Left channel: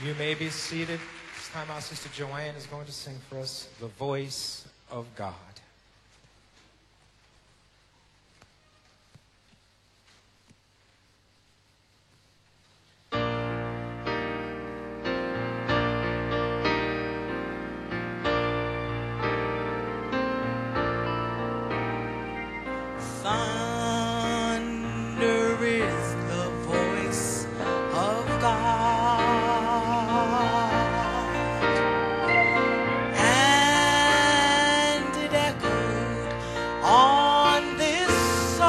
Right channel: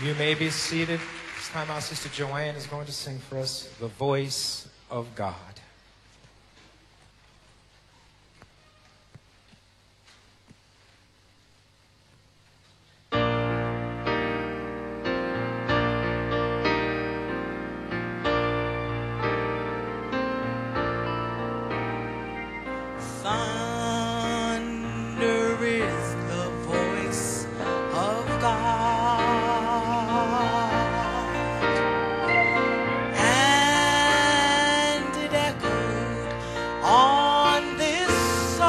You may be seated. This time our sister Joanne is going to sing for us The Voice of God. Thunder is the voice of God, and it echoed on this sod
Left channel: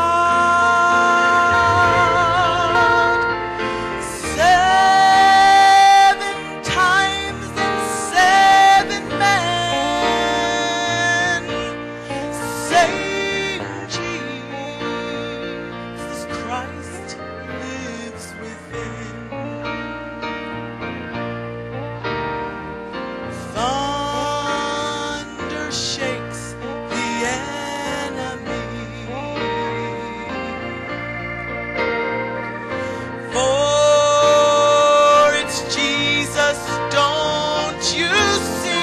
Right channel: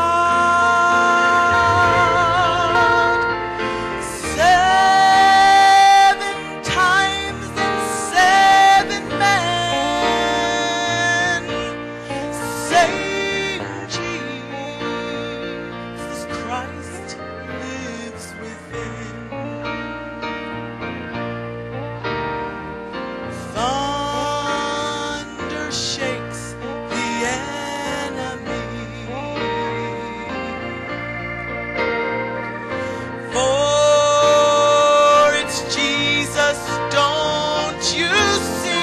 7 times and 7 men saying Jesus Christ lives within. Thunder shakes the enemy, for it's Jesus, don't you see?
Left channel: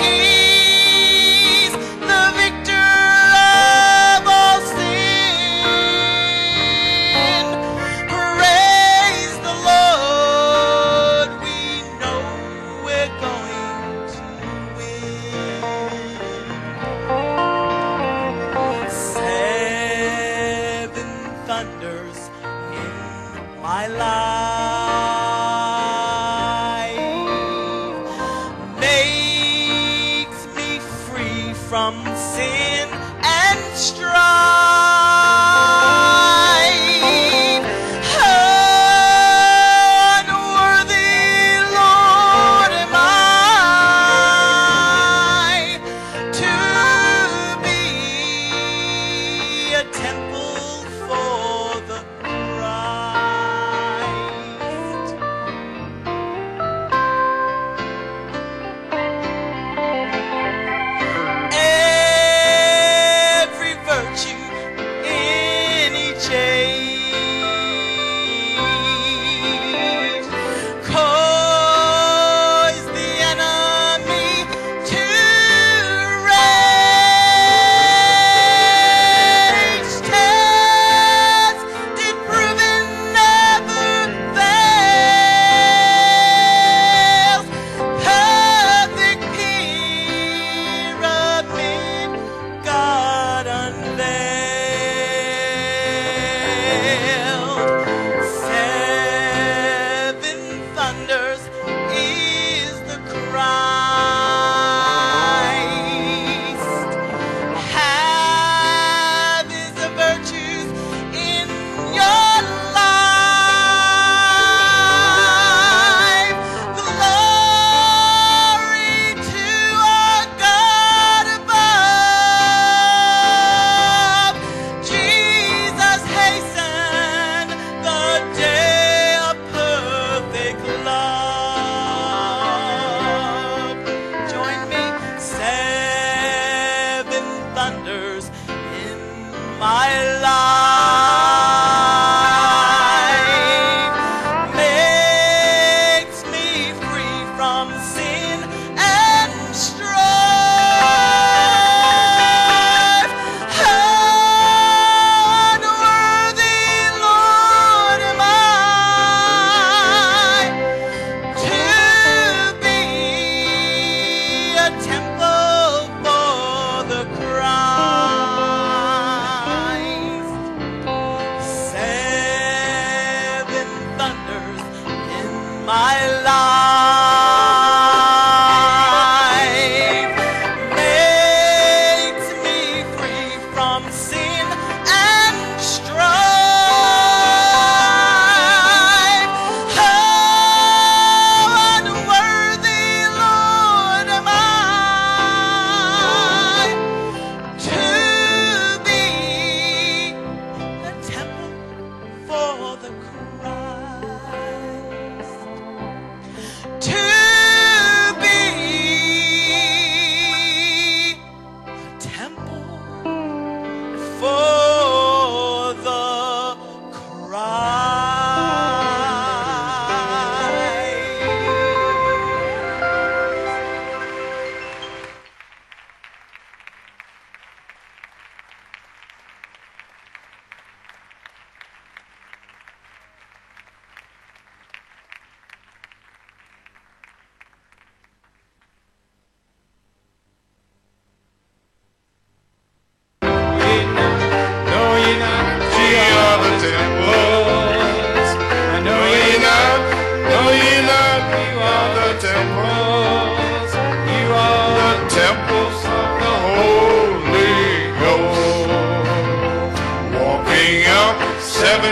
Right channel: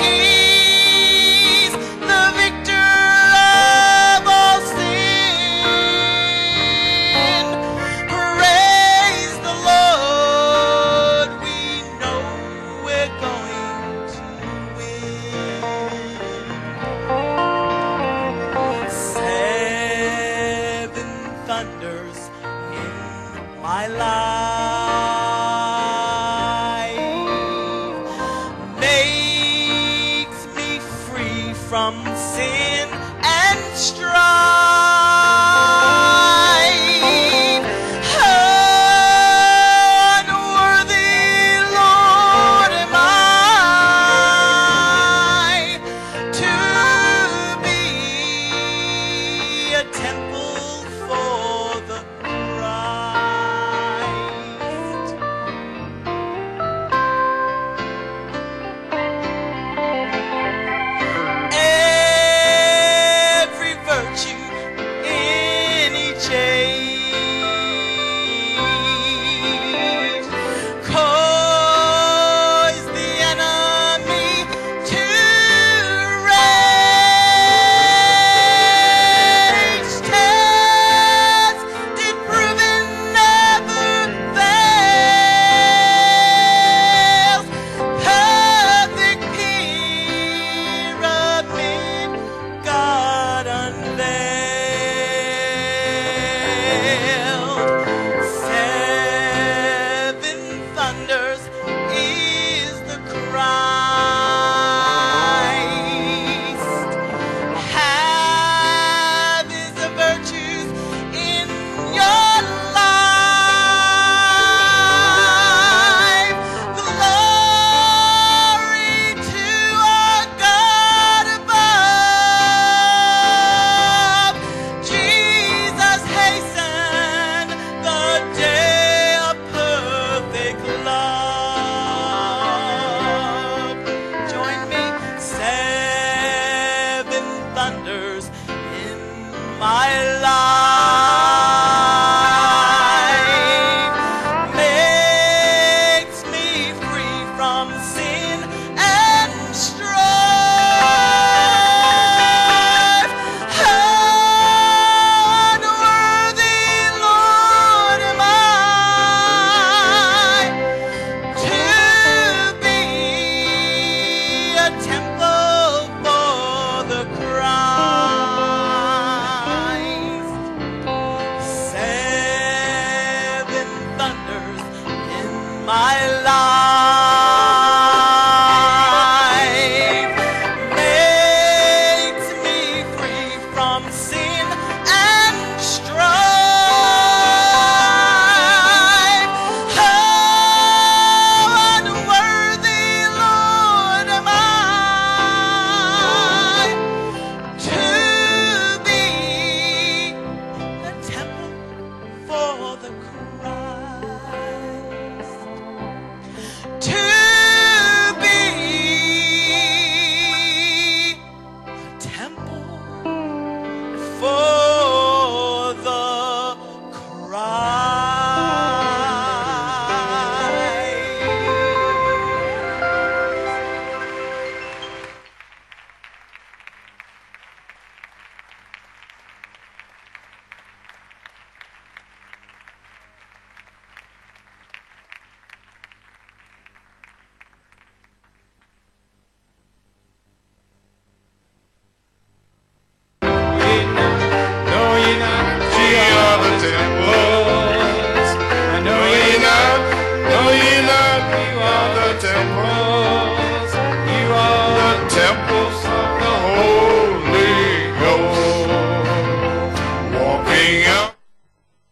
He's the victor of all sin. Praise the Lord, we know we're going to win. 7 thunders in my life makes me free from sin and strife. Unworthy, Lord, am I to be a temple for the Christ. Every virtue in each age cause the enemy to rage. Tested, proven, never fails. Perfect pyramid God unveiled. 7 thunders is the Christ. Have his virtues in your life. Glory to our God above. Jesus hasten the day of perfect love. Join me. 7 thunders in my life makes me free from sin and strife. Unworthy, Lord, am I to be a temple for the Christ. 7 thunders in my life makes me free from sin and strife. How unworthy, Lord, am I to be a temple for the Christ. To be a temple for the Christ.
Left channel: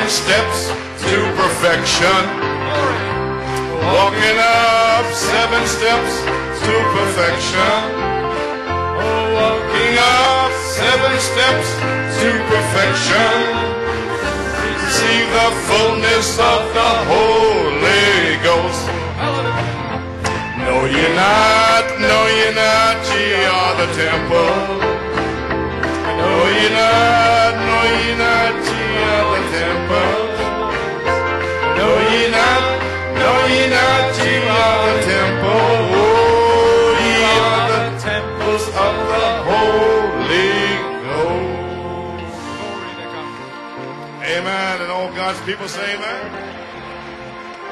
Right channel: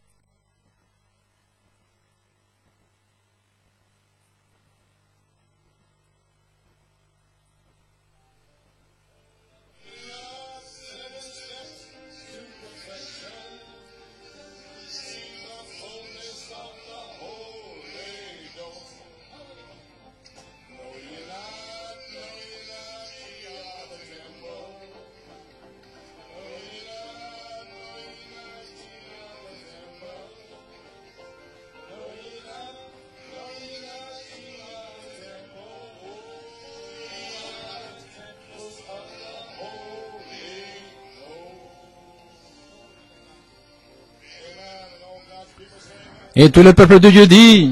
steps to perfection. Walking up 7 steps to perfection. Oh, walking up 7 steps to perfection. Receive the fullness of the Holy Ghost. No, you're not, ye are the temple. No, you're not, ye are the temple. No, you're not, ye are the temple. Oh, ye are the temples of the Holy Ghost. Amen. And all God's people say amen. Et tout le peuple de Dieu dit,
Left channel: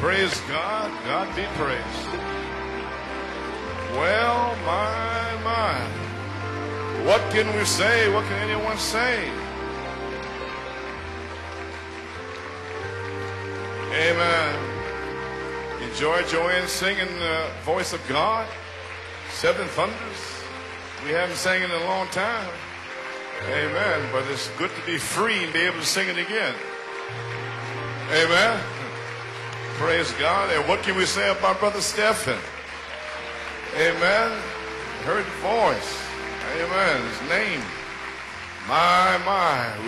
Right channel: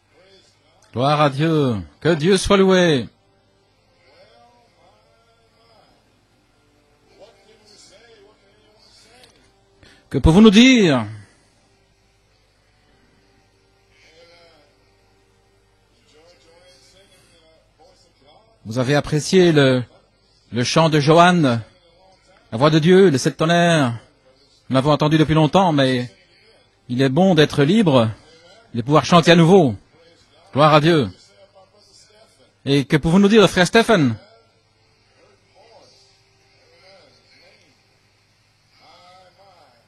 Praise God. gloire à God be Dieu, praised. que Dieu soit loué. Well, my. What can we say? What can anyone say? Que pouvons-nous dire? Amen. Enjoy Joanne singing the voice of God. Vous avez apprécié Seven le thunders. chant de Haven't Joanne, sang it in a long time. la voix de Dieu, les 7 tonnerres. Amen. But it's good Nous l'avons to be entendu depuis free, longtemps, be able to mais sing it again. il est bon d'être libre, Amen. de pouvoir chanter à nouveau. Praise God. And Gloire à what can Dieu. we say about Brother Stephen? Et que pouvons-nous dire de frère Stephen? Amen. Heard the voice. Amen. His name. My.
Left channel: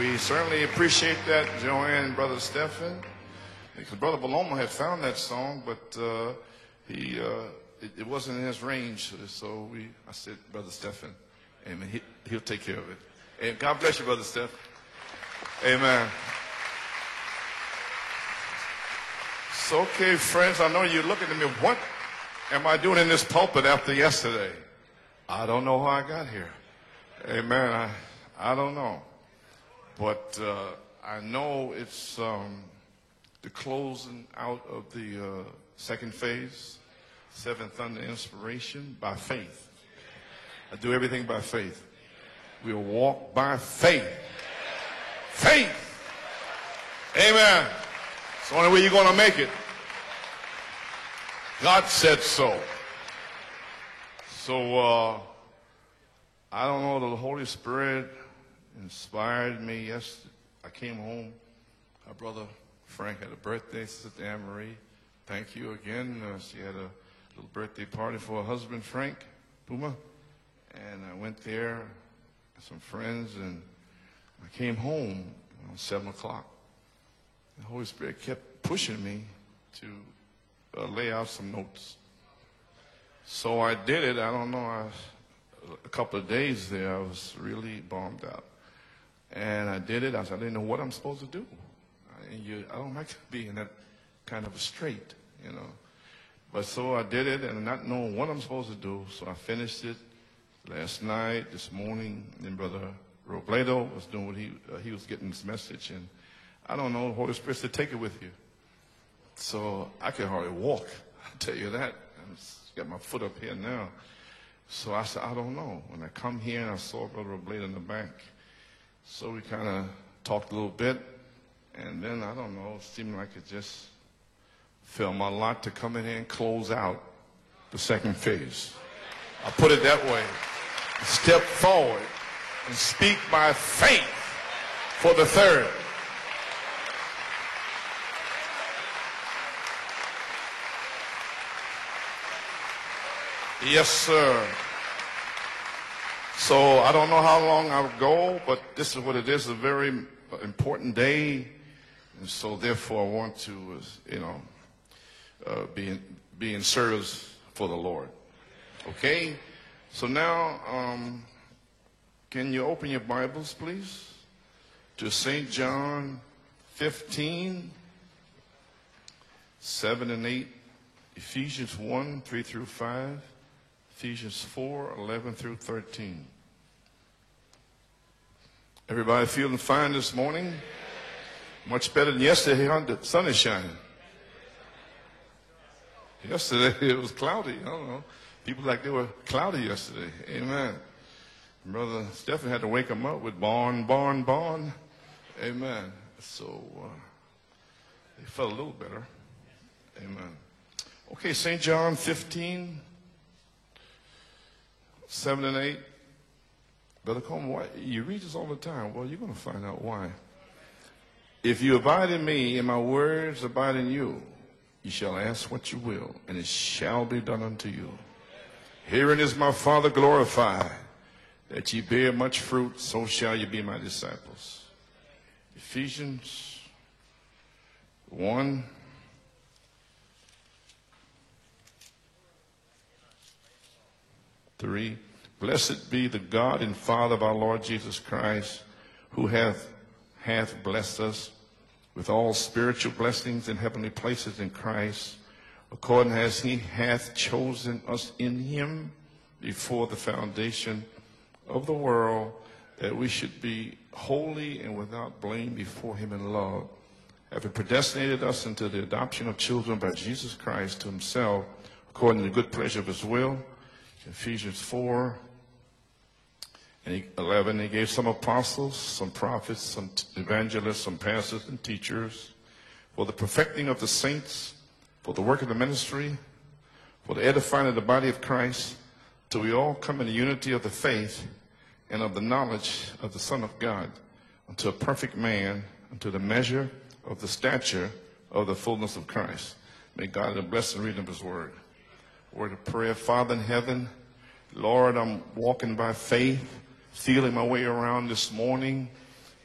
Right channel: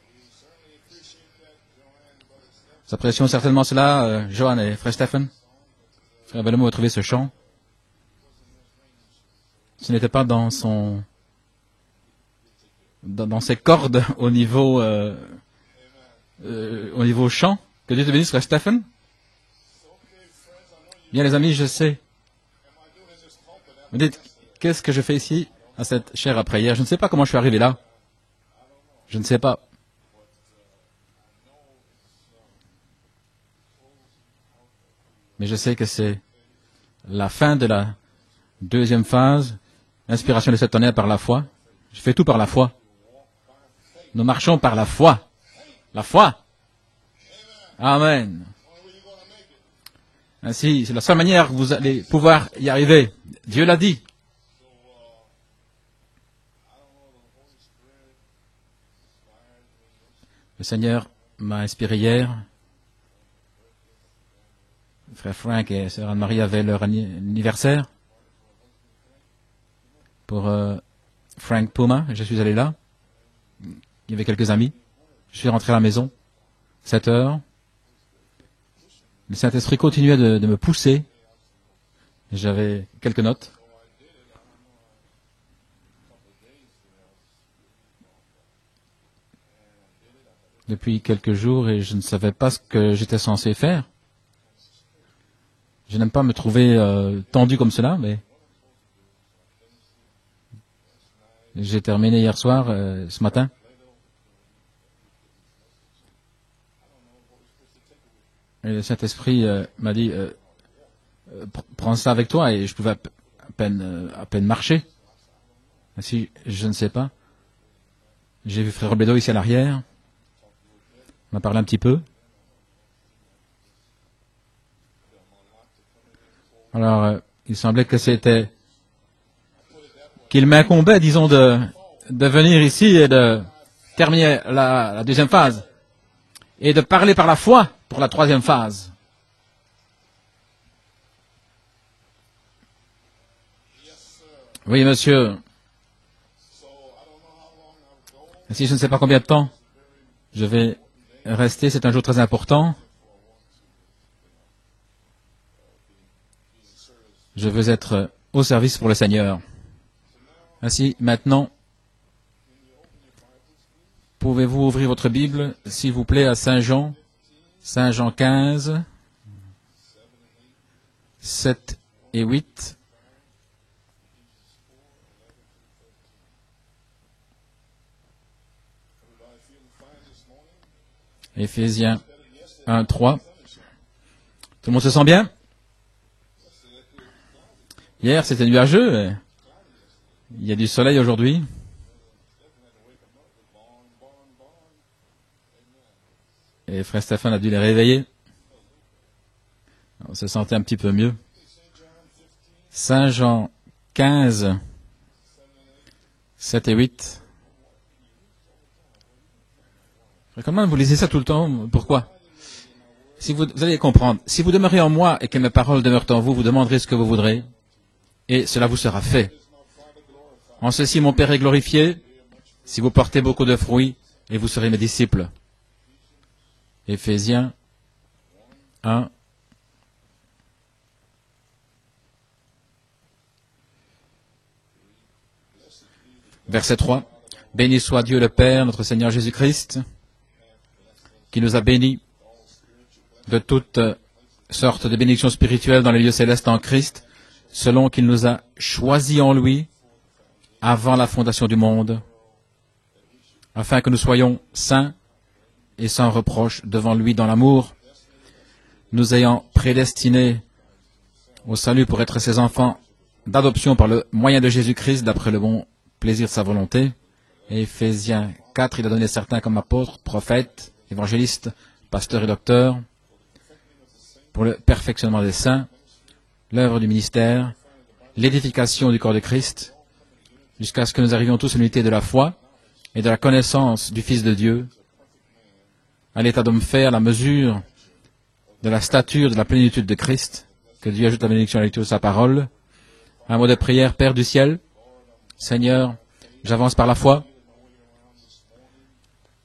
We certainly appreciate that, Joanne and Brother Stephen. Nous apprécions certainement cela, Brother Malone Joanne had et found frère that Stephen. song, but, Frère Bellemot a trouvé ce chant. it wasn't in his range, so we Ce n'était pas dans Brother son- Stephen. Amen. He'll take care of it. Dans Hey, ses God cordes bless Brother au Stephen. niveau, Amen. au niveau chant. Que Dieu te bénisse, frère Stephen. So, okay, friends, I know you're Bien looking les at amis, me, je what sais. am I doing in this pulpit after yesterday? Qu'est-ce que je fais ici, I don't know dans how I cette got chaire here. après hier? Je ne sais pas comment je suis arrivé là. Amen. I don't know. Je ne sais pas. But I know it's the closing out of the Mais je sais que second c'est phase. La fin de la And the inspiration deuxième by phase, faith. l'inspiration de 7 tonnerres par la Everything foi. by faith. Je fais tout par la foi. We'll walk by faith. Nous marchons par la foi. Faith. La foi. Amen. Amen. It's the only way you're going to make it. Ainsi, c'est la seule manière que vous God allez said pouvoir so. y arriver. Dieu l'a dit. So I don't know. The Holy Spirit inspired me yesterday. Le Seigneur m'a inspiré hier. Frank had a birthday. Sister Anne-Marie. Frère Frank et sœur Anne-Marie avaient leur anniversaire Birthday party for her husband, Frank Puma. pour And I went Frank there, Puma. Je suis allé là. friends, and Il y avait quelques amis. came home. Je suis rentré à la maison. 7 o'clock. 7 heures. The Holy Spirit kept pushing me Le Saint-Esprit continuait de me to pousser. lay out some notes. J'avais quelques notes. So I did it. I don't know. A couple of days there, I was really bummed out. And I did it. I didn't know what I'm Depuis supposed quelques to do. jours et je ne savais pas ce que j'étais censé faire. Kind of straight, you know. Je n'aime pas me trouver So I did it, tendu and comme I cela, know mais what I'm supposed to do. So I finished it last night. this j'ai morning. terminé hier soir, ce matin. Plato was doing what he was getting this message, and I don't know. The Holy Spirit said, "Take it with you." Et le Saint-Esprit So m'a dit, I could hardly walk. I'll tell you that. prends ça avec toi, et je pouvais Get my foot up here now. à peine marcher. So I said, I don't know. When I Si, come je here, ne I sais saw pas. Brother Blade in the back. J'ai vu frère Robledo ici à l'arrière, Talked a little bit. m'a parlé un petit peu. And then, I don't know, it seemed like it just felt my lot to come in here and close out. Alors, il semblait que second c'était, phase. I'll put it that way. qu'il m'incombait, disons, Step forward. de venir ici et Speak de by faith terminer la for the deuxième phase. third. Et de parler par la foi pour la troisième phase. Yes, sir. Oui, monsieur. So I don't know how long I'll go, but Si je ne sais this pas is combien what de temps it is, a very je vais important day. rester, c'est un jour très important. So therefore, I want to, you know, be in service. Je veux for the être Lord. au service pour le Seigneur. So now, Ainsi, maintenant, can you open your Bibles, please? pouvez-vous ouvrir votre Bible, s'il vous plaît, à Saint Jean, 15, Saint Jean 15, 7 and 8, 7 Ephesians 1, et 3 8. through 5, Ephesians 4, 11 through 13. Everybody feeling fine this morning? Much Éphésiens. better than yesterday. 1, The 3. sun is shining. Tout le monde se sent bien? Yesterday it was cloudy. I don't know. Hier, c'était nuageux. Cloudy yesterday. Il y a Amen. du soleil aujourd'hui. Brother Stephen had to wake him up with barn. Amen. So Et frère Stéphane a dû les réveiller. he felt a little better. On se sentait un petit peu mieux. Okay, St. John 15, Saint Jean 15, 7 and 8. 7 et 8. Brother Coleman, why, you read this all the time. Well, you're going to find out why. Et quand même, vous lisez ça tout le temps. If you Pourquoi? abide in me and my words Si vous abide allez in comprendre, you, si vous demeurez en moi et que mes paroles demeurent en vous, vous demanderez ce que vous voudrez, shall be done unto you. et cela vous sera Herein fait. is my Father glorified. En ceci, mon Père est glorifié, Bear much fruit, si vous so portez shall beaucoup you de be my fruits, disciples. et vous serez mes disciples. Ephesians Éphésiens 1, 1, 3. Blessed be the God verset and 3. Father of our Lord Béni Jesus soit Dieu le Christ, Père, notre Seigneur Jésus-Christ, hath blessed us qui nous a bénis with all spiritual blessings de in toutes heavenly places in sortes de Christ. bénédictions spirituelles dans les lieux God célestes en hath Christ, chosen selon qu'il us nous a in him choisis en lui before the foundation avant la fondation du of the monde, world, that we should be afin que nous soyons holy and saints without blame before et sans him in reproche love. devant lui dans l'amour, Predestinated us into the adoption nous ayant of children by prédestinés Jesus Christ to himself, au salut pour être according ses to the enfants pleasure of his will. d'adoption par le moyen de Jésus-Christ d'après le bon plaisir de sa volonté. 11, he gave some Éphésiens apostles, 4, il a donné some certains comme prophets, apôtres, some prophètes, evangelists, some évangélistes, pastors and teachers, pasteurs et docteurs, for the perfecting of the saints, pour le for the perfectionnement des work of the saints, ministry, l'œuvre du for the ministère, edifying of the body of Christ, l'édification du corps de till we Christ, all come in the unity of the jusqu'à ce que faith nous arrivions tous à l'unité de la and of the foi knowledge et de la of the Son of connaissance God, du Fils de Dieu, to a perfect man, unto the à l'état d'homme measure, fait à la mesure stature of the de la fullness of stature de la Christ. plénitude de Christ. Que Dieu ajoute la bénédiction à la lecture de sa parole. Word of prayer, Father Un mot de in heaven, prière, Père du ciel, Lord, I'm walking Seigneur, by faith, j'avance par la foi, feeling my way around this morning,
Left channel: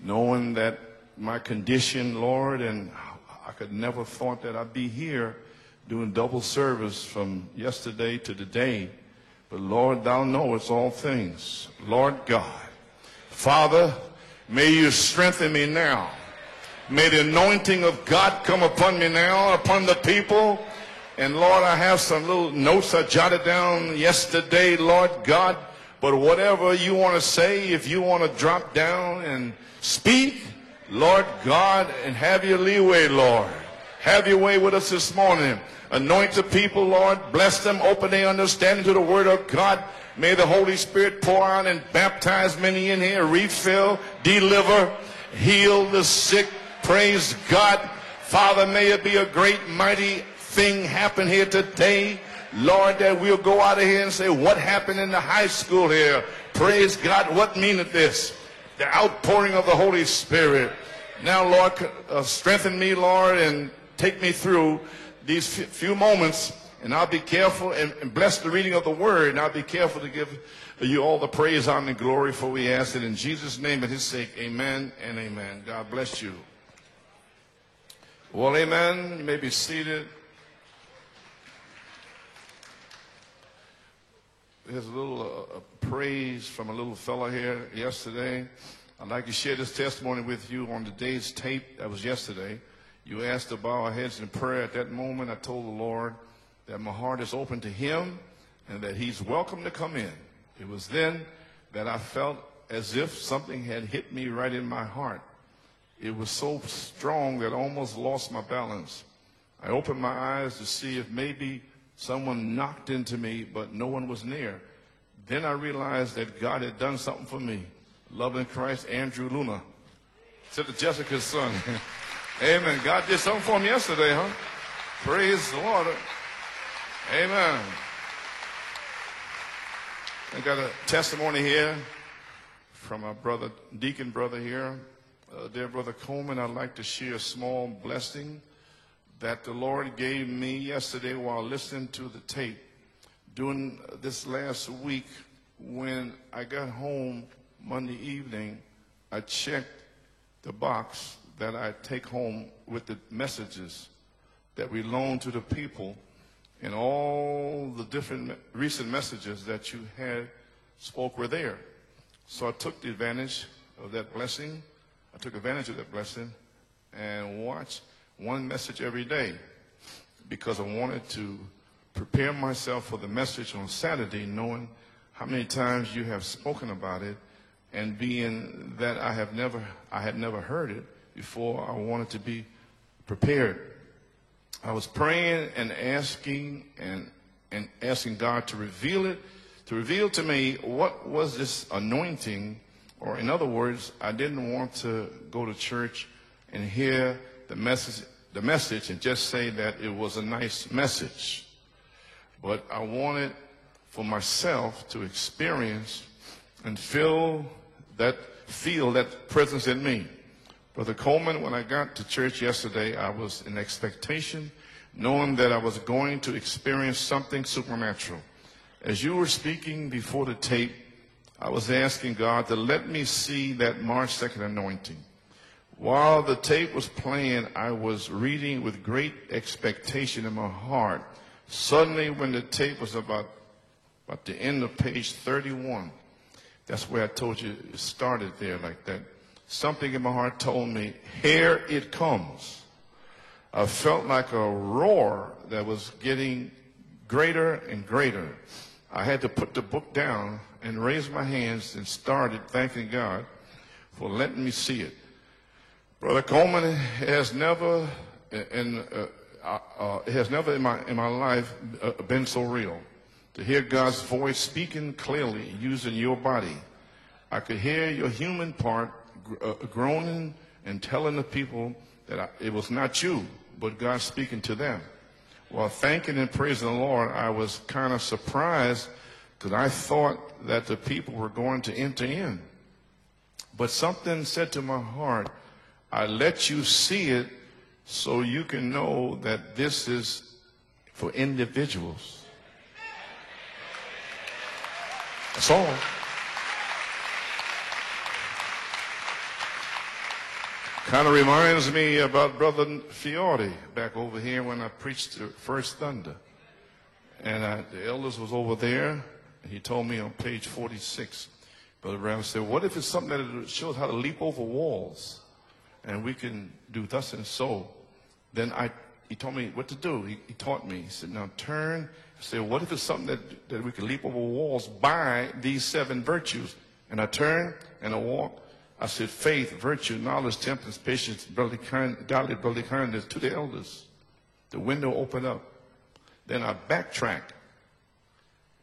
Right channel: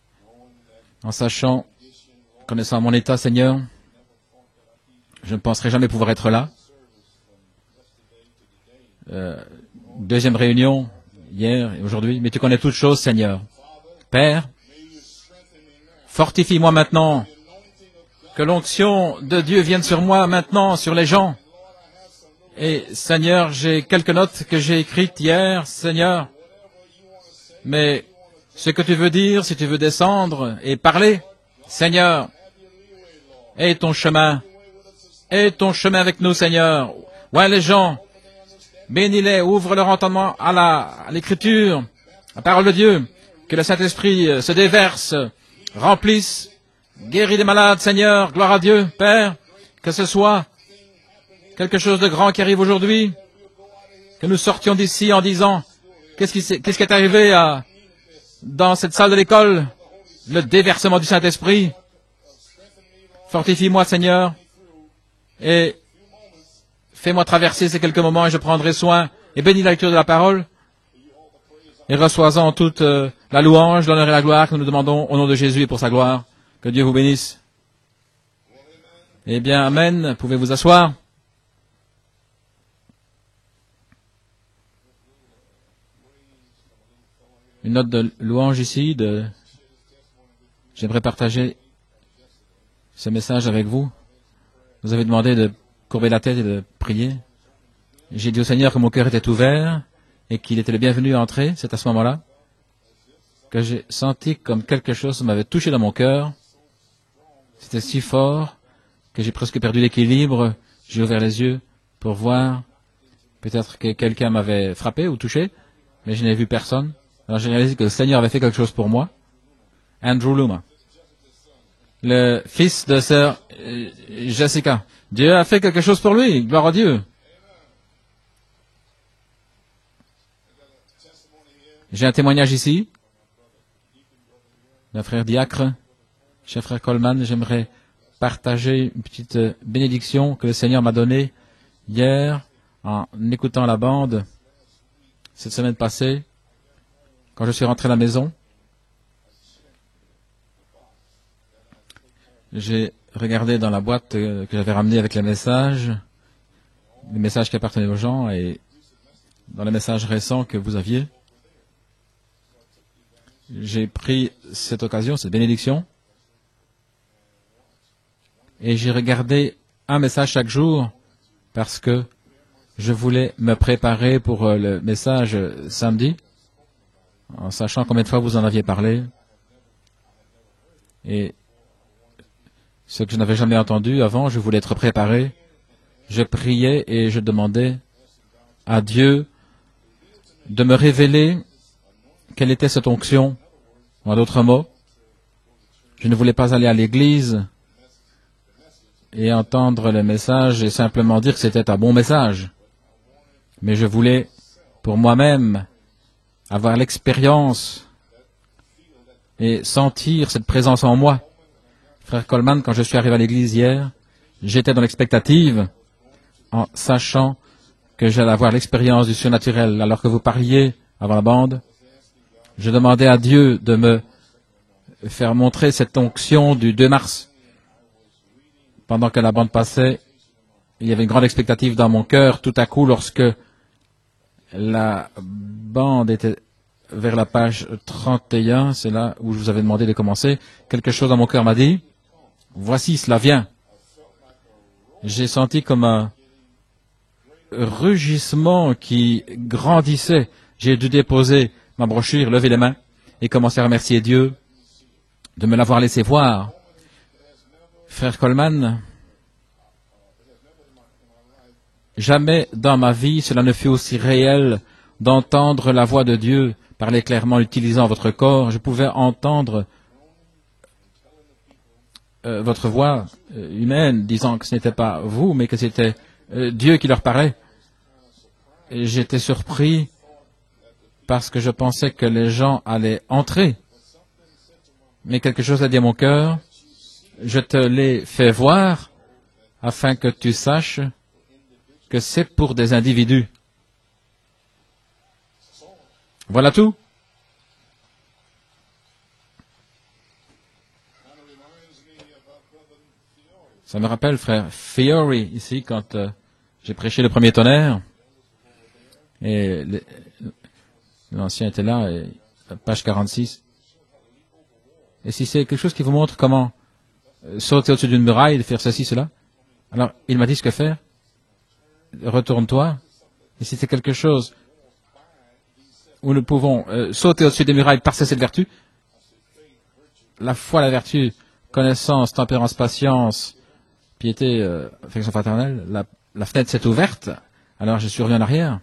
knowing that en my sachant, condition, Lord, connaissant and mon état, Seigneur, I never thought that I'd be here. je ne penserai jamais pouvoir être là. Double service from yesterday to today. But Lord, thou Deuxième knowest réunion, all things. hier et aujourd'hui, Lord mais tu God, connais toutes choses, Seigneur. Father, Père, may you strengthen me now. fortifie-moi maintenant, May the anointing of God que come l'onction upon me now, de Dieu vienne upon sur the moi people. maintenant, sur les gens. And Lord, I have some little Et notes I Seigneur, jotted j'ai down quelques notes que j'ai yesterday, Lord écrites hier, God. Seigneur. But whatever you want to say, if Mais you want to drop ce que tu veux down dire, and si tu veux descendre speak, et parler, Lord God, Seigneur, have your leeway, Lord. aie ton Have chemin, your way with us this morning. aie ton chemin avec Anoint nous, the Seigneur. people, Lord. Vois Bless les them, gens, open their understanding to the bénis-les, word of ouvre God. leur entendement May the à Holy Spirit pour l'Écriture, out and baptize parole de them Dieu, in here, que le refill, Saint-Esprit se deliver, déverse, heal the remplisse, sick, praise guéris les God. malades, Seigneur, gloire à Father, may Dieu, it be a Père, great, que ce mighty soit thing happen here quelque today. chose de grand qui arrive Lord, aujourd'hui, that we'll go out of here and say, que nous what sortions happened d'ici in en the high disant, school here? qu'est-ce qui est Praise arrivé God, à- what meaneth this? dans cette The salle de outpouring l'école, of the Holy le Spirit. déversement du Now, Saint-Esprit. Lord, strengthen me, Lord, and Fortifie-moi, Seigneur, take me through these et few moments, and I'll fais-moi be traverser careful ces and quelques moments et je bless the prendrai reading of the soin word, et and I'll bénis be la lecture de la careful to parole give you all the praise, honor, and et glory, reçois-en for we toute ask it in Jesus' la name louange, and l'honneur et la in gloire que nous Jesus' demandons name. au nom de Jésus et pour sa God gloire. bless you. Que Dieu vous bénisse. Well, amen. You may Eh be bien, seated. Amen. Pouvez vous asseoir. There's a little praise from a little fella here Une note de yesterday. louange ici. I'd De like to share this testimony with you on J'aimerais today's partager tape. That was yesterday. ce You message asked us avec to vous. bow our heads in prayer. At that Vous avez moment, demandé I de told the Lord courber la tête et de that my prier. heart is open to him, J'ai dit au Seigneur que mon cœur était ouvert et qu'il était le bienvenu à entrer. C'est à ce that I moment-là felt as if something que j'ai had hit me senti right comme in my quelque heart. chose m'avait touché dans mon cœur, So strong that I C'était almost si lost fort my balance. que j'ai presque perdu l'équilibre. J'ai ouvert les yeux pour voir. Peut-être que quelqu'un m'avait frappé ou touché, mais je n'ai vu personne. Alors j'ai réalisé que le Seigneur avait fait quelque chose pour moi. Andrew Luma, le fils de sœur Jessica. Dieu a fait quelque chose pour lui. Gloire à Dieu. Amen. I got a testimony here J'ai un témoignage ici from our brother, deacon brother here. d'un frère diacre. Brother Coleman, I'd Cher like frère to Coleman, share a j'aimerais small blessing partager une petite that the Lord bénédiction gave que le me Seigneur m'a yesterday donnée while listening to the hier tape. en During écoutant la bande this last week, cette semaine when passée. I got home Quand je suis rentré à la maison, evening, I checked the box that I take home j'ai with the regardé dans la boîte que j'avais ramenée avec les messages, and all les messages qui appartenaient aux gens et recent messages that dans les you messages had récents que vous aviez. spoke were there. So I took the advantage J'ai of that pris blessing, cette occasion, cette advantage bénédiction, of that blessing, and watched one message et j'ai every day, regardé un message chaque because I jour wanted to parce que prepare myself je for the voulais message me on préparer Saturday, pour knowing le message many times samedi, you have spoken about it, en sachant and combien de fois vous en aviez being parlé, that I had never heard it et before, I wanted to be ce que je n'avais jamais entendu avant, je voulais être préparé. praying and Je asking priais and et je demandais asking God to à reveal Dieu to reveal to me de me what révéler was this anointing. quelle était cette Or in onction. other words, I En d'autres didn't mots, want to go to church Je ne voulais pas aller à and hear l'église the message et entendre le message et simplement dire que c'était un bon message. Mais je voulais, pour moi-même, avoir l'expérience et sentir cette présence en moi. Frère Coleman, quand je suis arrivé à l'église hier, j'étais dans l'expectative en sachant que j'allais avoir l'expérience du surnaturel. Alors que vous parliez avant la bande, je demandais à Dieu de me faire montrer cette onction du 2 mars. Pendant que la bande passait, il y avait une grande expectative dans mon cœur. Tout à coup, lorsque la bande était vers la page 31, c'est là où je vous avais demandé de commencer, quelque chose dans mon cœur m'a dit, voici, cela vient. J'ai senti comme un rugissement qui grandissait. J'ai dû déposer ma brochure, lever les mains et commencer à remercier Dieu de me l'avoir laissé voir. Frère Coleman, jamais dans ma vie cela ne fut aussi réel d'entendre la voix de Dieu parler clairement, utilisant votre corps. Je pouvais entendre votre voix humaine disant que ce n'était pas vous, mais que c'était Dieu qui leur parlait. Et j'étais surpris parce que je pensais que les gens allaient entrer. Mais quelque chose a dit à mon cœur, je te l'ai fait voir afin que tu saches que c'est pour des individus. Voilà tout. Ça me rappelle frère Fiore ici quand j'ai prêché le premier tonnerre et l'ancien était là, et page 46. Et si c'est quelque chose qui vous montre comment sauter au-dessus d'une muraille, faire ceci, cela, alors il m'a dit ce que faire. Retourne-toi. Et si c'est quelque chose où nous pouvons sauter au-dessus des murailles par cette vertu, la foi, la vertu, connaissance, tempérance, patience, piété, affection fraternelle, la fenêtre s'est ouverte, alors je suis revenu en arrière,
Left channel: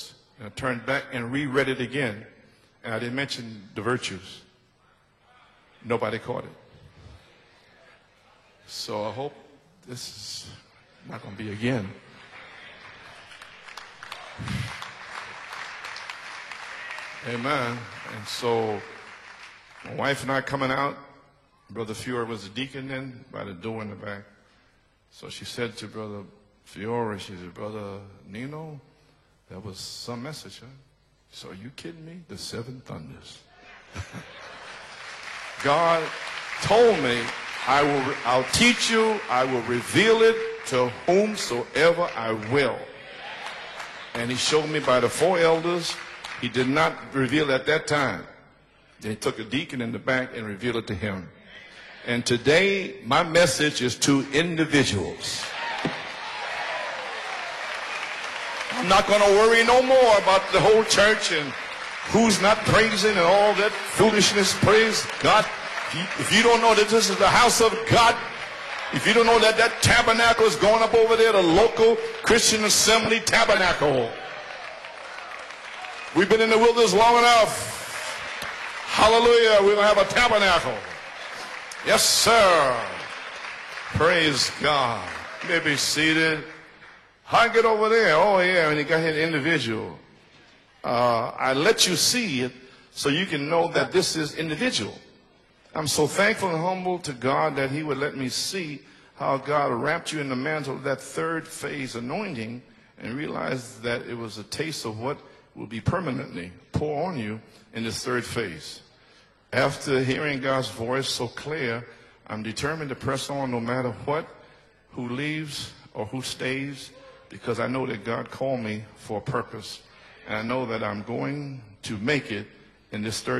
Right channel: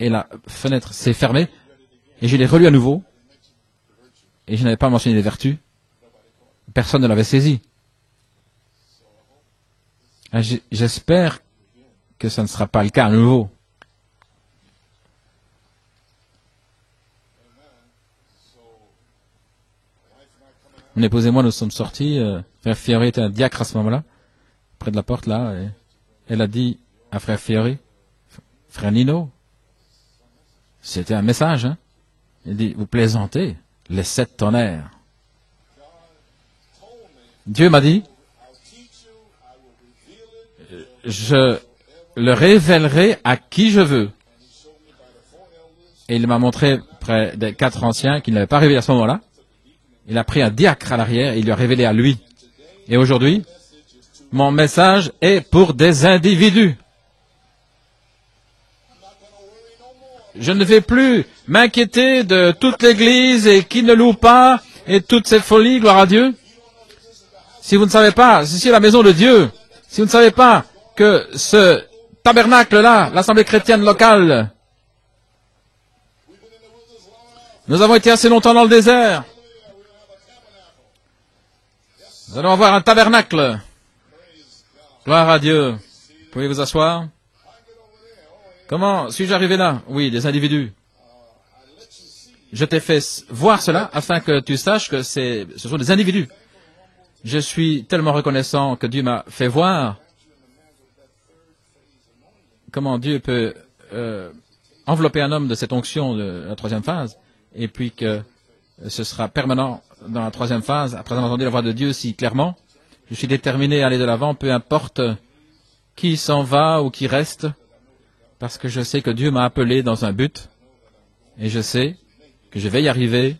et la fenêtre s'est fermée, et je l'ai relu à nouveau, et je n'avais pas mentionné les vertus. Personne ne l'avait saisi. J'espère que ça ne sera pas le cas à nouveau. Mon épouse et moi, nous sommes sortis. Frère Fiori était un diacre à ce moment-là, près de la porte, là. Elle a dit à Frère Fiori, Frère Nino, c'était un message, hein? Il dit, vous plaisantez, les 7 tonnerres. Dieu m'a dit, je le révélerai à qui je veux. Et il m'a montré près des 4 anciens qui ne l'avaient pas révélé à ce moment-là. Il a pris un diacre à l'arrière et il lui a révélé à lui. Et aujourd'hui, mon message est pour des individus. Je ne vais plus m'inquiéter de toute l'Église et qui ne loue pas et toute cette folie, gloire à Dieu. Si vous ne savez pas, si c'est la maison de Dieu, si vous ne savez pas que ce tabernacle-là, l'Assemblée chrétienne locale, nous avons été assez longtemps dans le désert. Nous allons avoir un tabernacle. Gloire à Dieu. Vous pouvez vous asseoir? Comment suis-je arrivé là? Oui, des individus. Je t'ai fait voir cela afin que tu saches que ce sont des individus. Je suis tellement reconnaissant que Dieu m'a fait voir comment Dieu peut envelopper un homme de cette onction de la 3e phase, et puis que ce sera permanent dans la 3e phase. Après avoir entendu la voix de Dieu si clairement, je suis déterminé à aller de l'avant, peu importe qui s'en va ou qui reste, parce que je sais que Dieu m'a appelé dans un but, et je sais que je vais y arriver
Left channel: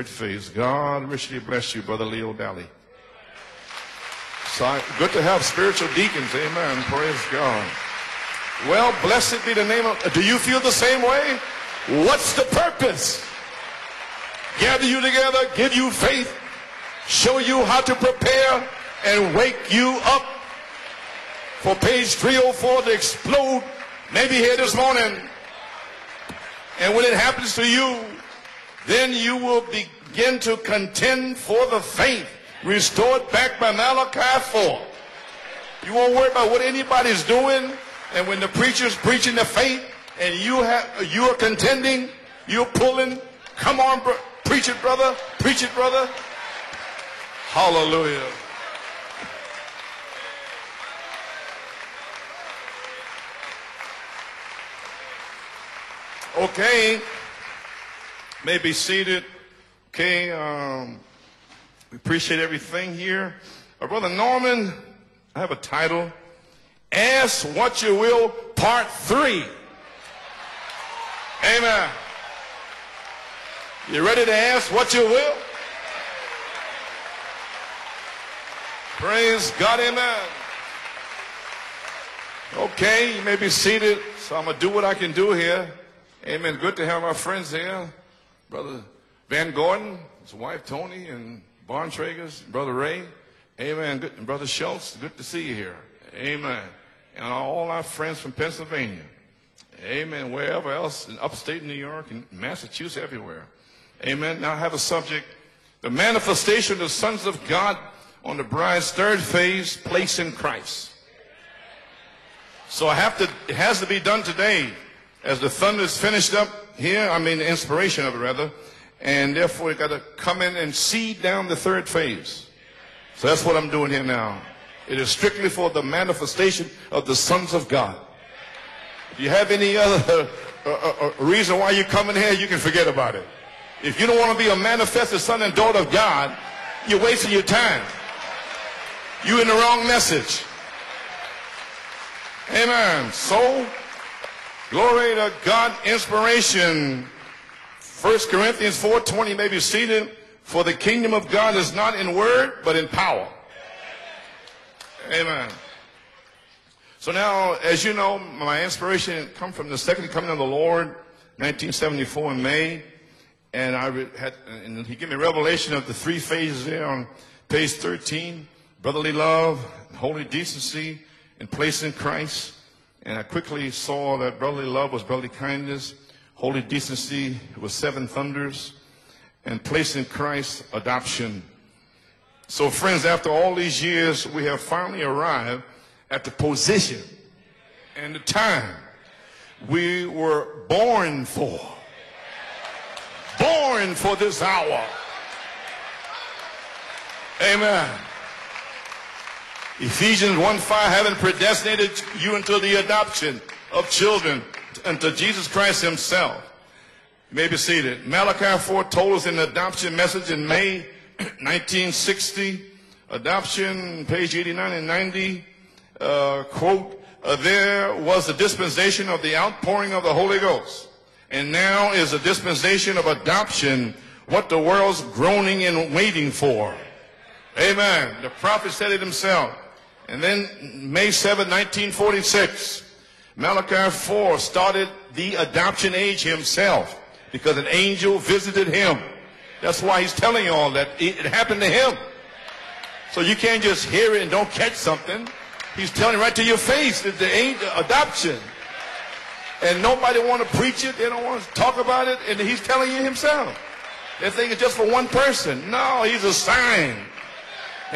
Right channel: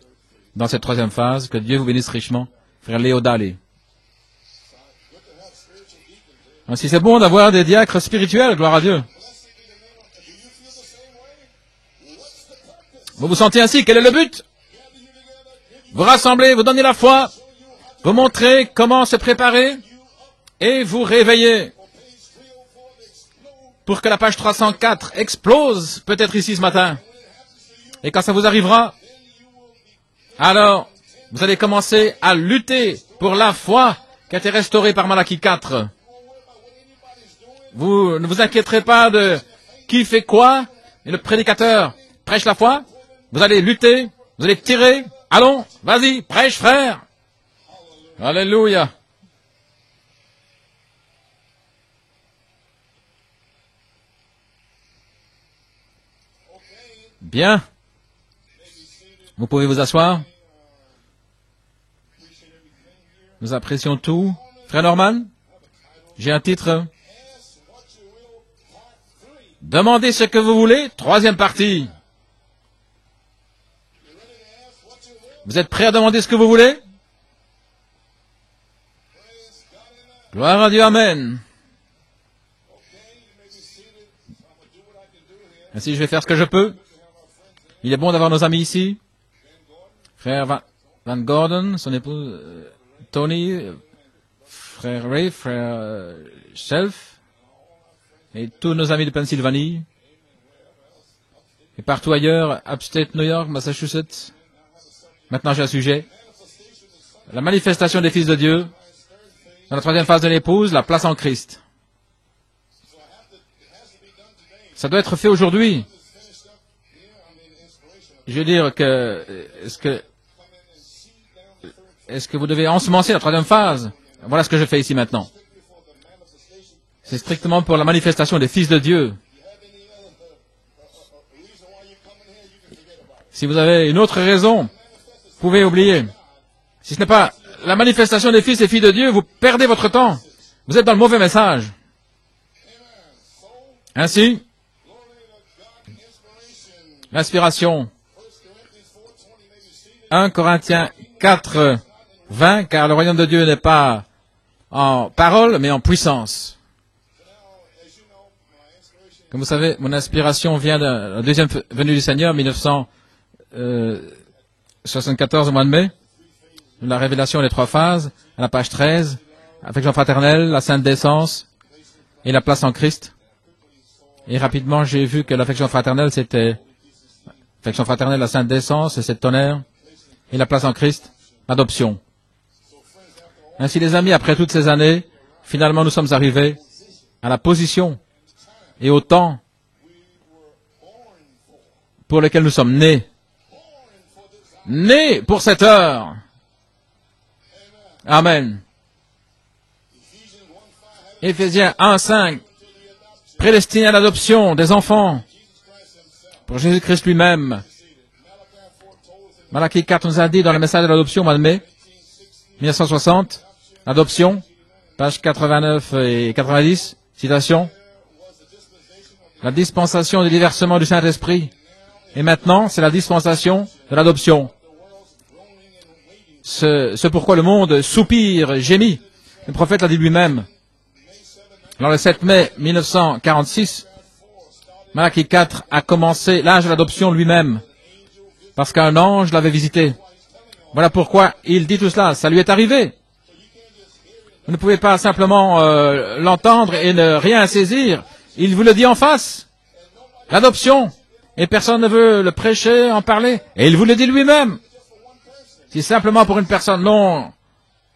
dans cette 3e phase. Que Dieu vous bénisse richement. Frère Léo Daly. Si c'est bon d'avoir des diacres spirituels, gloire à Dieu. Vous vous sentez ainsi? Quel est le but? Vous rassemblez, vous donnez la foi, vous montrez comment se préparer, et vous réveillez pour que la page 304 explose, peut-être ici ce matin. Et quand ça vous arrivera, alors vous allez commencer à lutter pour la foi qui a été restaurée par Malachie 4. Vous ne vous inquiéterez pas de qui fait quoi. Le prédicateur prêche la foi. Vous allez lutter, vous allez tirer. Allons, vas-y, prêche frère. Alléluia. Bien. Vous pouvez vous asseoir. Nous apprécions tout. Frère Norman, j'ai un titre. Demandez ce que vous voulez. Troisième partie. Vous êtes prêts à demander ce que vous voulez? Gloire à Dieu, amen. Ainsi, je vais faire ce que je peux. Il est bon d'avoir nos amis ici. Frère Van Gordon, son épouse Tony, frère Ray, frère Shelf, et tous nos amis de Pennsylvanie, et partout ailleurs, upstate New York, Massachusetts. Maintenant, j'ai un sujet. La manifestation des fils de Dieu. Dans la troisième phase de l'épouse, la place en Christ. Ça doit être fait aujourd'hui. Je veux dire que est-ce que vous devez ensemencer la troisième phase? Voilà ce que je fais ici maintenant. C'est strictement pour la manifestation des fils de Dieu. Si vous avez une autre raison, vous pouvez oublier. Si ce n'est pas la manifestation des fils et filles de Dieu, vous perdez votre temps. Vous êtes dans le mauvais message. Ainsi, l'inspiration. 1 Corinthiens 4, 20, car le royaume de Dieu n'est pas en parole, mais en puissance. Comme vous savez, mon inspiration vient de la deuxième venue du Seigneur, 1974 au mois de mai. La révélation des trois phases, à la page 13, affection fraternelle, la sainte décence et la place en Christ. Et rapidement, j'ai vu que l'affection fraternelle, c'était l'affection fraternelle, la sainte décence, et cette tonnerre, et la place en Christ, l'adoption. Ainsi, les amis, après toutes ces années, finalement, nous sommes arrivés à la position et au temps pour lequel nous sommes nés. Nés pour cette heure. Amen. Éphésiens 1:5, prédestiné à l'adoption des enfants pour Jésus-Christ lui-même. Malachie 4 nous a dit dans le message de l'adoption au mois de mai 1960, adoption, pages 89 et 90, citation, la dispensation du déversement du Saint-Esprit. Et maintenant, c'est la dispensation de l'adoption. Ce pourquoi le monde soupire, gémit. Le prophète l'a dit lui-même. Dans le 7 mai 1946, Malachie 4 a commencé l'âge de l'adoption lui-même, parce qu'un ange l'avait visité. Voilà pourquoi il dit tout cela. Ça lui est arrivé. Vous ne pouvez pas simplement l'entendre et ne rien saisir. Il vous le dit en face. L'adoption. Et personne ne veut le prêcher, en parler. Et il vous le dit lui-même. C'est simplement pour une personne. Non.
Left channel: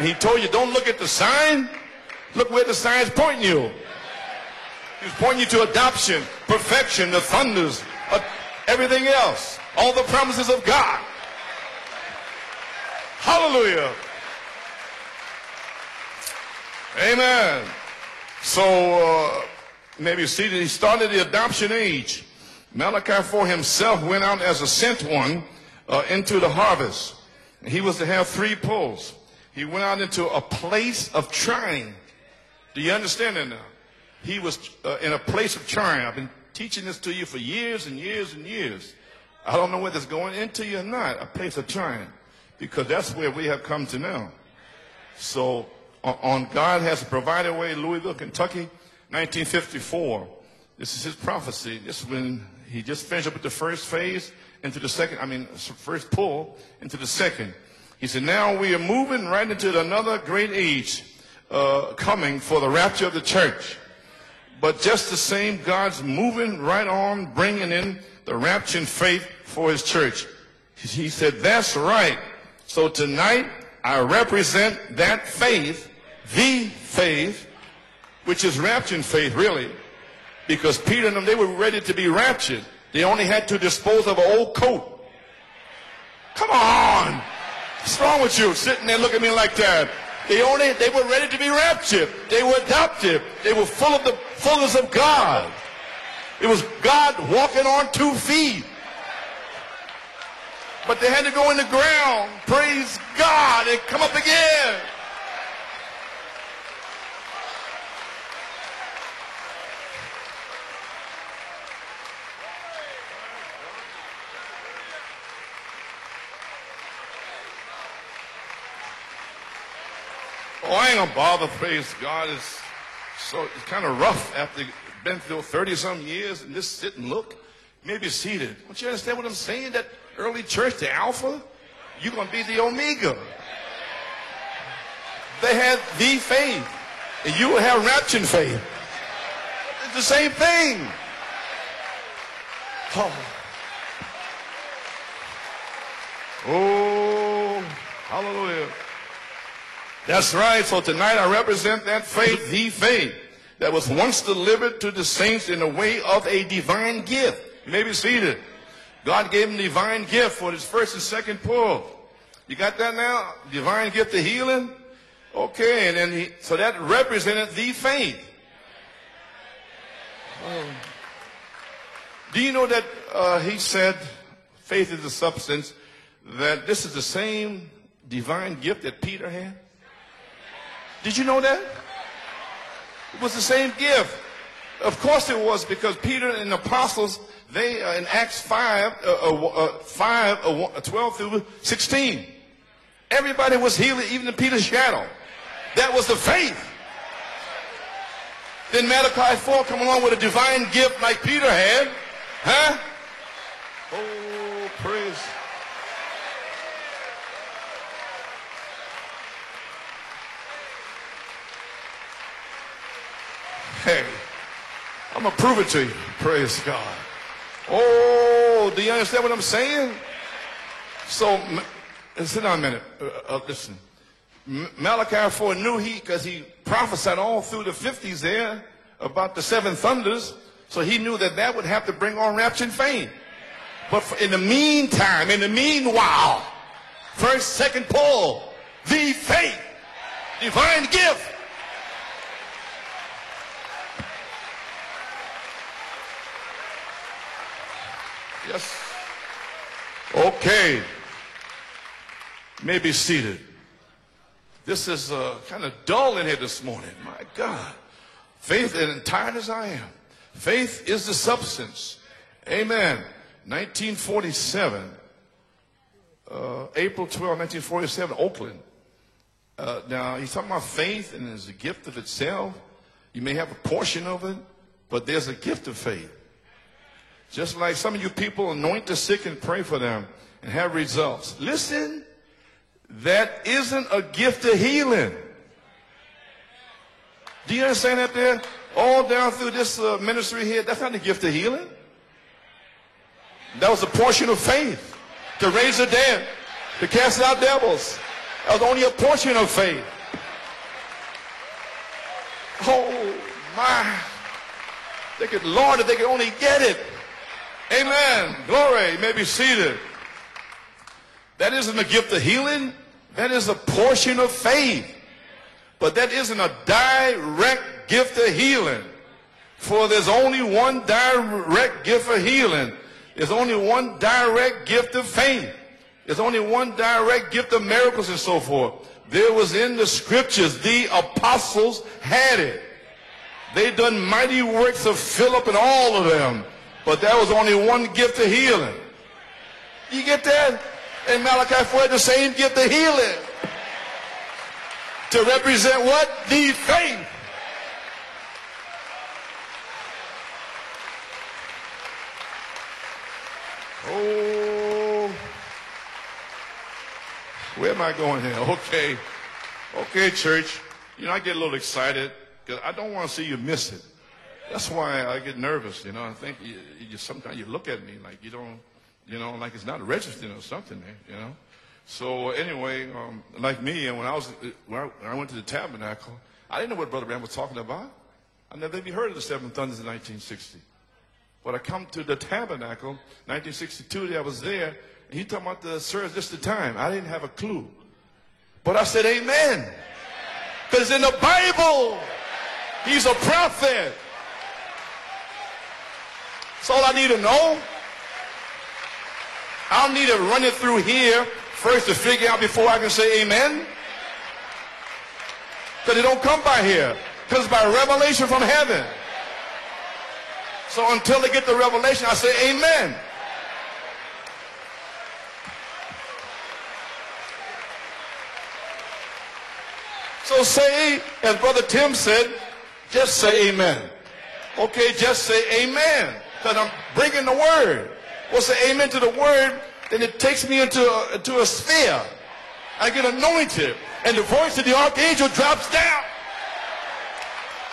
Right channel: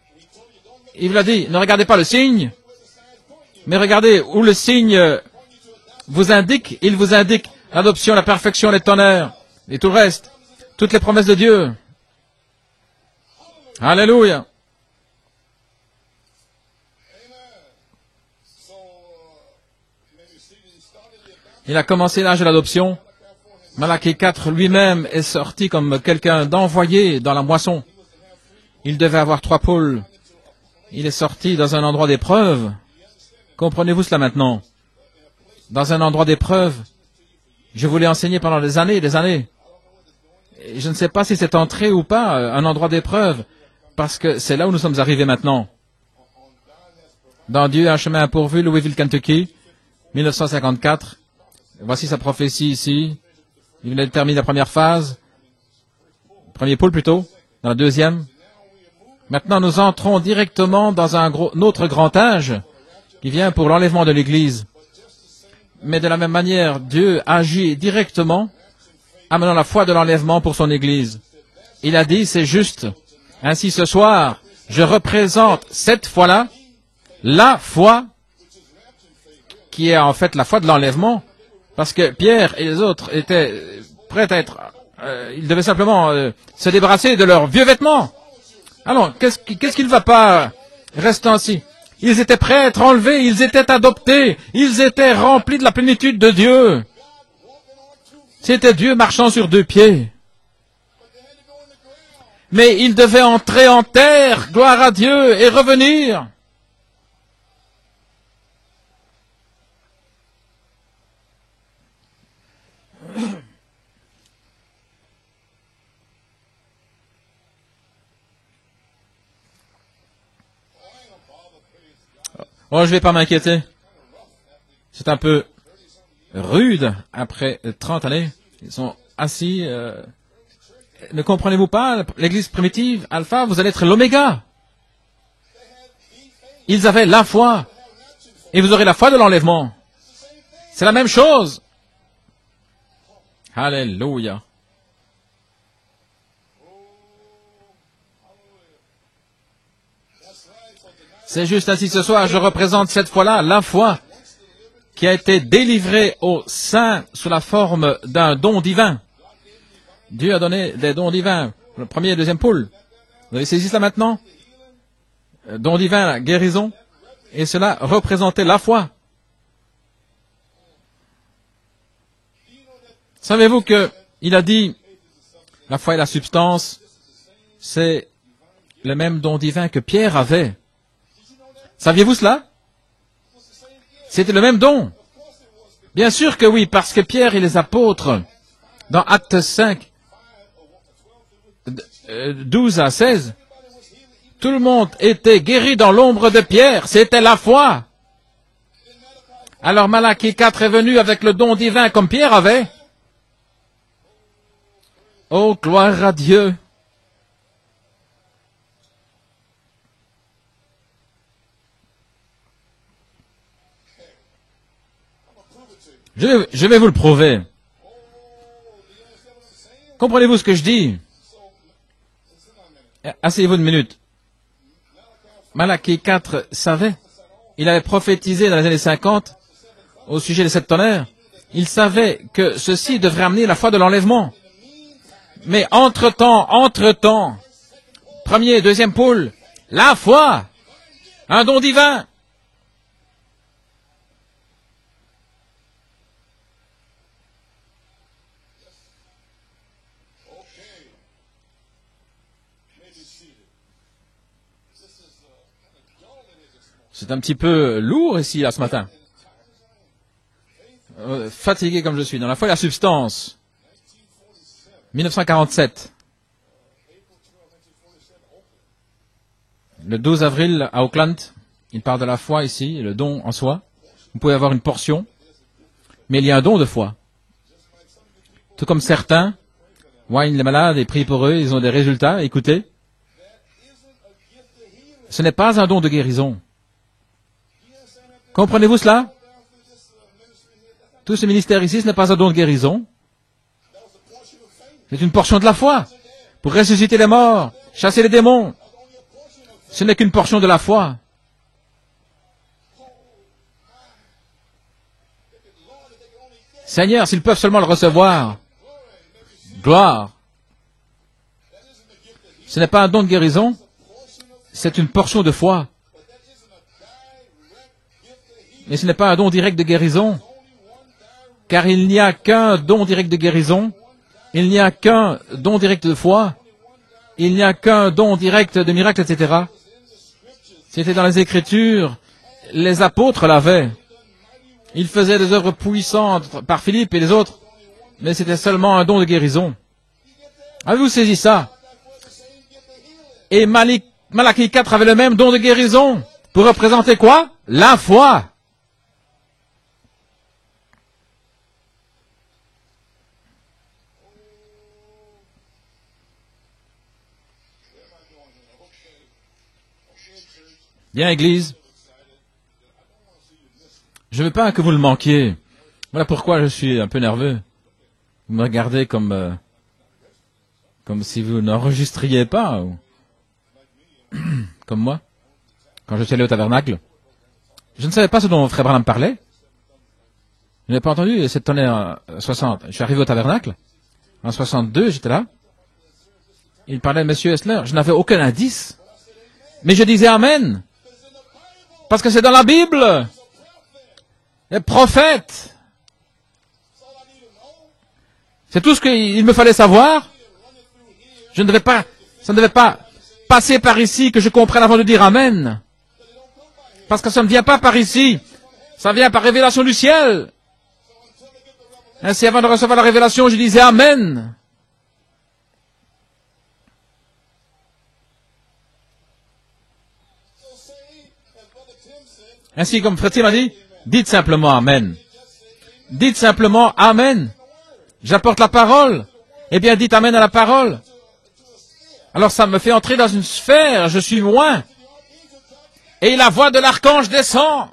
Il vous a dit, ne regardez pas le signe, mais regardez où le signe vous indique. Il vous indique l'adoption, la perfection, les tonnerres, et tout reste, toutes les promesses de Dieu. Alléluia. Amen. Il a commencé l'âge de l'adoption. Malachie 4 lui-même est sorti comme quelqu'un d'envoyé dans la moisson. Il devait avoir 3 pôles. Il est sorti dans un endroit d'épreuve. Comprenez-vous cela maintenant? Dans un endroit d'épreuve. Je vous l'ai enseigné pendant des années et des années. Je ne sais pas si c'est entré ou pas, un endroit d'épreuve, parce que c'est là où nous sommes arrivés maintenant. Dans Dieu a un chemin pourvu, Louisville, Kentucky, 1954. Voici sa prophétie ici. Il termine la première phase, premier pôle plutôt, dans la deuxième. Maintenant, nous entrons directement dans un autre grand âge. Il vient pour l'enlèvement de l'Église. Mais de la même manière, Dieu agit directement, amenant la foi de l'enlèvement pour son Église. Il a dit, c'est juste. Ainsi, ce soir, je représente cette foi-là, la foi qui est en fait la foi de l'enlèvement, parce que Pierre et les autres étaient prêts à être... ils devaient simplement se débarrasser de leurs vieux vêtements. Ah non, qu'est-ce qui ne va pas rester ainsi? Ils étaient prêts à être enlevés, ils étaient adoptés, ils étaient remplis de la plénitude de Dieu. C'était Dieu marchant sur deux pieds. Mais ils devaient entrer en terre, gloire à Dieu, et revenir. Oh, je ne vais pas m'inquiéter. C'est un peu rude après 30 années. Ils sont assis. Ne comprenez-vous pas, l'église primitive, Alpha, vous allez être l'oméga. Ils avaient la foi. Et vous aurez la foi de l'enlèvement. C'est la même chose. Alléluia. C'est juste ainsi ce soir, je représente cette foi-là, la foi qui a été délivrée aux saints sous la forme d'un don divin. Dieu a donné des dons divins, le premier et le deuxième pôle. Vous avez saisi ça maintenant? Don divin, guérison, et cela représentait la foi. Savez-vous qu'il a dit, la foi est la substance, c'est le même don divin que Pierre avait. Saviez-vous cela? C'était le même don. Bien sûr que oui, parce que Pierre et les apôtres, dans Actes 5, 12 à 16, tout le monde était guéri dans l'ombre de Pierre. C'était la foi. Alors Malachie 4 est venu avec le don divin comme Pierre avait. Oh, gloire à Dieu. Je vais vous le prouver. Comprenez-vous ce que je dis? Asseyez-vous une minute. Malachie 4 savait, il avait prophétisé dans les années 50 au sujet des sept tonnerres. Il savait que ceci devrait amener la foi de l'enlèvement. Mais entre-temps, premier et deuxième pôle, la foi, un don divin. Okay. May be seated. C'est un petit peu lourd ici, là, ce matin. Fatigué comme je suis. Dans la foi et la substance. 1947. Le 12 avril à Oakland, il parle de la foi ici, le don en soi. Vous pouvez avoir une portion, mais il y a un don de foi. Tout comme certains, Wayne les malades et prient pour eux, ils ont des résultats. Écoutez. Ce n'est pas un don de guérison. Comprenez-vous cela? Tout ce ministère ici, ce n'est pas un don de guérison. C'est une portion de la foi pour ressusciter les morts, chasser les démons. Ce n'est qu'une portion de la foi. Seigneur, s'ils peuvent seulement le recevoir. Gloire. Ce n'est pas un don de guérison, c'est une portion de foi. Et ce n'est pas un don direct de guérison, car il n'y a qu'un don direct de guérison, il n'y a qu'un don direct de foi, il n'y a qu'un don direct de miracle, etc. Qui était dans les Écritures, les apôtres l'avaient. Ils faisaient des œuvres puissantes par Philippe et les autres, mais c'était seulement un don de guérison. Avez-vous saisi ça? Et Malachie 4 avait le même don de guérison. Pour représenter quoi? La foi. Oh, where am I going here? Okay. Okay, church. Bien, I get a Église. little excited because I don't want to see you miss it. Je ne veux pas que vous le manquiez. Voilà pourquoi je suis un peu nerveux. Vous me regardez comme si vous n'enregistriez pas, comme moi. Quand je suis allé au tabernacle, je ne savais pas ce dont Frère Branham parlait. Je n'ai pas entendu cette année en 60. Je suis arrivé au tabernacle. En 62, j'étais là. Il parlait de Monsieur Esler. Je n'avais aucun indice. Mais je disais Amen. Parce que c'est dans la Bible. Les prophètes. C'est tout ce qu'il me fallait savoir. Je ne devais pas passer par ici que je comprenne avant de dire Amen. Parce que ça ne vient pas par ici. Ça vient par révélation du ciel. Ainsi, avant de recevoir la révélation, je disais Amen. Ainsi, comme Frère Tim a dit, dites simplement Amen. Dites simplement Amen. J'apporte la parole. Eh bien, dites Amen à la parole. Alors, ça me fait entrer dans une sphère. Je suis loin. Et la voix de l'archange descend.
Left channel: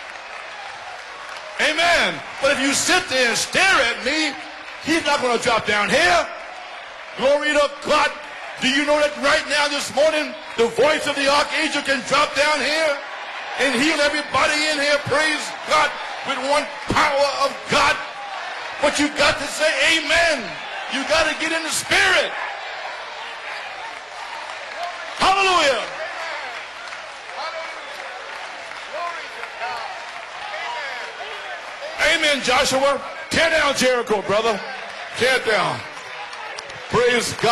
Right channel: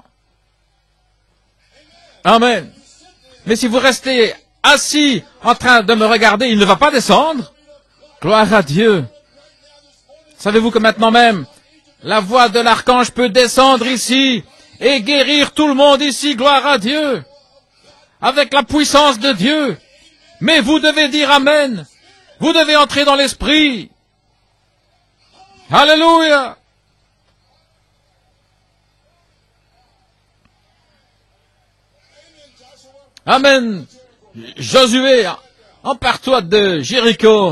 Amen. Mais si vous restez assis en train de me regarder, il ne va pas descendre. Gloire à Dieu. Savez-vous que maintenant même, la voix de l'archange peut descendre ici et guérir tout le monde ici. Gloire à Dieu. Avec la puissance de Dieu. Mais vous devez dire Amen. Vous devez entrer dans l'esprit. Alléluia. Amen. Josué, empare-toi de Jéricho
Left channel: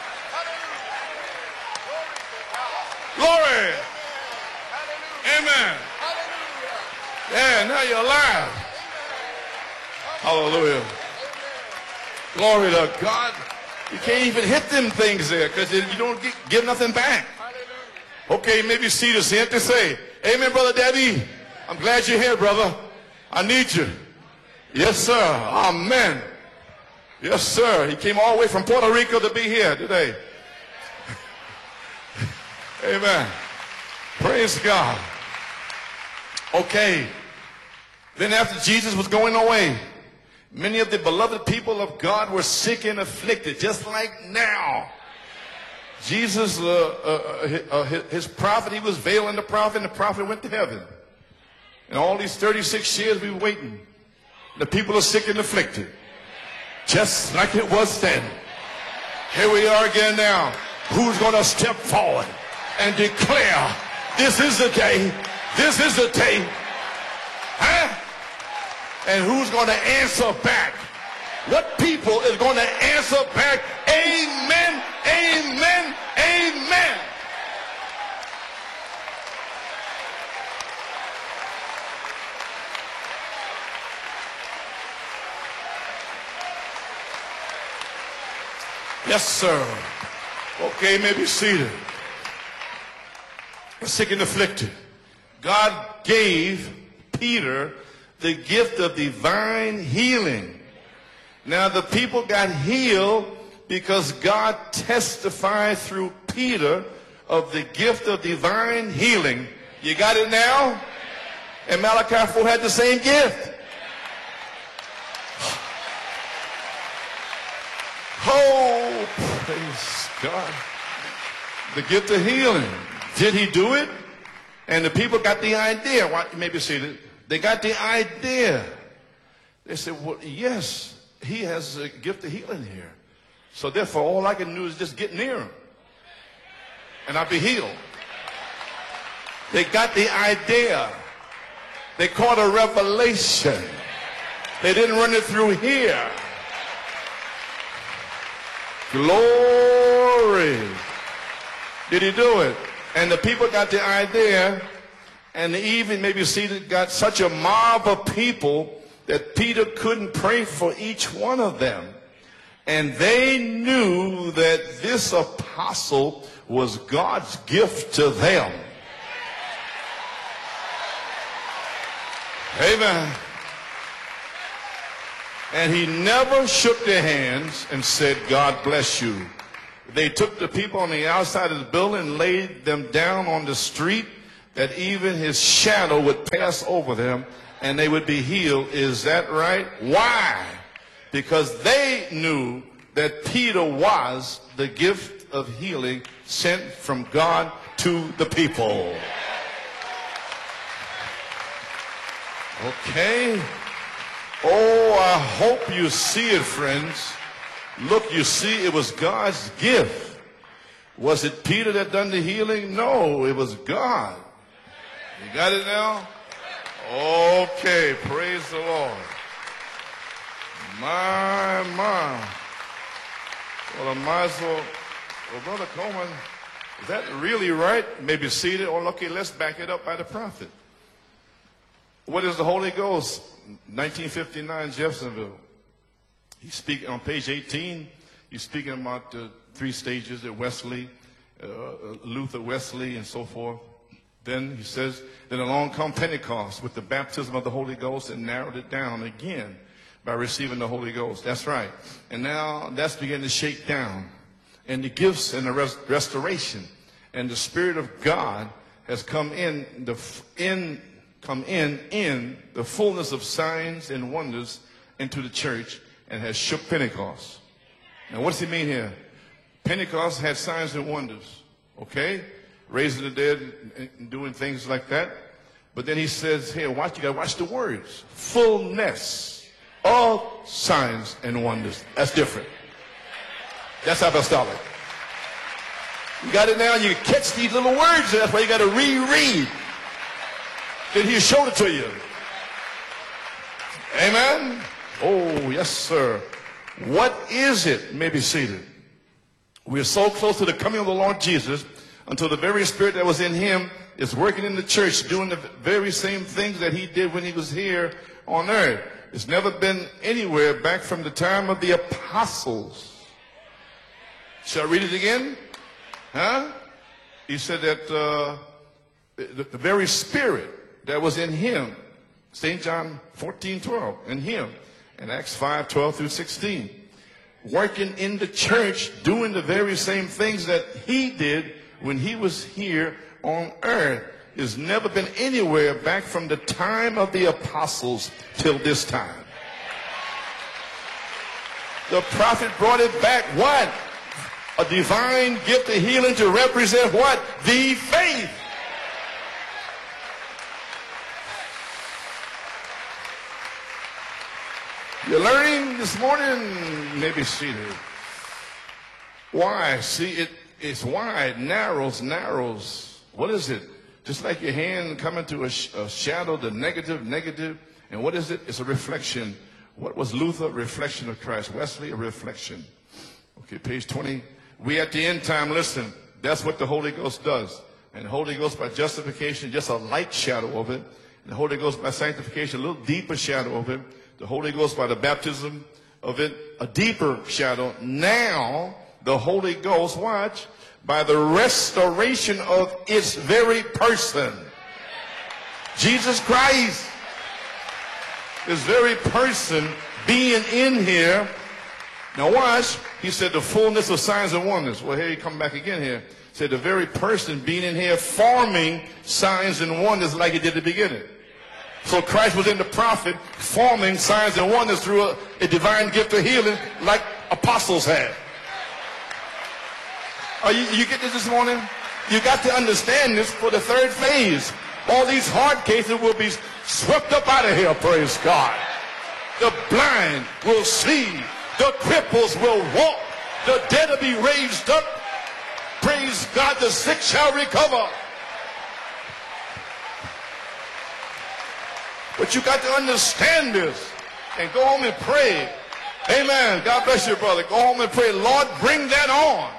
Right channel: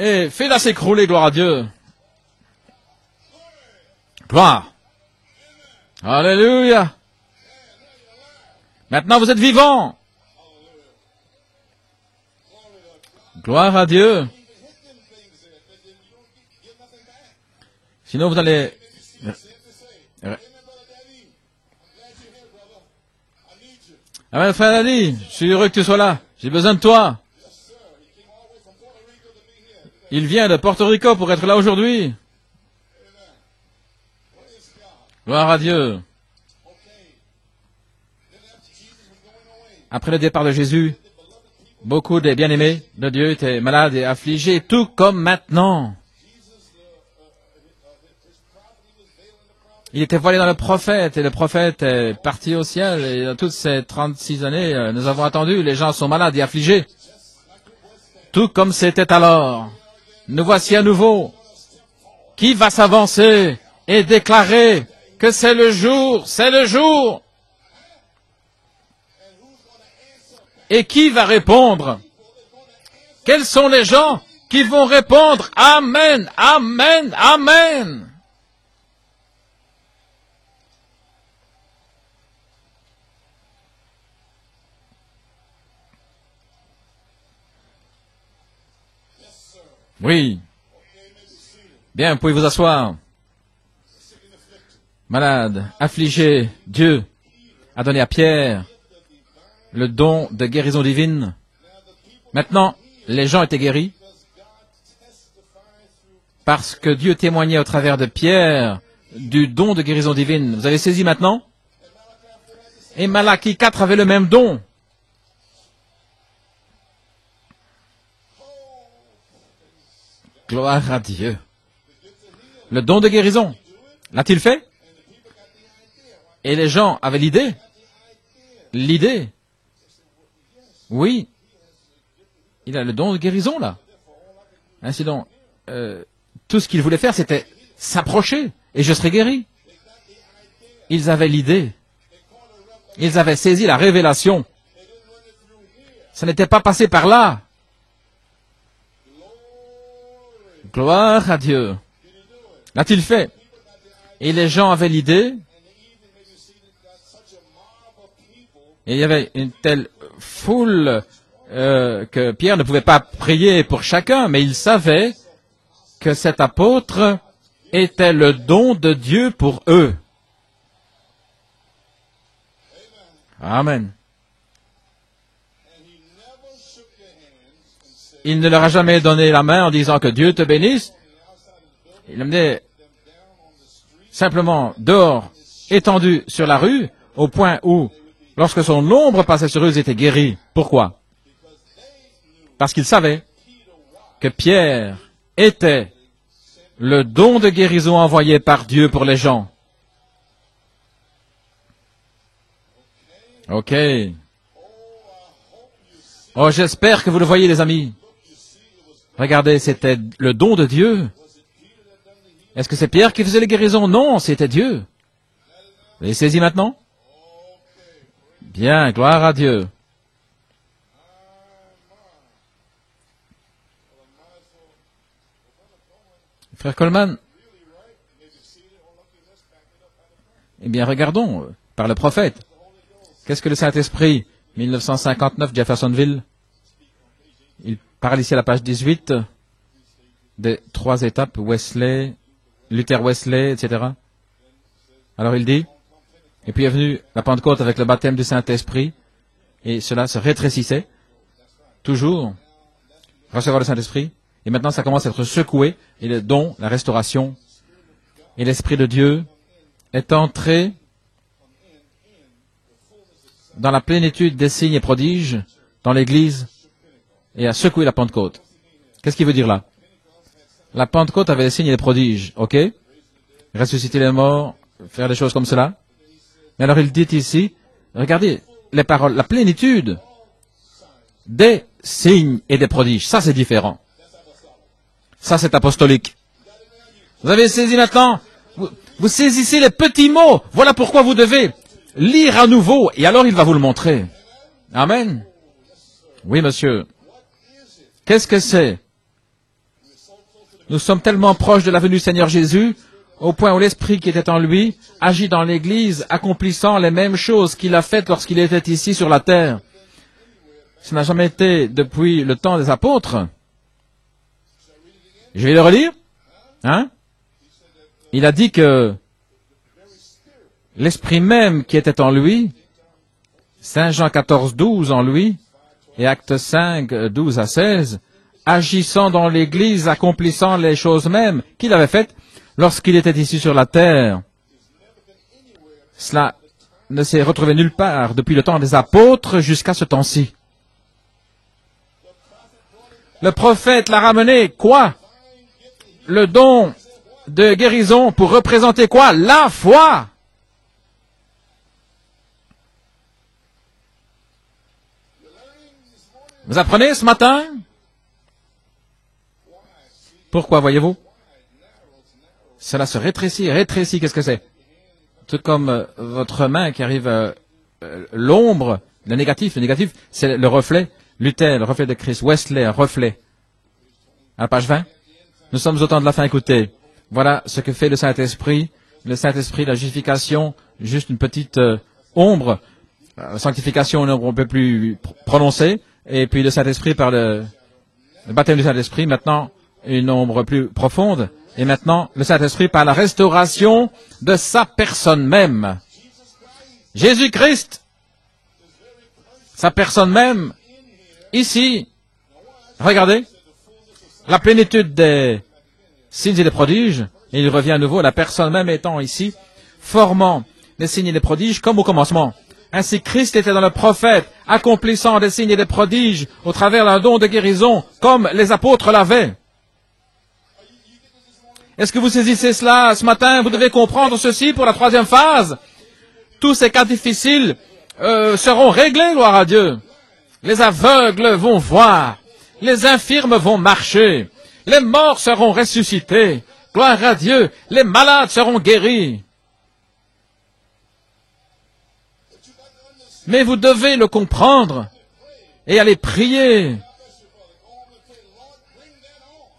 et fais-la s'écrouler, gloire à Dieu. Gloire. Alléluia. Maintenant vous êtes vivants. Gloire à Dieu. Sinon vous allez... Amen, frère Dani, je suis heureux que tu sois là. J'ai besoin de toi. Il vient de Porto Rico pour être là aujourd'hui. Gloire à Dieu. Après le départ de Jésus, beaucoup des bien-aimés de Dieu étaient malades et affligés, tout comme maintenant. Il était voilé dans le prophète, et le prophète est parti au ciel. Et dans toutes ces 36 années, nous avons attendu, les gens sont malades et affligés, tout comme c'était alors. Nous voici à nouveau. Qui va s'avancer et déclarer que c'est le jour. Et qui va répondre? Quels sont les gens qui vont répondre Amen, Amen, Amen? Yes, sir. Oui. Okay, maybe seated. Bien, vous pouvez vous asseoir. Sick and afflicted. Malade, affligé, Dieu a donné à Pierre le don de guérison divine. Maintenant, les gens étaient guéris parce que Dieu témoignait au travers de Pierre du don de guérison divine. Vous avez saisi maintenant? Et Malachie 4 avait le même don. Gloire à Dieu. Le don de guérison. L'a-t-il fait? Et les gens avaient l'idée. L'idée. Oui. Il a le don de guérison là. Ainsi donc, tout ce qu'il voulait faire, c'était s'approcher et je serai guéri. Ils avaient l'idée. Ils avaient saisi la révélation. Ça n'était pas passé par là. Gloire à Dieu. L'a-t-il fait? Et les gens avaient l'idée. Et il y avait une telle foule que Pierre ne pouvait pas prier pour chacun, mais il savait que cet apôtre était le don de Dieu pour eux. Amen. Il ne leur a jamais donné la main en disant que Dieu te bénisse. Il est simplement dehors, étendu sur la rue, au point où, lorsque son ombre passait sur eux, ils étaient guéris. Pourquoi? Parce qu'ils savaient que Pierre était le don de guérison envoyé par Dieu pour les gens. OK. Oh, j'espère que vous le voyez, les amis. Regardez, c'était le don de Dieu. Est-ce que c'est Pierre qui faisait les guérisons? Non, c'était Dieu. Vous les saisi maintenant? Bien, gloire à Dieu. Frère Coleman, eh bien, regardons par le prophète. Qu'est-ce que le Saint-Esprit, 1959, Jeffersonville, il parle ici à la page 18 des 3 étapes, Wesley, Luther Wesley, etc. Alors il dit, et puis est venu la Pentecôte avec le baptême du Saint-Esprit, et cela se rétrécissait, toujours, recevoir le Saint-Esprit, et maintenant ça commence à être secoué, et le don, la restauration, et l'Esprit de Dieu est entré dans la plénitude des signes et prodiges dans l'Église et a secoué la Pentecôte. Qu'est-ce qu'il veut dire là? La Pentecôte avait des signes et des prodiges, ok? Ressusciter les morts, faire des choses comme cela. Et alors il dit ici, regardez les paroles, la plénitude des signes et des prodiges. Ça c'est différent. Ça, c'est apostolique. Vous avez saisi maintenant? Vous saisissez les petits mots. Voilà pourquoi vous devez lire à nouveau. Et alors, il va vous le montrer. Amen. Oui, monsieur. Qu'est-ce que c'est? Nous sommes tellement proches de la venue du Seigneur Jésus, au point où l'Esprit qui était en lui agit dans l'Église, accomplissant les mêmes choses qu'il a faites lorsqu'il était ici sur la terre. Ça n'a jamais été depuis le temps des apôtres. Je vais le relire. Hein? Il a dit que l'Esprit même qui était en lui, Saint Jean 14, 12 en lui, et Actes 5, 12 à 16, agissant dans l'Église, accomplissant les choses mêmes qu'il avait faites lorsqu'il était ici sur la terre. Cela ne s'est retrouvé nulle part depuis le temps des apôtres jusqu'à ce temps-ci. Le prophète l'a ramené, quoi? Le don de guérison pour représenter quoi? La foi. Vous apprenez ce matin? Pourquoi, voyez-vous? Cela se rétrécit, rétrécit, qu'est-ce que c'est? C'est comme votre main qui arrive... l'ombre, le négatif, c'est le reflet. Luther, le reflet de Christ. Wesley, un reflet. À la page 20, nous sommes au temps de la fin, écoutez. Voilà ce que fait le Saint-Esprit. Le Saint-Esprit, la justification, juste une petite ombre. Sanctification, on ne peut plus prononcer. Et puis le Saint-Esprit par le baptême du Saint-Esprit, maintenant une ombre plus profonde. Et maintenant le Saint-Esprit par la restauration de sa personne même. Jésus-Christ, sa personne même, ici, regardez, la plénitude des signes et des prodiges, et il revient à nouveau, la personne même étant ici, formant les signes et les prodiges comme au commencement. Ainsi Christ était dans le prophète, accomplissant des signes et des prodiges au travers d'un don de guérison, comme les apôtres l'avaient. Est-ce que vous saisissez cela ce matin? Vous devez comprendre ceci pour la troisième phase. Tous ces cas difficiles seront réglés, gloire à Dieu. Les aveugles vont voir, les infirmes vont marcher, les morts seront ressuscités, gloire à Dieu, les malades seront guéris. Mais vous devez le comprendre et aller prier.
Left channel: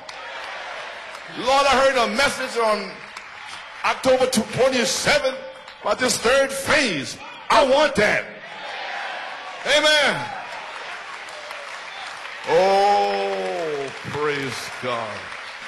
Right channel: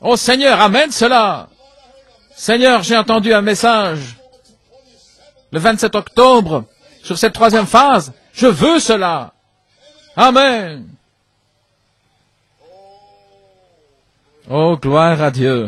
Oh Seigneur, amène cela. Seigneur, j'ai entendu un message le 27 octobre sur cette troisième phase. Je veux cela. Amen. Oh, gloire à Dieu.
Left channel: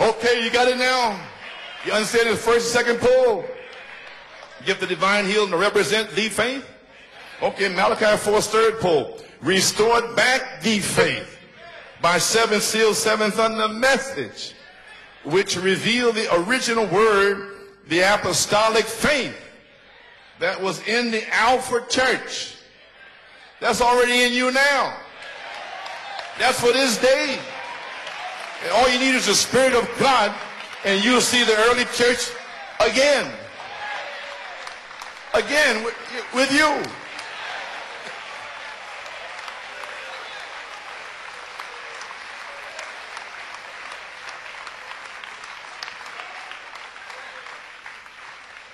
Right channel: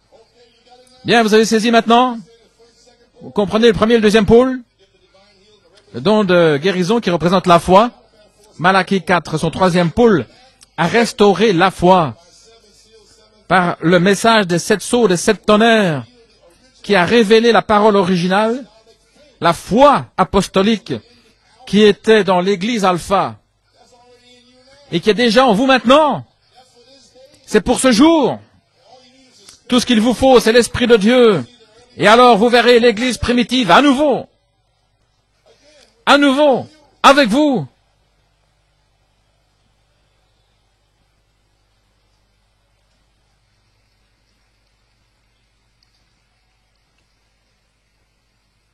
Okay, you got it now? Bien, vous avez saisi maintenant? You understand the first and second Vous pull? comprenez le premier et le deuxième pôle? Gift of divine healing to represent Le don de defense. guérison qui représente la foi. Malachi 4's third Malachie pull. 4, son troisième Restored pôle, back the a faith restauré la foi by seven seals, seven thunder par le message des 7 sceaux, des 7 which tonnerres, revealed the original qui a word, révélé la parole the originale, apostolic faith la foi that was apostolique in the Alpha qui était church. dans l'église Alpha That's already in you now. et qui est déjà en vous maintenant. That's for this day. C'est pour ce jour. All you need is the Spirit Tout of ce qu'il vous God. faut, c'est l'Esprit de And you'll Dieu. see the early church Et alors vous verrez l'église again. primitive à nouveau, Again, à nouveau, with you. avec vous.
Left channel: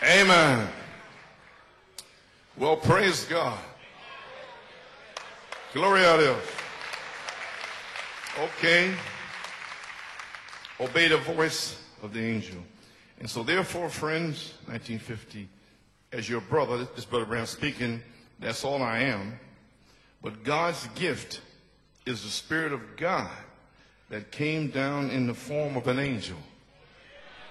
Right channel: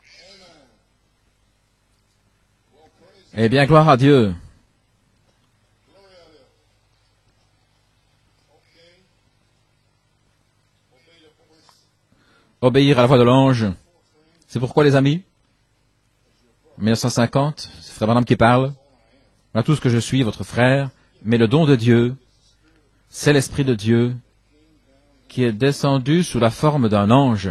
Amen. Well, praise God. Eh bien, gloire à Dieu. Glory à Dieu. Okay. Obey the voice of the angel. Obéir à la voix de l'ange. Therefore, friends, C'est pourquoi, les amis, 1950, as your brother, 1950, speaking, c'est Abraham qui parle. that's all I am, Voilà tout ce que je suis, votre frère. Mais le don de Dieu, is the Spirit of God c'est l'Esprit de Dieu that came down in the qui est form of an descendu angel. sous la forme d'un ange.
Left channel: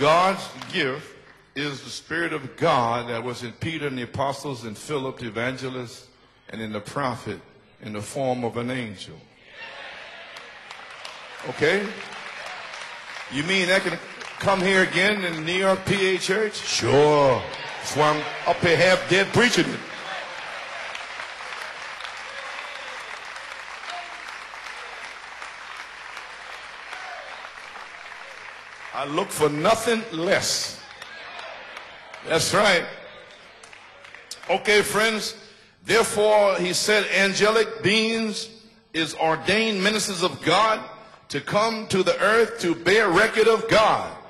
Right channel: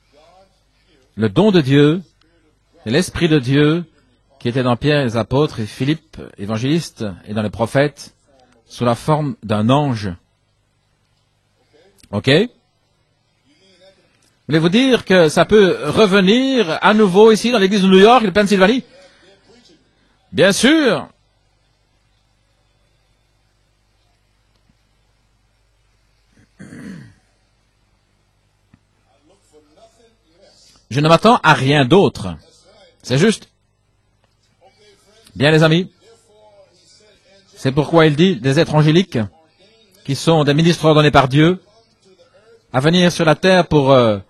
God's gift Le don de is the Dieu, Spirit of God c'est l'Esprit that de was in Dieu Peter and the apostles qui était dans and Pierre, les Philip, apôtres et evangelists, Philippe, évangéliste, et dans les in prophètes, the form of an sous la angel. forme d'un ange. Okay? Ok? You mean that can come Voulez-vous here dire again que in ça New peut York PA revenir Church? à nouveau ici dans l'église de New York, de Pennsylvanie? Okay, have dead preaching it. Bien sûr! I look for nothing less. Je ne m'attends à rien d'autre. That's right. C'est juste. Okay, friends. Bien, les amis. Therefore, he said, angelic C'est pourquoi il dit beings, des êtres angéliques his ordained ministers qui sont of des God, ministres ordonnés par Dieu come to the earth to à venir bear sur la record terre of pour God.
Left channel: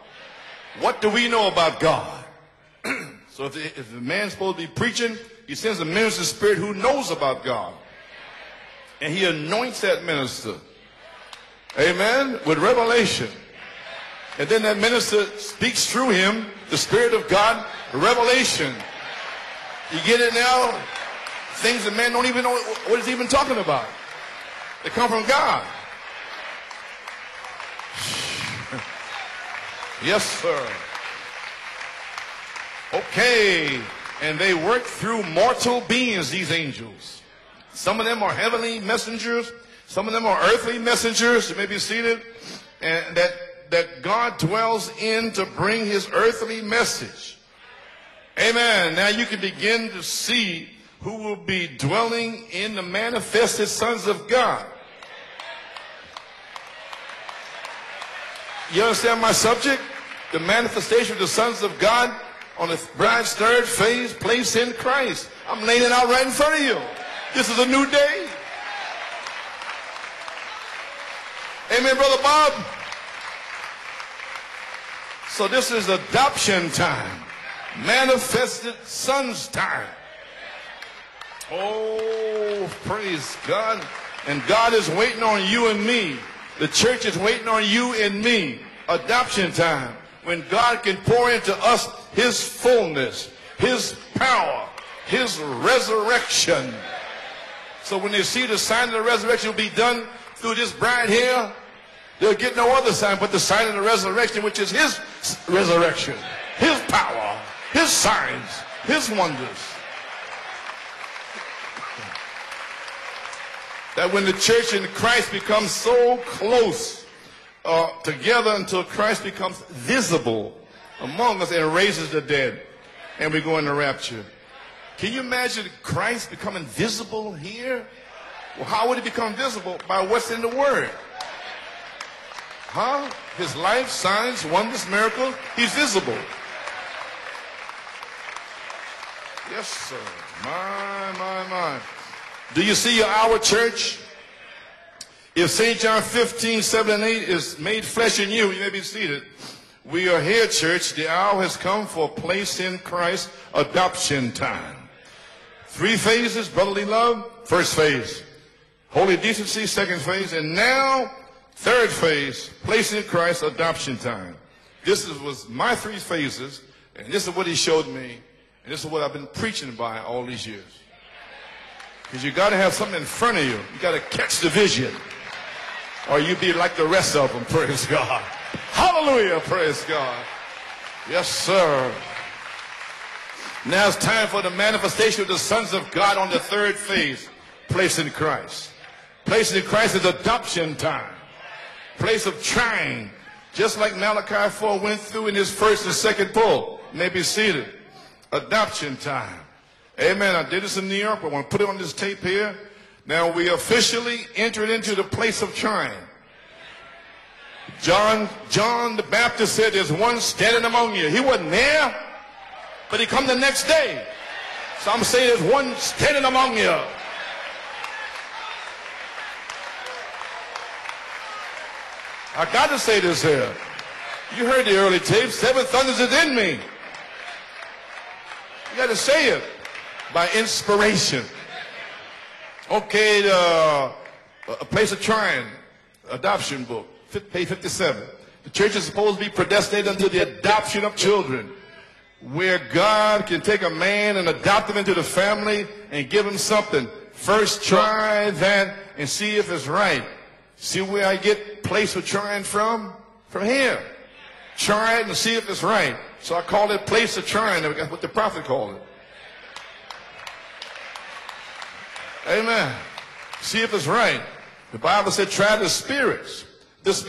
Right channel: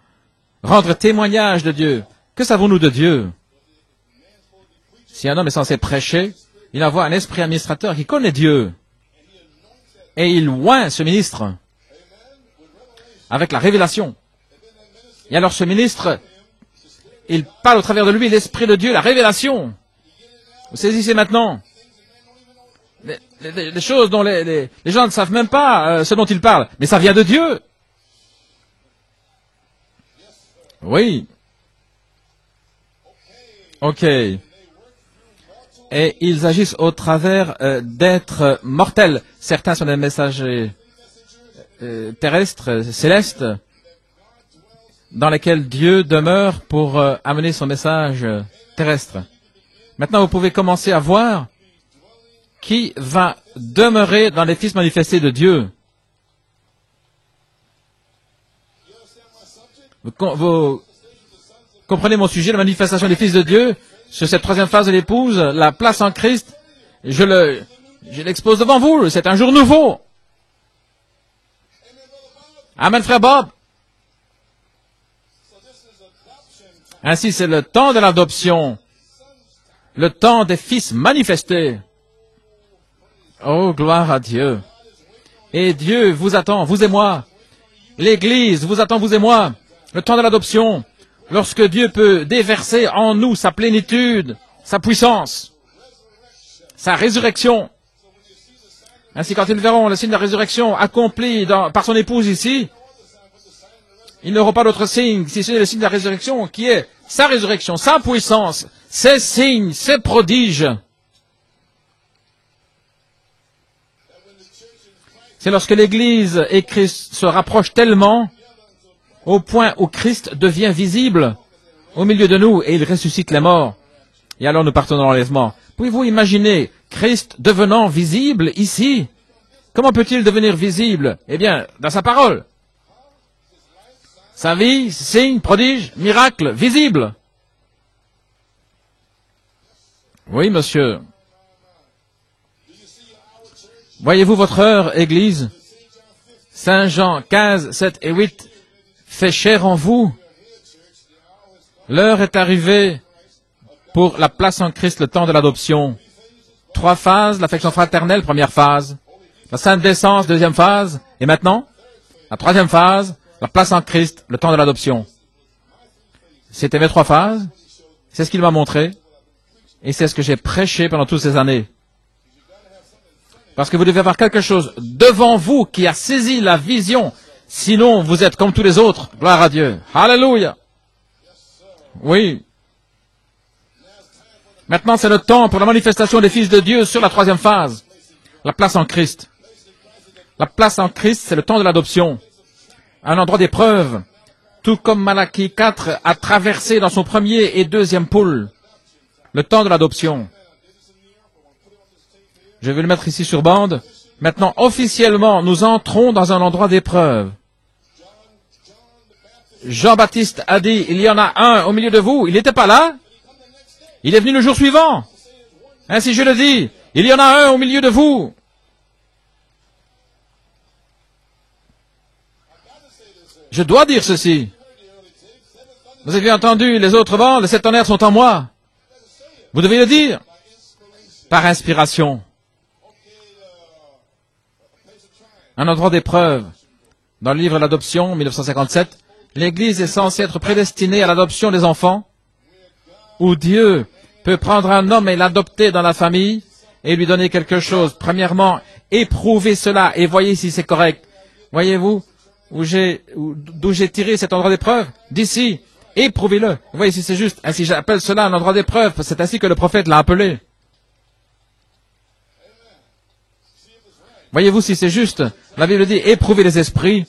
rendre What do we know témoignage de about Dieu. God? Que savons-nous de Dieu? So if the man's supposed to be preaching, Si un homme est he censé sends a prêcher, minister spirit who il envoie un knows esprit about God. administrateur qui connaît Dieu. And he anoints that Et il minister. oint ce ministre Amen. With revelation. avec la révélation. And then that minister Et alors ce speaks ministre, through him, the Spirit of il God, parle au travers de lui l'Esprit de revelation. Dieu, la révélation. You get it now? Vous saisissez maintenant. Things that man don't even know what he's even talking Des about. choses dont les gens ne savent même pas ce dont il parle. Mais ça vient de Dieu. Yes, sir. Oui. Okay. Ok. And they work through mortal Et beings. ils these agissent angels. au travers Some of them are d'êtres heavenly mortels. messengers, Certains sont des some of them messages are earthly messengers, you may be seated, terrestres, and célestes, that God dwells in dans to lesquels bring Dieu his demeure earthly pour message. amener son message Amen. terrestre. Now you can begin to Maintenant, vous see pouvez commencer à voir be dwelling in qui the va manifested sons demeurer of dans les God. fils manifestés de Dieu. You understand my subject? Vous The manifestation of the sons of God. comprenez mon sujet, la on the manifestation des fils de Dieu, third phase, sur cette place troisième in phase de Christ. l'épouse, I'm la laying place it en out right in Christ. front of you. Je This is a new je day. l'expose devant vous, c'est un jour nouveau. Amen, Brother Bob. Amen, frère Bob. So this is adoption time. Ainsi, c'est le temps de l'adoption, Manifested sons time. le temps des fils manifestés. Oh, praise Oh, God. gloire à And Dieu. God is waiting on you Et and Dieu me. vous attend, The vous et church moi. is waiting on you and L'Église me. vous attend, vous et moi. Adoption time. Le temps de l'adoption, When God can pour into lorsque us Dieu peut His déverser en fullness, nous sa plénitude, His power, sa puissance, His resurrection. sa résurrection. So when they see the sign of the Ainsi, quand resurrection nous be verrons done, le signe de la résurrection they'll just accompli bind here. par son épouse They'll ici, get no other sign but the sign of the resurrection, ils n'auront pas which is d'autre His signe, si c'est le signe de la resurrection. résurrection, qui His est power, sa résurrection, His sa sign, puissance, His ses wonders. signes, ses prodiges. That when the church and Christ C'est become lorsque so l'Église et close, Christ se rapprochent tellement together until Christ au becomes point où Christ visible devient visible among us and raises au milieu the de dead, nous et il ressuscite and les we go in morts. a rapture. Et alors nous partons dans l'enlèvement. Pouvez-vous imaginer Christ devenant visible How will ici? he become visible? Comment By peut-il what's in devenir the word. visible? Eh bien, dans sa parole. Huh? His life, signs, Sa wonders, vie, miracles, signes, be prodiges, visible. miracles, visibles. Yes, sir. Oui, monsieur. My. Do you see our church? Voyez-vous votre heure, Église, If Saint John 15, Saint 7 Jean and 8 15, is made 7 et flesh 8 in you, you may be seated. fait chair en vous We are here, church. The hour has come for L'heure est place in arrivée Christ, adoption pour la place time. en Christ, le temps de l'adoption. 3 phases, brotherly 3 love, phases, l'affection first phase. fraternelle, première phase. Holy decency, La sainte second décence, phase. deuxième And phase. now, Et maintenant, third phase, la troisième place in phase, Christ, la place en adoption Christ, time. le temps de l'adoption. This was my 3 phases. C'était mes 3 This is phases. what he showed me. C'est ce qu'il m'a This montré. is what I've been preaching about Et c'est ce que j'ai all these prêché pendant toutes ces années. Parce que vous devez avoir quelque chose devant vous qui a saisi la vision. Sinon, vous êtes comme tous les autres. Gloire à Dieu. Alléluia. Oui. Maintenant, c'est le temps pour la manifestation des fils de Dieu sur la troisième phase. La place en Christ. La place en Christ, c'est le temps de l'adoption. Un endroit d'épreuve. Tout comme Malachie 4 a traversé dans son premier et deuxième pôle. Le temps de l'adoption. Je vais le mettre ici sur bande. Maintenant, officiellement, nous entrons dans un endroit d'épreuve. Jean-Baptiste a dit, il y en a un au milieu de vous. Il n'était pas là. Il est venu le jour suivant. Ainsi je le dis, il y en a un au milieu de vous. Je dois dire ceci. Vous avez entendu les autres vents, les 7 tonnerres sont en moi. Vous devez le dire par inspiration. Un endroit d'épreuve. Dans le livre L'Adoption, 1957, l'Église est censée être prédestinée à l'adoption des enfants, où Dieu peut prendre un homme et l'adopter dans la famille et lui donner quelque chose. Premièrement, éprouvez cela et voyez si c'est correct. Voyez-vous d'où j'ai tiré cet endroit d'épreuve? D'ici, éprouvez-le. Voyez si c'est juste. Ainsi j'appelle cela un endroit d'épreuve. C'est ainsi que le prophète l'a appelé. Amen. Voyez-vous si c'est juste. La Bible dit, éprouvez les esprits.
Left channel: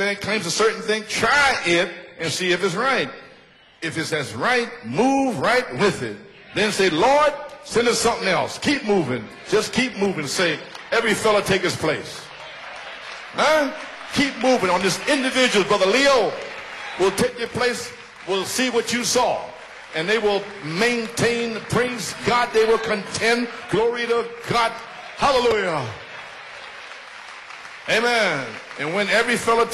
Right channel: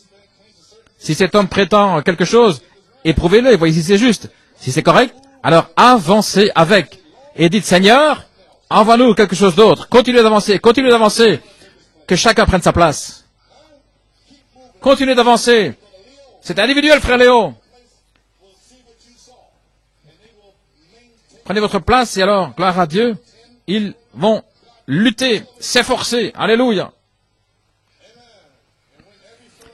Si cet homme prétend quelque chose, éprouvez-le et voyez si c'est juste. Si c'est correct, alors avancez avec. Et dites, Seigneur, envoie-nous quelque chose d'autre. Continuez d'avancer, continuez d'avancer. Que chacun prenne sa place. Continuez d'avancer. C'est individuel, frère Léo. Prenez votre place et alors, gloire à Dieu, ils vont lutter, s'efforcer. Alléluia.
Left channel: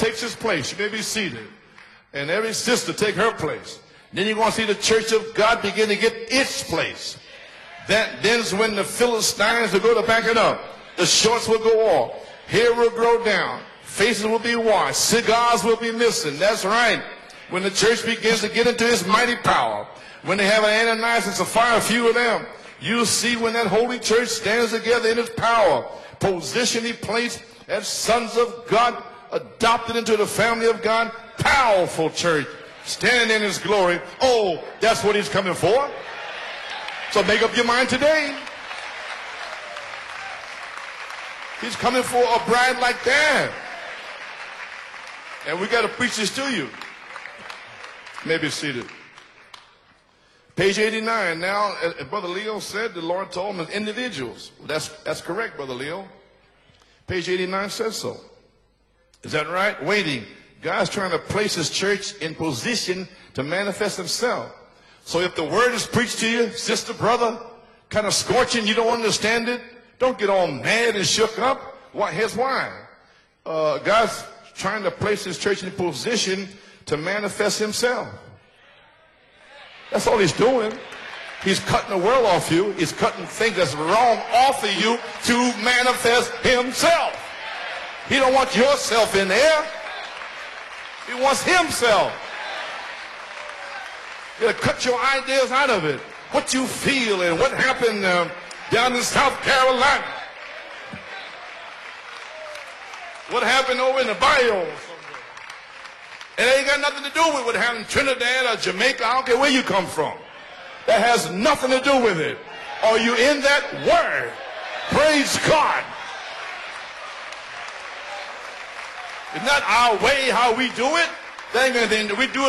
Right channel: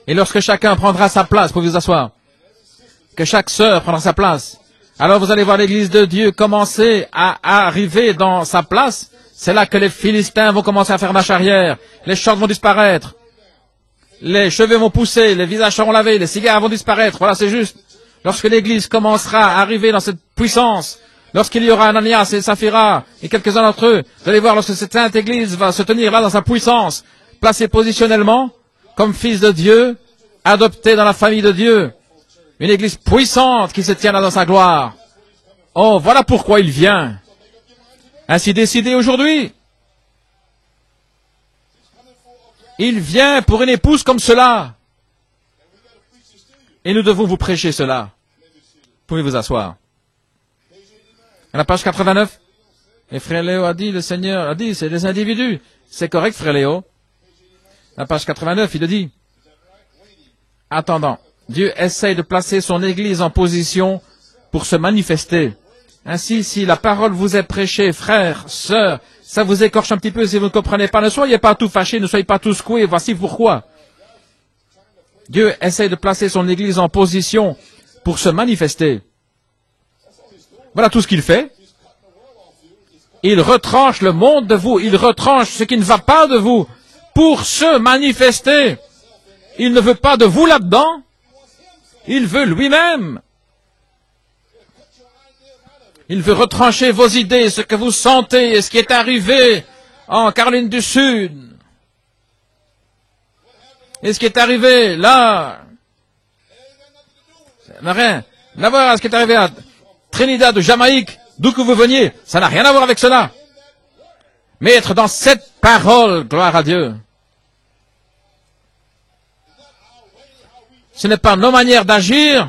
Et lorsque chacun prendra sa place pour vous asseoir, que chaque sœur prendra sa place, alors vous allez voir l'église de Dieu commencer à arriver dans sa place. C'est là que les Philistins vont commencer à faire marche arrière. Les chants vont disparaître. Les cheveux vont pousser, les visages seront lavés, les cigares vont disparaître. Voilà, c'est juste. Lorsque l'Église commencera à arriver dans cette puissance, lorsqu'il y aura Ananias et Saphira, et quelques-uns d'entre eux, vous allez voir lorsque cette sainte Église va se tenir là dans sa puissance, placée positionnellement, comme fils de Dieu, adoptée dans la famille de Dieu. Une Église puissante qui se tient là dans sa gloire. Oh, voilà pourquoi il vient. Ainsi décidé aujourd'hui. Il vient pour une épouse comme cela. Et nous devons vous prêcher cela. Pouvez vous asseoir. À la page 89, et frère Léo a dit, le Seigneur a dit, c'est des individus. C'est correct, frère Léo. À la page 89, il le dit. Attendant, Dieu essaye de placer son Église en position pour se manifester. Ainsi, si la parole vous est prêchée, frères, sœurs, ça vous écorche un petit peu si vous ne comprenez pas. Ne soyez pas tous fâchés, ne soyez pas tous secoués. Voici pourquoi. Dieu essaye de placer son Église en position pour se manifester. Voilà tout ce qu'il fait. Il retranche le monde de vous. Il retranche ce qui ne va pas de vous pour se manifester. Il ne veut pas de vous là-dedans. Il veut lui-même. Il veut retrancher vos idées, ce que vous sentez et ce qui est arrivé en Caroline du Sud. Et ce qui est arrivé là n'a rien à voir avec ce qui est arrivé à Trinidad ou Jamaïque, d'où que vous veniez. Ça n'a rien à voir avec cela. Mais être dans cette parole, gloire à Dieu. Ce n'est pas nos manières d'agir,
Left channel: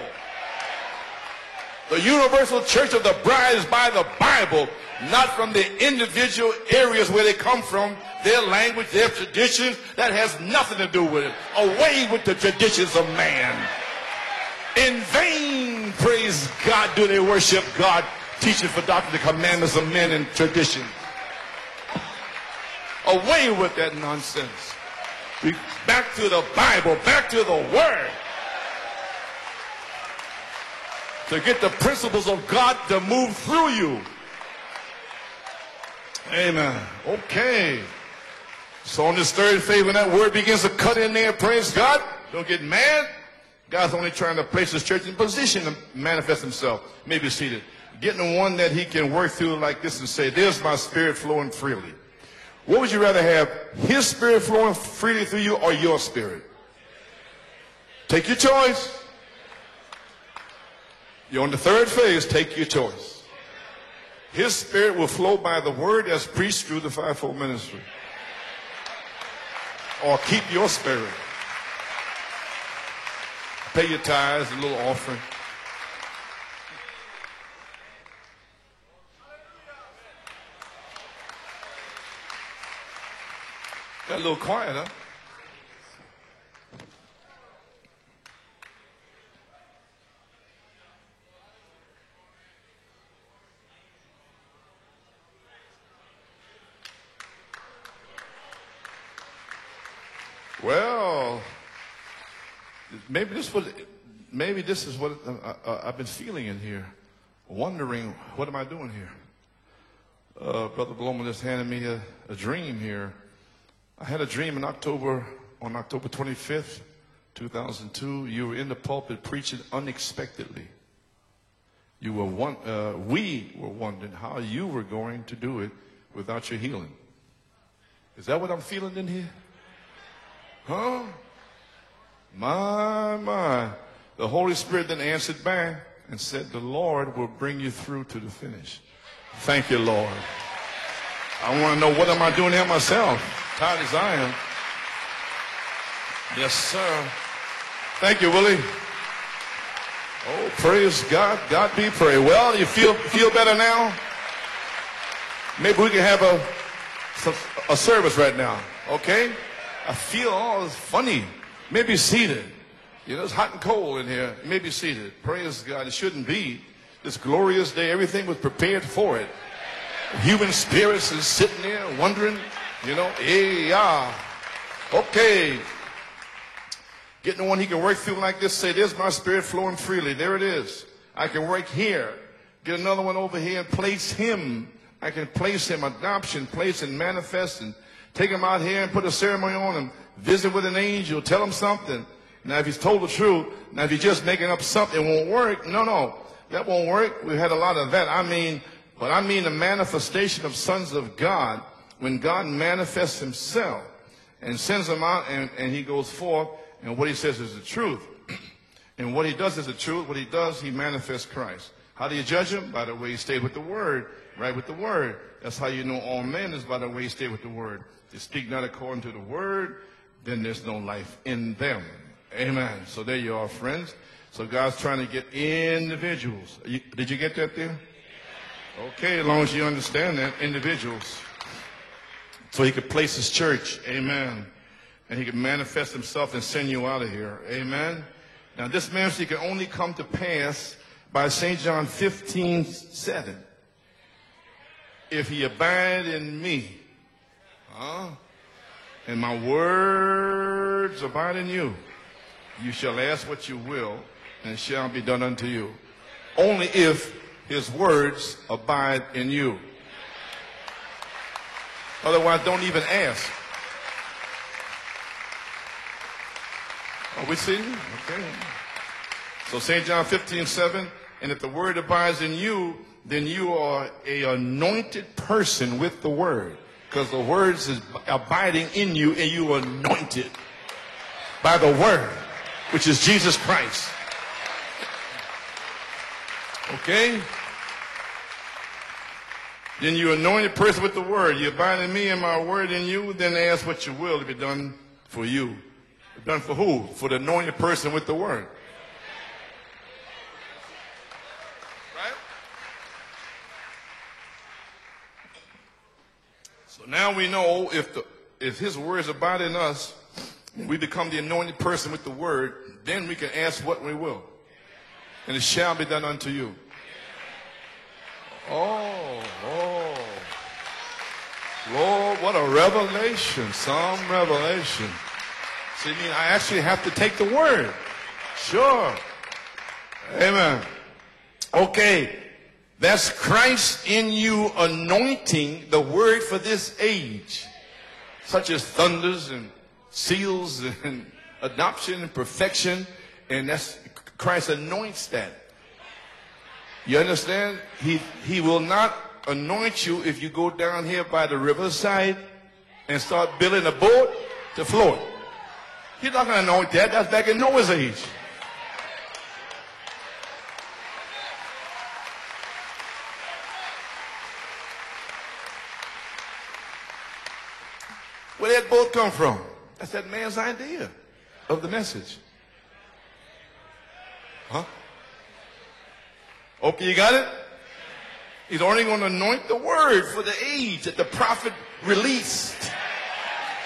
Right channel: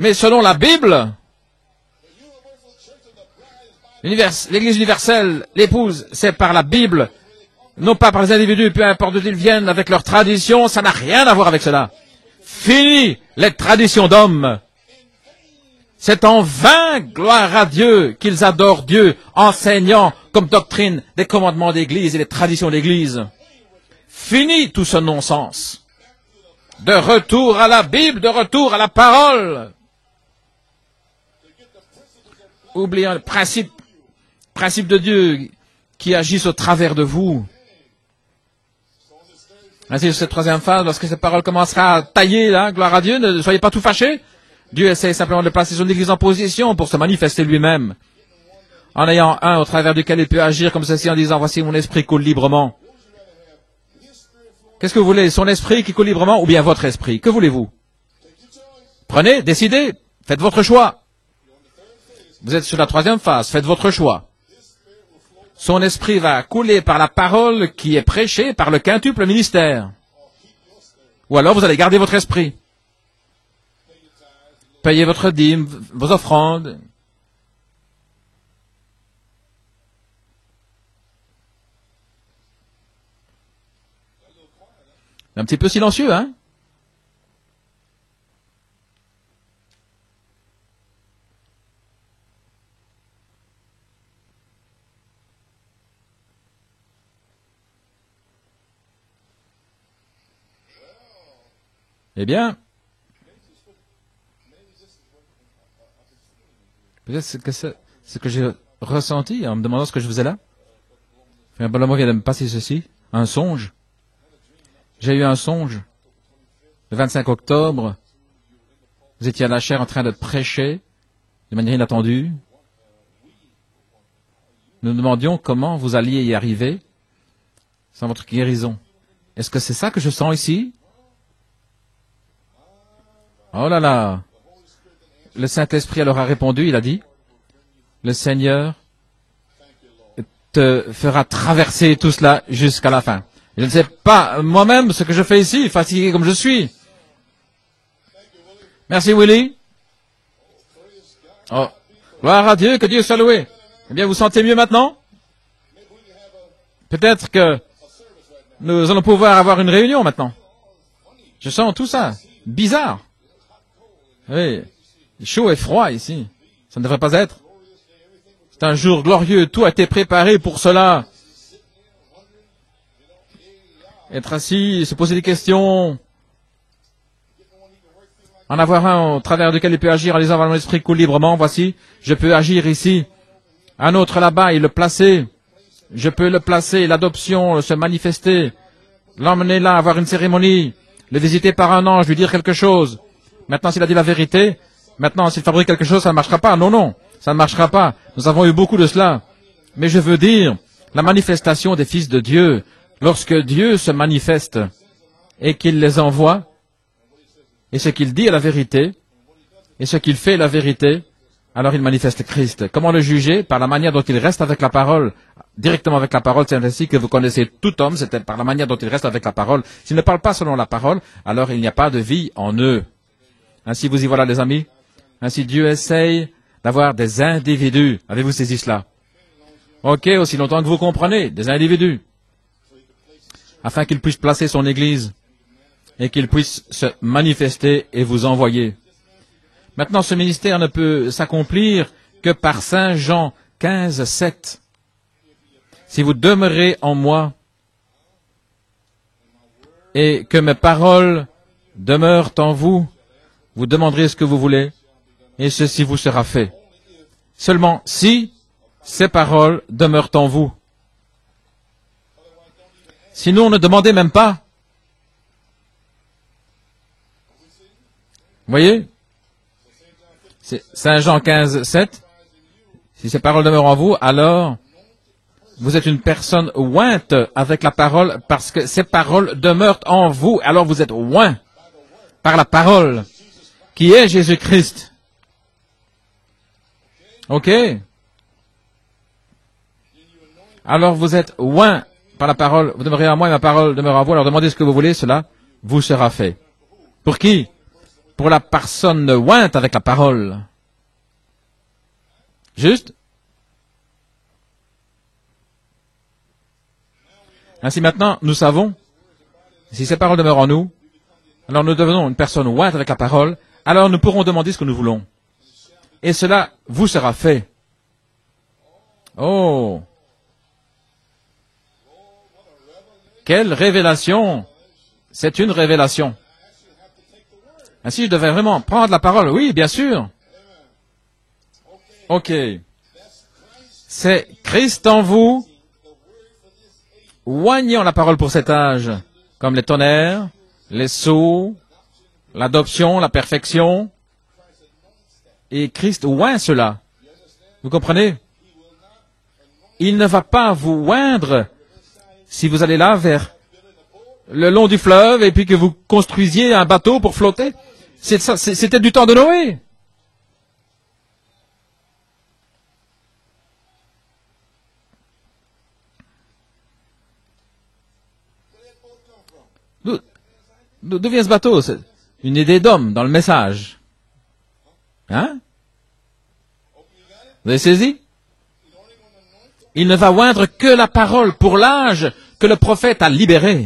mais selon la Bible. L'Église universelle, l'épouse, c'est par la Bible, non pas par les individus, peu importe d'où ils viennent, avec leurs traditions, ça n'a rien à voir avec cela. Fini les traditions d'hommes. C'est en vain, gloire à Dieu, qu'ils adorent Dieu, enseignant comme doctrine des commandements d'Église et les traditions d'Église. Fini tout ce non-sens. De retour à la Bible, de retour à la parole. Oubliez le principe de Dieu qui agisse au travers de vous. Ainsi, cette troisième phase, lorsque cette parole commencera à tailler, hein, gloire à Dieu, ne soyez pas tout fâchés. Dieu essaie simplement de placer son Église en position pour se manifester lui-même, en ayant un au travers duquel il peut agir comme ceci en disant, voici mon esprit coule librement. Qu'est-ce que vous voulez? Son esprit qui coule librement ou bien votre esprit? Que voulez-vous? Prenez, décidez, faites votre choix. Vous êtes sur la troisième phase, faites votre choix. Son esprit va couler par la parole qui est prêchée par le quintuple ministère. Ou alors vous allez garder votre esprit. Payez votre dîme, vos offrandes. Un petit peu silencieux, hein? Eh bien, peut-être c'est ce que j'ai ressenti en me demandant ce que je faisais là. Mais Brother vient de me passer ceci, un songe. J'ai eu un songe. Le 25 octobre, vous étiez à la chaire en train de prêcher de manière inattendue. Nous nous demandions comment vous alliez y arriver sans votre guérison. Est-ce que c'est ça que je sens ici? Oh là là! Le Saint-Esprit alors a répondu, il a dit, le Seigneur te fera traverser tout cela jusqu'à la fin. Je ne sais pas moi-même ce que je fais ici, fatigué comme je suis. Merci Willie. Gloire à Dieu, que Dieu soit loué. Eh bien, vous sentez mieux maintenant? Peut-être que nous allons pouvoir avoir une réunion maintenant. Je sens tout ça bizarre. Oui. Chaud et froid ici. Ça ne devrait pas être. C'est un jour glorieux. Tout a été préparé pour cela. Être assis, se poser des questions. En avoir un au travers duquel il peut agir en disant, mon esprit coule librement, voici, je peux agir ici. Un autre là-bas, il le placer. Je peux le placer, l'adoption, se manifester. L'emmener là, avoir une cérémonie. Le visiter par un ange, lui dire quelque chose. Maintenant, s'il a dit la vérité, maintenant, s'il fabrique quelque chose, ça ne marchera pas. Non, non, ça ne marchera pas. Nous avons eu beaucoup de cela. Mais je veux dire, la manifestation des fils de Dieu, lorsque Dieu se manifeste et qu'il les envoie, et ce qu'il dit est la vérité, et ce qu'il fait est la vérité, alors il manifeste Christ. Comment le juger? Par la manière dont il reste avec la parole. Directement avec la parole, c'est ainsi que vous connaissez tout homme, c'est par la manière dont il reste avec la parole. S'il ne parle pas selon la parole, alors il n'y a pas de vie en eux. Ainsi vous y voilà les amis. Ainsi Dieu essaye d'avoir des individus. Avez-vous saisi cela? Ok, aussi longtemps que vous comprenez, des individus. Afin qu'il puisse placer son Église et qu'il puisse se manifester et vous envoyer. Maintenant, ce ministère ne peut s'accomplir que par Saint Jean 15, 7. Si vous demeurez en moi et que mes paroles demeurent en vous, vous demanderez ce que vous voulez et ceci vous sera fait. Seulement si ces paroles demeurent en vous. Sinon, ne demandez même pas. Vous voyez? Saint Jean 15, 7. Si ces paroles demeurent en vous, alors vous êtes une personne ointe avec la parole parce que ces paroles demeurent en vous. Alors vous êtes oint par la parole qui est Jésus-Christ. Ok? Alors vous êtes oint par la parole, vous demeurez en moi et ma parole demeure en vous. Alors demandez ce que vous voulez, cela vous sera fait. Pour qui? Pour la personne ointe avec la parole. Juste? Ainsi maintenant, nous savons, si ces paroles demeurent en nous, alors nous devenons une personne ointe avec la parole, alors nous pourrons demander ce que nous voulons. Et cela vous sera fait. Oh! Quelle révélation! C'est une révélation. Ainsi, je devais vraiment prendre la parole. Oui, bien sûr. Ok. C'est Christ en vous, oignant la parole pour cet âge, comme les tonnerres, les sceaux, l'adoption, la perfection. Et Christ oint cela. Vous comprenez? Il ne va pas vous oindre si vous allez là vers le long du fleuve et puis que vous construisiez un bateau pour flotter. C'était du temps de Noé. D'où vient ce bateau? C'est une idée d'homme dans le message. Hein? Vous avez saisi? Il ne va oindre que la parole pour l'âge que le prophète a libéré.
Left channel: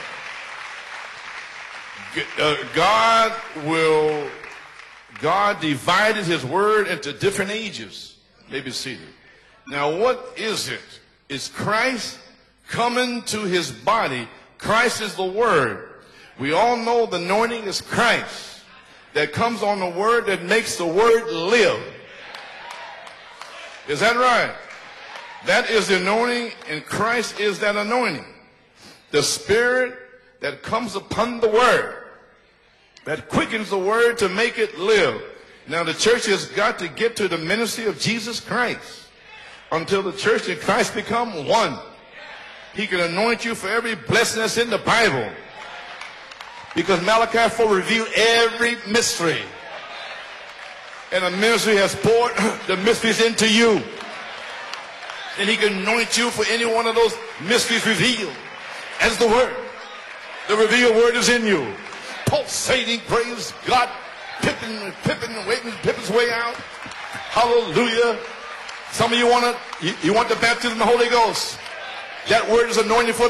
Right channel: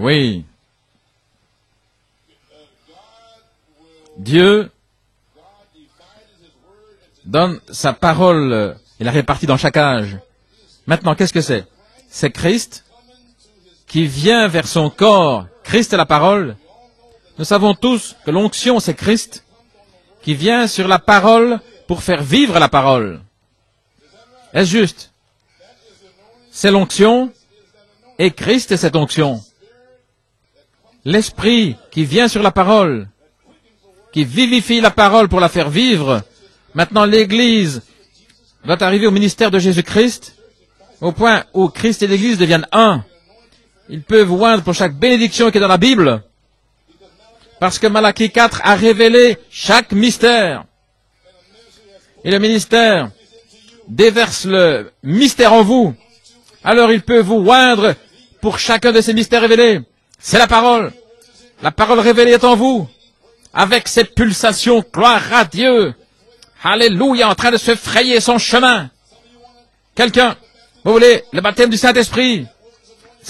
Oui. Dieu donne sa parole et la répartit dans chaque âge. Maintenant, qu'est-ce que c'est? C'est Christ qui vient vers son corps. Christ est la parole. Nous savons tous que l'onction, c'est Christ qui vient sur la parole pour faire vivre la parole. Est-ce juste? C'est l'onction et Christ est cette onction. L'Esprit qui vient sur la parole, qui vivifie la parole pour la faire vivre. Maintenant, l'Église doit arriver au ministère de Jésus-Christ, au point où Christ et l'Église deviennent un. Il peut vous oindre pour chaque bénédiction qui est dans la Bible, parce que Malachie 4 a révélé chaque mystère. Et le ministère déverse le mystère en vous. Alors il peut vous oindre pour chacun de ces mystères révélés. C'est la parole. La parole révélée est en vous. Avec cette pulsation, gloire à Dieu. Alléluia, en train de se frayer son chemin. Quelqu'un, vous voulez le baptême du Saint-Esprit?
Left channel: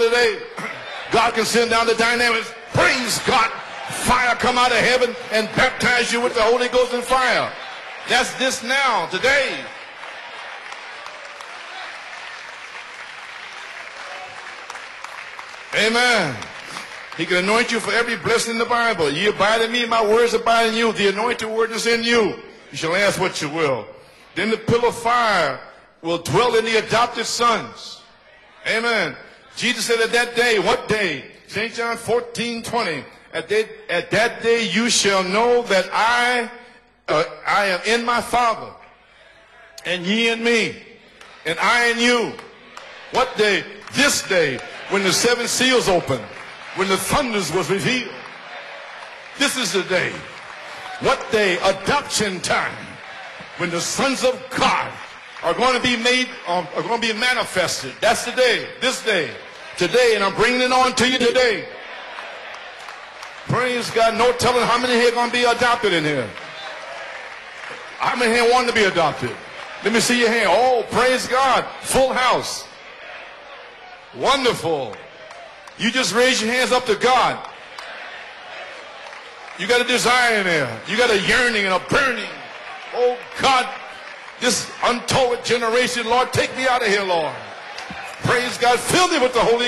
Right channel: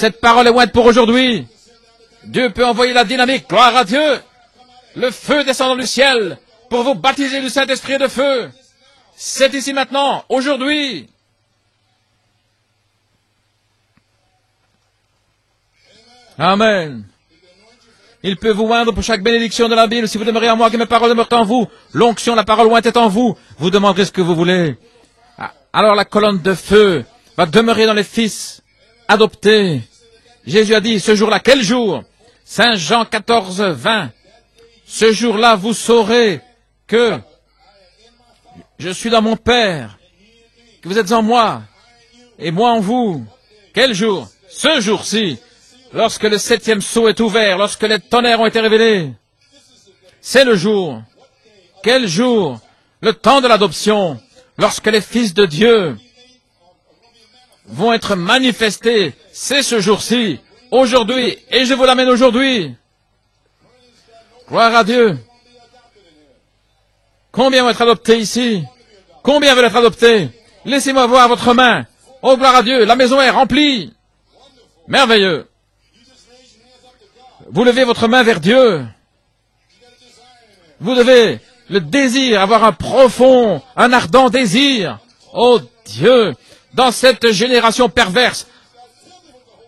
Cette parole est ointe pour aujourd'hui. Dieu peut envoyer la dynamique, gloire à Dieu. Le feu descend du ciel pour vous baptiser du Saint-Esprit et de feu. C'est ici maintenant, aujourd'hui. Amen. Il peut vous oindre pour chaque bénédiction de la Bible. Si vous demeurez en moi, que la parole demeure en vous. L'onction, la parole ointe est en vous. Vous demanderez ce que vous voulez. Alors la colonne de feu va demeurer dans les fils adoptés. Jésus a dit, ce jour-là, quel jour? Saint Jean 14, 20. Ce jour-là, vous saurez que je suis dans mon Père, que vous êtes en moi, et moi en vous. Quel jour? Ce jour-ci, lorsque le 7e sceau est ouvert, lorsque les tonnerres ont été révélés. C'est le jour. Quel jour? Le temps de l'adoption, lorsque les fils de Dieu vont être manifestés. C'est ce jour-ci, aujourd'hui, et je vous l'amène aujourd'hui. Gloire à Dieu. Combien vont être adoptés ici? Combien veulent être adoptés? Laissez-moi voir votre main. Oh, gloire à Dieu, la maison est remplie. Merveilleux. Vous levez votre main vers Dieu. Vous devez le désir, avoir un profond, un ardent désir. Oh Dieu, dans cette génération perverse,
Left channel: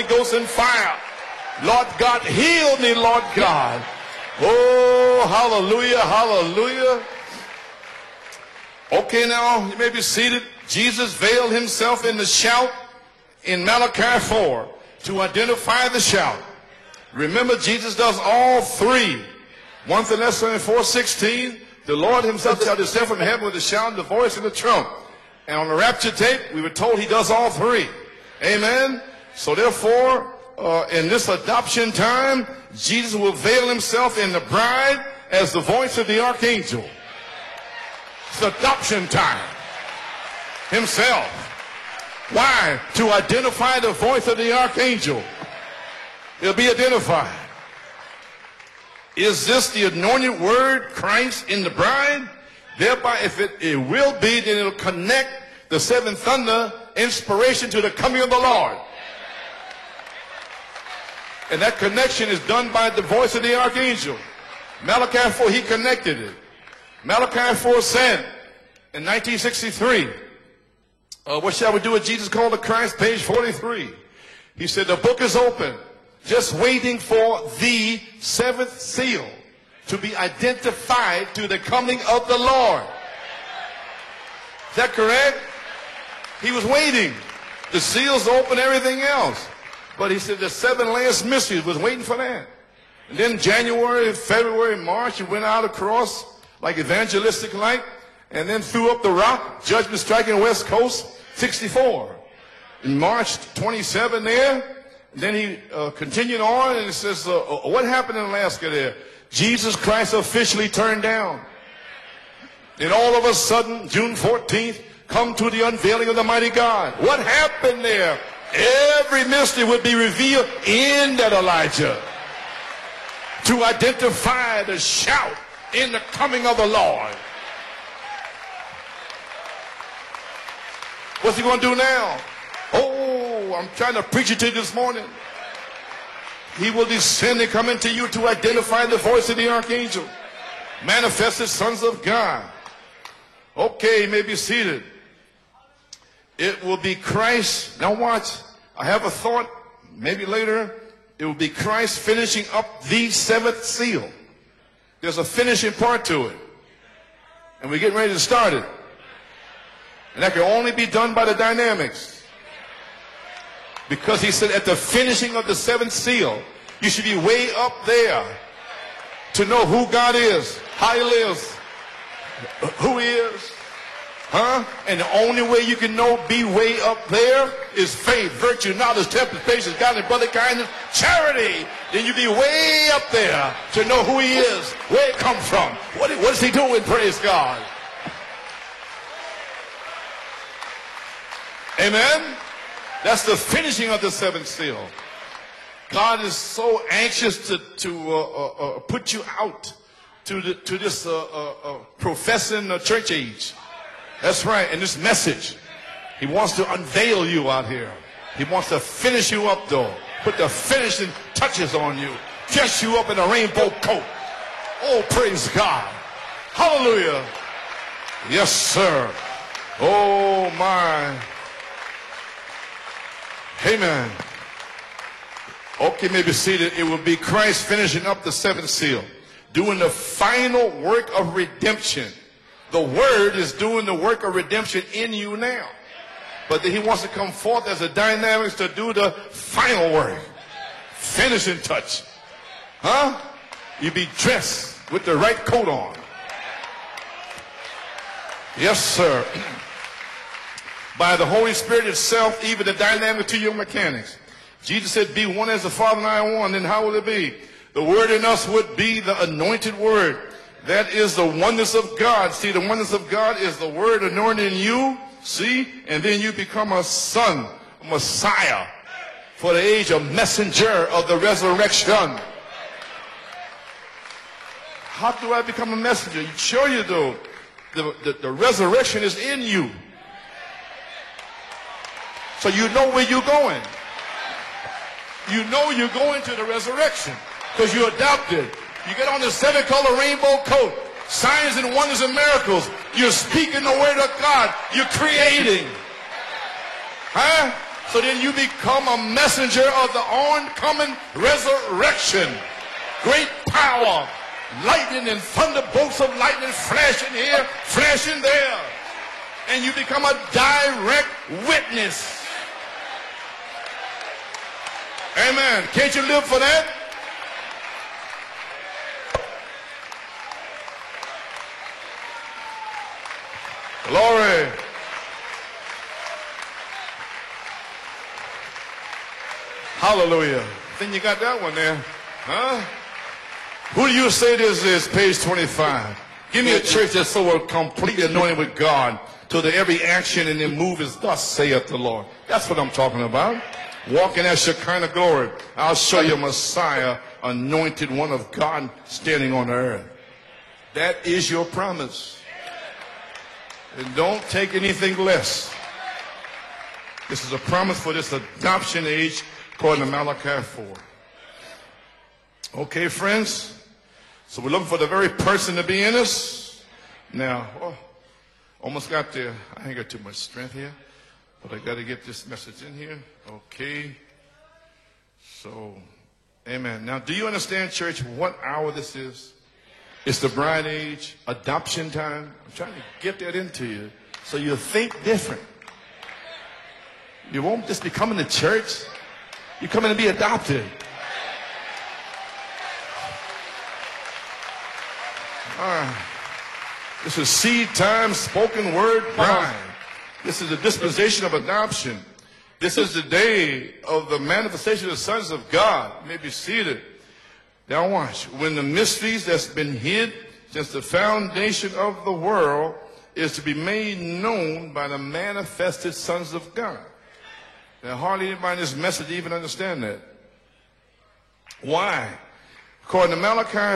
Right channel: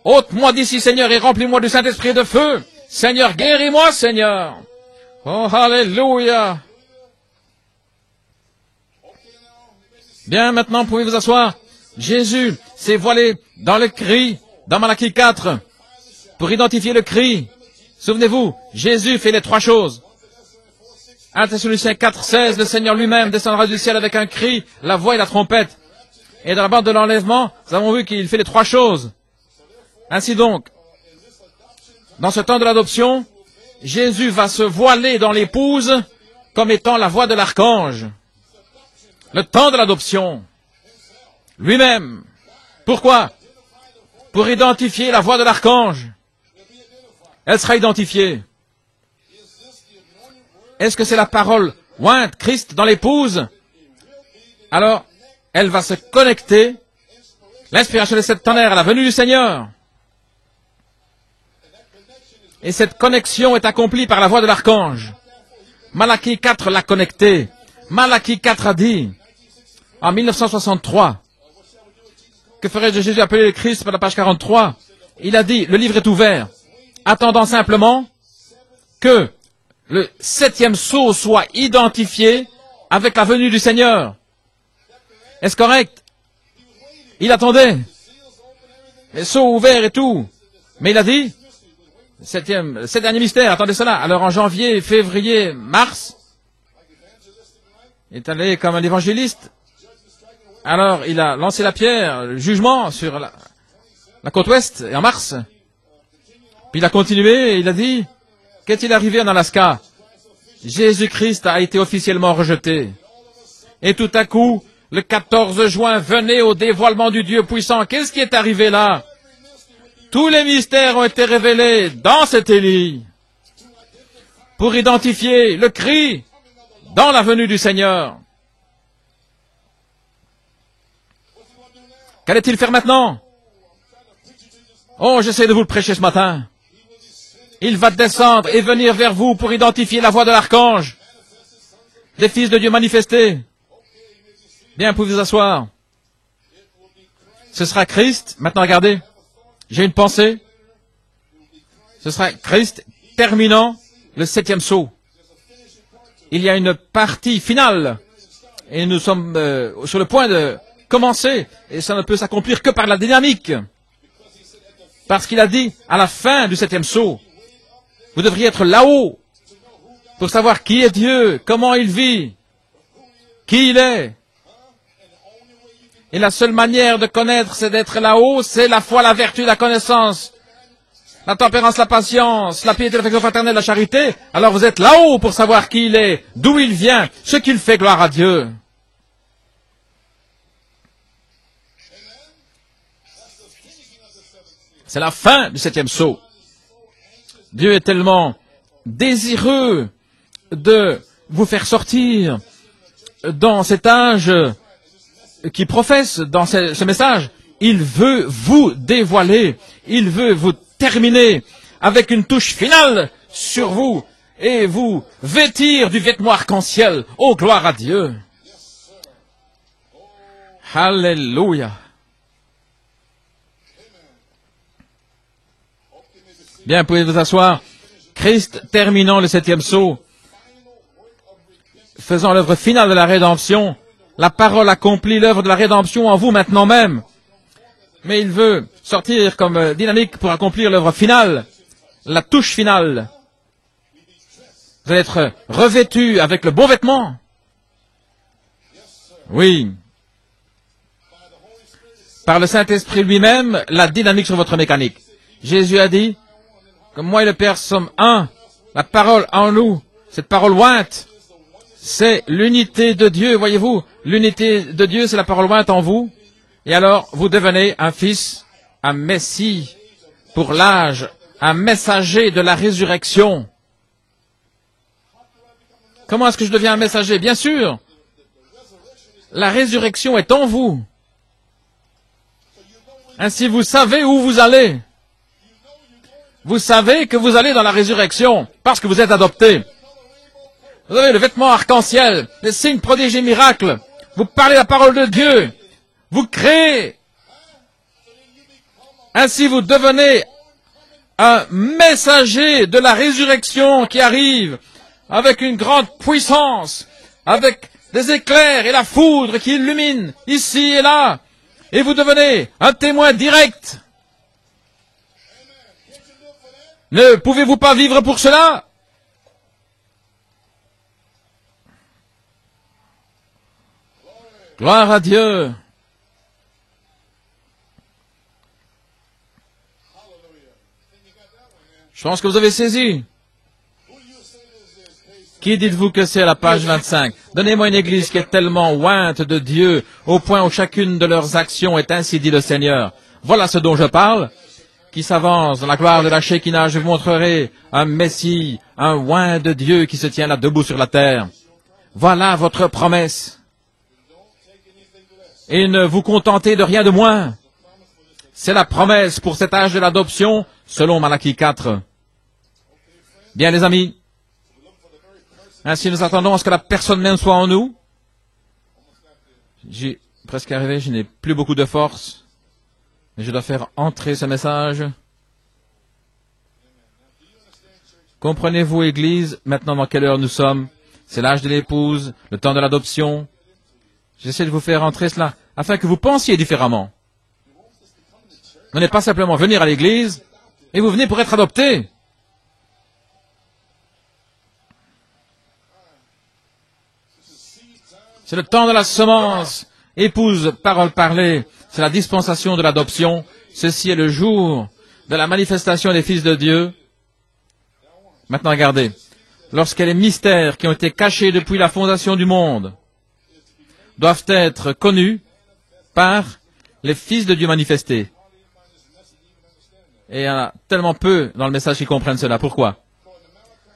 ôte-moi d'ici, Seigneur, et remplis-moi du Saint-Esprit de feu. Seigneur, guéris-moi, Seigneur. Oh, alléluia. Bien, maintenant, vous pouvez vous asseoir. Jésus s'est voilé dans le cri, dans Malachie 4, pour identifier le cri. Souvenez-vous, Jésus fait les trois choses. 1 Thessaloniciens 4, 16, le Seigneur lui-même descendra du ciel avec un cri, la voix et la trompette. Et dans la bande de l'enlèvement, nous avons vu qu'il fait les trois choses. Ainsi donc, dans ce temps de l'adoption, Jésus va se voiler dans l'épouse comme étant la voix de l'archange. Le temps de l'adoption. Lui-même. Pourquoi? Pour identifier la voix de l'archange. Elle sera identifiée. Est-ce que c'est la parole ointe, Christ dans l'épouse? Alors, elle va se connecter, l'inspiration de cette tonnerre à la venue du Seigneur. Et cette connexion est accomplie par la voix de l'archange. Malachie 4 l'a connecté. Malachie 4 a dit, en 1963, que ferait-je de Jésus appelé le Christ, par la page 43, il a dit, le livre est ouvert, attendant simplement que le septième sceau soit identifié avec la venue du Seigneur. Est-ce correct? Il attendait. Les sceaux ouverts et tout. Mais il a dit, sept derniers mystères, attendez cela. Alors en janvier, février, mars, il est allé comme un évangéliste. Alors il a lancé la pierre, le jugement sur la côte ouest, et en mars, il a continué et il a dit, qu'est-il arrivé en Alaska? Jésus-Christ a été officiellement rejeté. Et tout à coup, le 14 juin, venez au dévoilement du Dieu puissant. Qu'est-ce qui est arrivé là? Tous les mystères ont été révélés dans cet Élie pour identifier le cri dans la venue du Seigneur. Qu'allait-il faire maintenant? Oh, j'essaie de vous le prêcher ce matin. Il va descendre et venir vers vous pour identifier la voix de l'archange, des fils de Dieu manifestés. Bien, vous pouvez vous asseoir. Ce sera Christ. Maintenant, regardez. J'ai une pensée. Ce sera Christ terminant le septième sceau. Il y a une partie finale et nous sommes sur le point de commencer et ça ne peut s'accomplir que par la dynamique, parce qu'il a dit à la fin du septième sceau, vous devriez être là-haut pour savoir qui est Dieu, comment il vit, qui il est. Et la seule manière de connaître, c'est d'être là-haut, c'est la foi, la vertu, la connaissance, la tempérance, la patience, la piété, l'affection fraternelle, la charité. Alors vous êtes là-haut pour savoir qui il est, d'où il vient, ce qu'il fait, gloire à Dieu. C'est la fin du septième sceau. Dieu est tellement désireux de vous faire sortir dans cet âge qui professe dans ce message. Il veut vous dévoiler, il veut vous terminer avec une touche finale sur vous et vous vêtir du vêtement arc-en-ciel. Oh, gloire à Dieu. Alléluia. Bien, vous pouvez vous asseoir. Christ terminant le septième sceau, faisant l'œuvre finale de la rédemption. La parole accomplit l'œuvre de la rédemption en vous maintenant même. Mais il veut sortir comme dynamique pour accomplir l'œuvre finale, la touche finale. Vous allez être revêtu avec le bon vêtement. Oui. Par le Saint-Esprit lui-même, la dynamique sur votre mécanique. Jésus a dit, moi et le Père sommes un. La parole en nous, cette parole ointe, c'est l'unité de Dieu, voyez-vous. L'unité de Dieu, c'est la parole ointe en vous. Et alors, vous devenez un fils, un messie pour l'âge, un messager de la résurrection. Comment est-ce que je deviens un messager? Bien sûr, la résurrection est en vous. Ainsi, vous savez où vous allez. Vous savez que vous allez dans la résurrection parce que vous êtes adopté. Vous avez le vêtement arc-en-ciel, les signes, prodiges et miracles. Vous parlez la parole de Dieu. Vous créez. Ainsi, vous devenez un messager de la résurrection qui arrive avec une grande puissance, avec des éclairs et la foudre qui illumine ici et là. Et vous devenez un témoin direct. Ne pouvez-vous pas vivre pour cela? Gloire à Dieu. Je pense que vous avez saisi. Qui dites-vous que c'est à la page 25? Donnez-moi une église qui est tellement ointe de Dieu au point où chacune de leurs actions est ainsi dit le Seigneur. Voilà ce dont je parle. Qui s'avance dans la gloire de la Shekinah, je vous montrerai un Messie, un oint de Dieu qui se tient là debout sur la terre. Voilà votre promesse. Et ne vous contentez de rien de moins. C'est la promesse pour cet âge de l'adoption, selon Malachie 4. Bien, les amis, ainsi nous attendons à ce que la personne même soit en nous. J'ai presque arrivé, je n'ai plus beaucoup de force. Mais je dois faire entrer ce message. Comprenez-vous, Église, maintenant dans quelle heure nous sommes? C'est l'âge de l'épouse, le temps de l'adoption. J'essaie de vous faire entrer cela, afin que vous pensiez différemment. Ce n'est pas simplement venir à l'église, et vous venez pour être adopté. C'est le temps de la semence. Épouse, parole parlée, c'est la dispensation de l'adoption. Ceci est le jour de la manifestation des fils de Dieu. Maintenant, regardez. Lorsqu'il y a les mystères qui ont été cachés depuis la fondation du monde doivent être connus par les fils de Dieu manifestés. Et il y en a tellement peu dans le message qui comprennent cela. Pourquoi?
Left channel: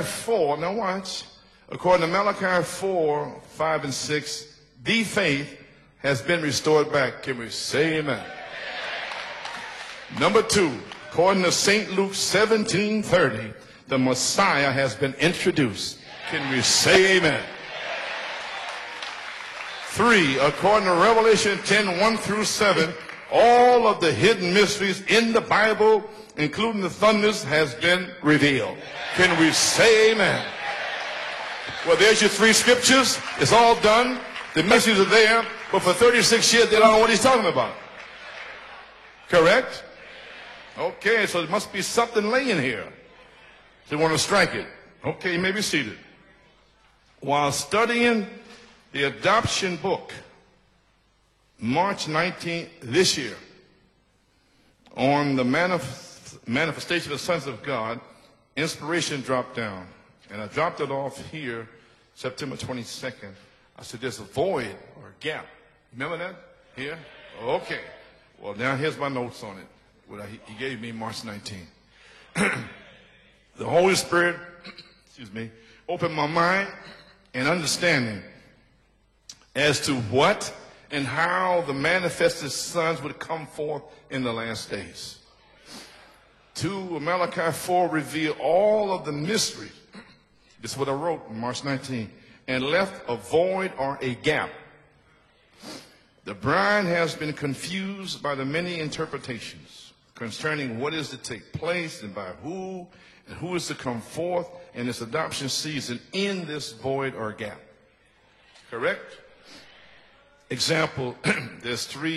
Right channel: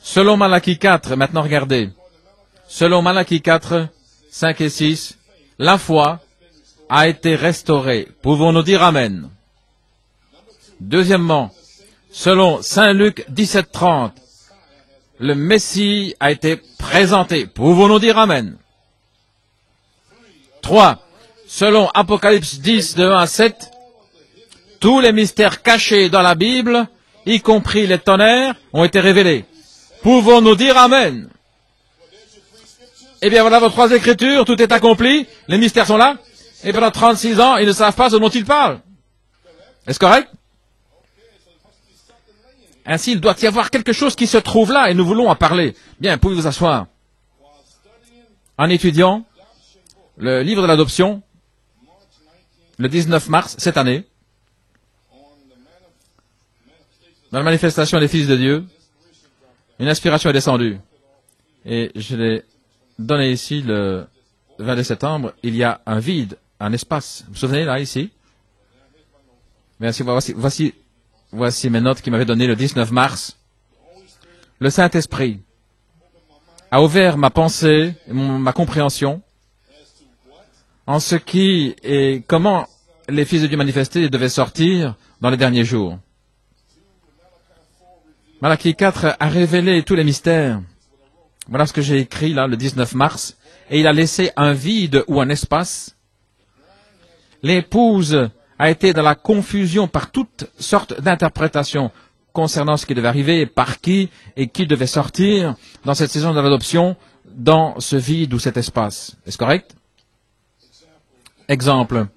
Selon Malachie 4, maintenant regardez. Selon Malachie 4, 5 et 6, la foi a été restaurée. Pouvons-nous dire Amen? Deuxièmement, selon Saint Luc 17:30, le Messie a été présenté. Pouvons-nous dire Amen? 3. Selon Apocalypse 10, de 1 à 7, tous les mystères cachés dans la Bible, y compris les tonnerres, ont été révélés. Pouvons-nous dire Amen? Eh bien, voilà vos trois écritures, tout est accompli, les mystères sont là, et pendant 36 ans, ils ne savent pas ce dont ils parlent. Est-ce correct? Ainsi, il doit y avoir quelque chose qui se trouve là, et nous voulons en parler. Bien, pouvez vous asseoir. En étudiant le livre de l'adoption, le 19 mars, cette année, dans la manifestation des fils de Dieu, une inspiration est descendue. Et je l'ai donné ici le 22 septembre. Il y a un vide, un espace. Vous vous souvenez, là, ici? Merci, voici mes notes qu'il m'avait données le 19 mars. Le Saint-Esprit a ouvert ma pensée, ma compréhension en ce qui et comment les fils de Dieu manifestés devaient sortir dans les derniers jours. Malachie 4 a révélé tous les mystères. Voilà ce que j'ai écrit là le 19 mars. Et il a laissé un vide ou un espace. L'épouse a été dans la confusion par toutes sortes d'interprétations concernant ce qui devait arriver, par qui et qui devait sortir dans cette saison de l'adoption, dans ce vide ou cet espace. Est-ce correct? Exemple.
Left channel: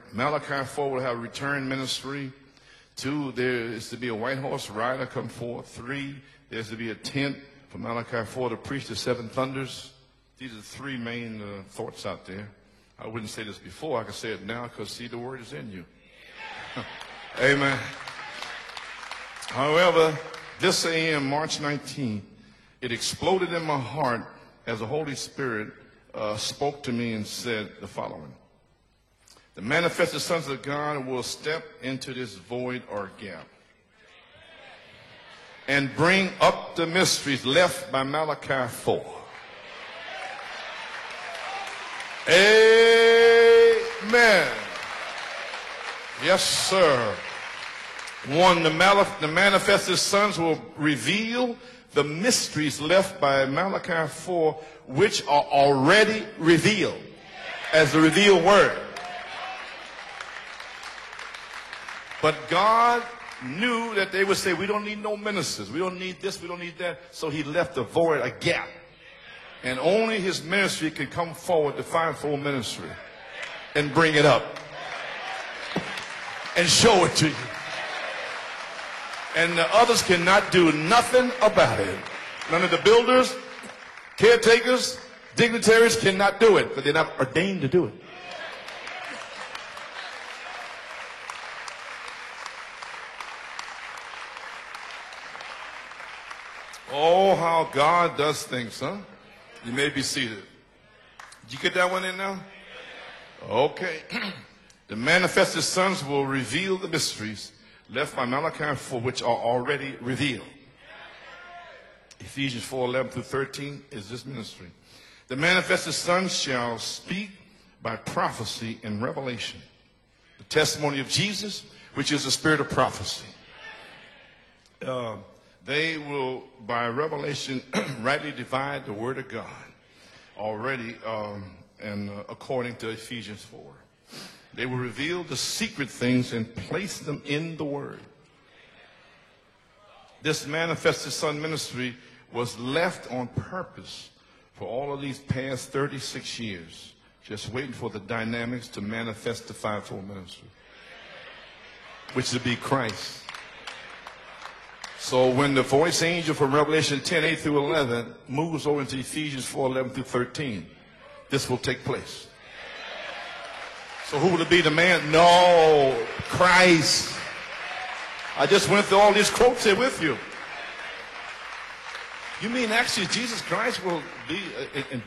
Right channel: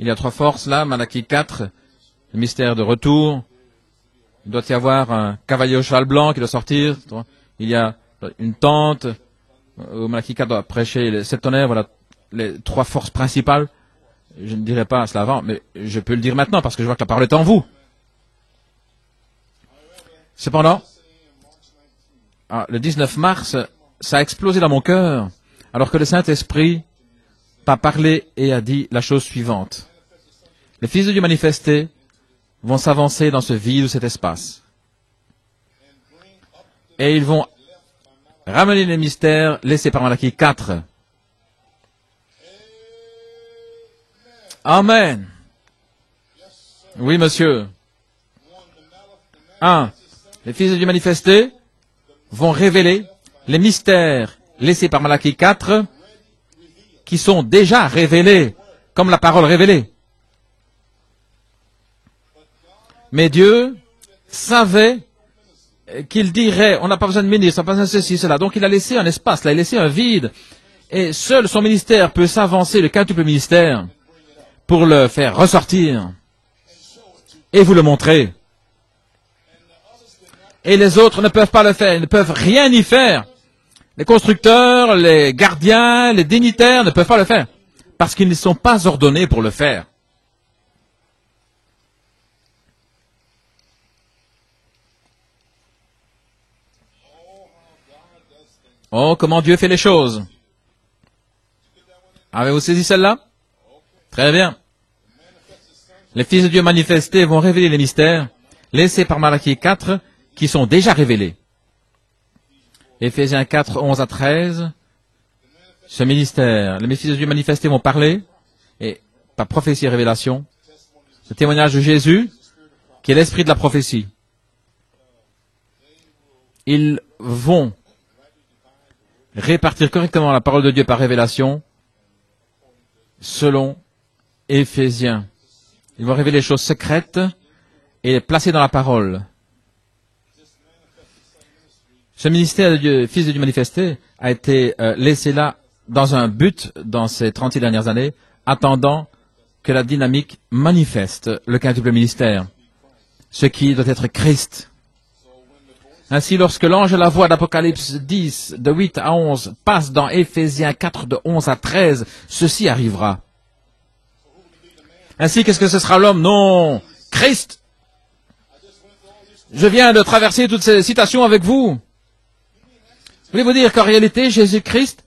Il y a trois forces là, Malachie 4, le mystère de retour. Il doit y avoir un cavalier au cheval blanc qui doit sortir. Il y a une tente, où Malachie 4 doit prêcher les sept tonnerres, voilà les trois forces principales. Je ne dirai pas cela avant, mais je peux le dire maintenant parce que je vois que la parole est en vous. Cependant, le 19 mars, ça a explosé dans mon cœur, alors que le Saint-Esprit a parlé et a dit la chose suivante. Les fils de Dieu manifestés vont s'avancer dans ce vide ou cet espace. Et ils vont ramener les mystères laissés par Malachie 4. Amen. Oui, monsieur. Les fils de Dieu manifestés vont révéler les mystères laissés par Malachie 4 qui sont déjà révélés, comme la parole révélée. Mais Dieu savait qu'il dirait, on n'a pas besoin de ministre, on n'a pas besoin de ceci, cela. Donc il a laissé un espace, il a laissé un vide. Et seul son ministère peut s'avancer, le quintuple ministère, pour le faire ressortir et vous le montrer. Et les autres ne peuvent pas le faire, ils ne peuvent rien y faire. Les constructeurs, les gardiens, les dignitaires ne peuvent pas le faire, parce qu'ils ne sont pas ordonnés pour le faire. Oh, comment Dieu fait les choses. Avez-vous saisi celle-là? Très bien. Les fils de Dieu manifestés vont révéler les mystères laissés par Malachie 4 qui sont déjà révélés. Éphésiens 4, 11 à 13. Ce ministère, les fils de Dieu manifestés vont parler, et par prophétie et révélation, le témoignage de Jésus, qui est l'esprit de la prophétie. Ils vont répartir correctement la parole de Dieu par révélation, selon Éphésiens. Ils vont révéler les choses secrètes et les placer dans la parole. Ce ministère du Fils de Dieu manifesté a été laissé là dans un but dans ces 36 dernières années, attendant que la dynamique manifeste le quintuple ministère, ce qui doit être Christ. Ainsi, lorsque l'ange de la voix d'Apocalypse 10, de 8 à 11, passe dans Éphésiens 4, de 11 à 13, ceci arrivera. Ainsi, qu'est-ce que ce sera l'homme? Non, Christ. Je viens de traverser toutes ces citations avec vous. Voulez-vous dire qu'en réalité, Jésus-Christ,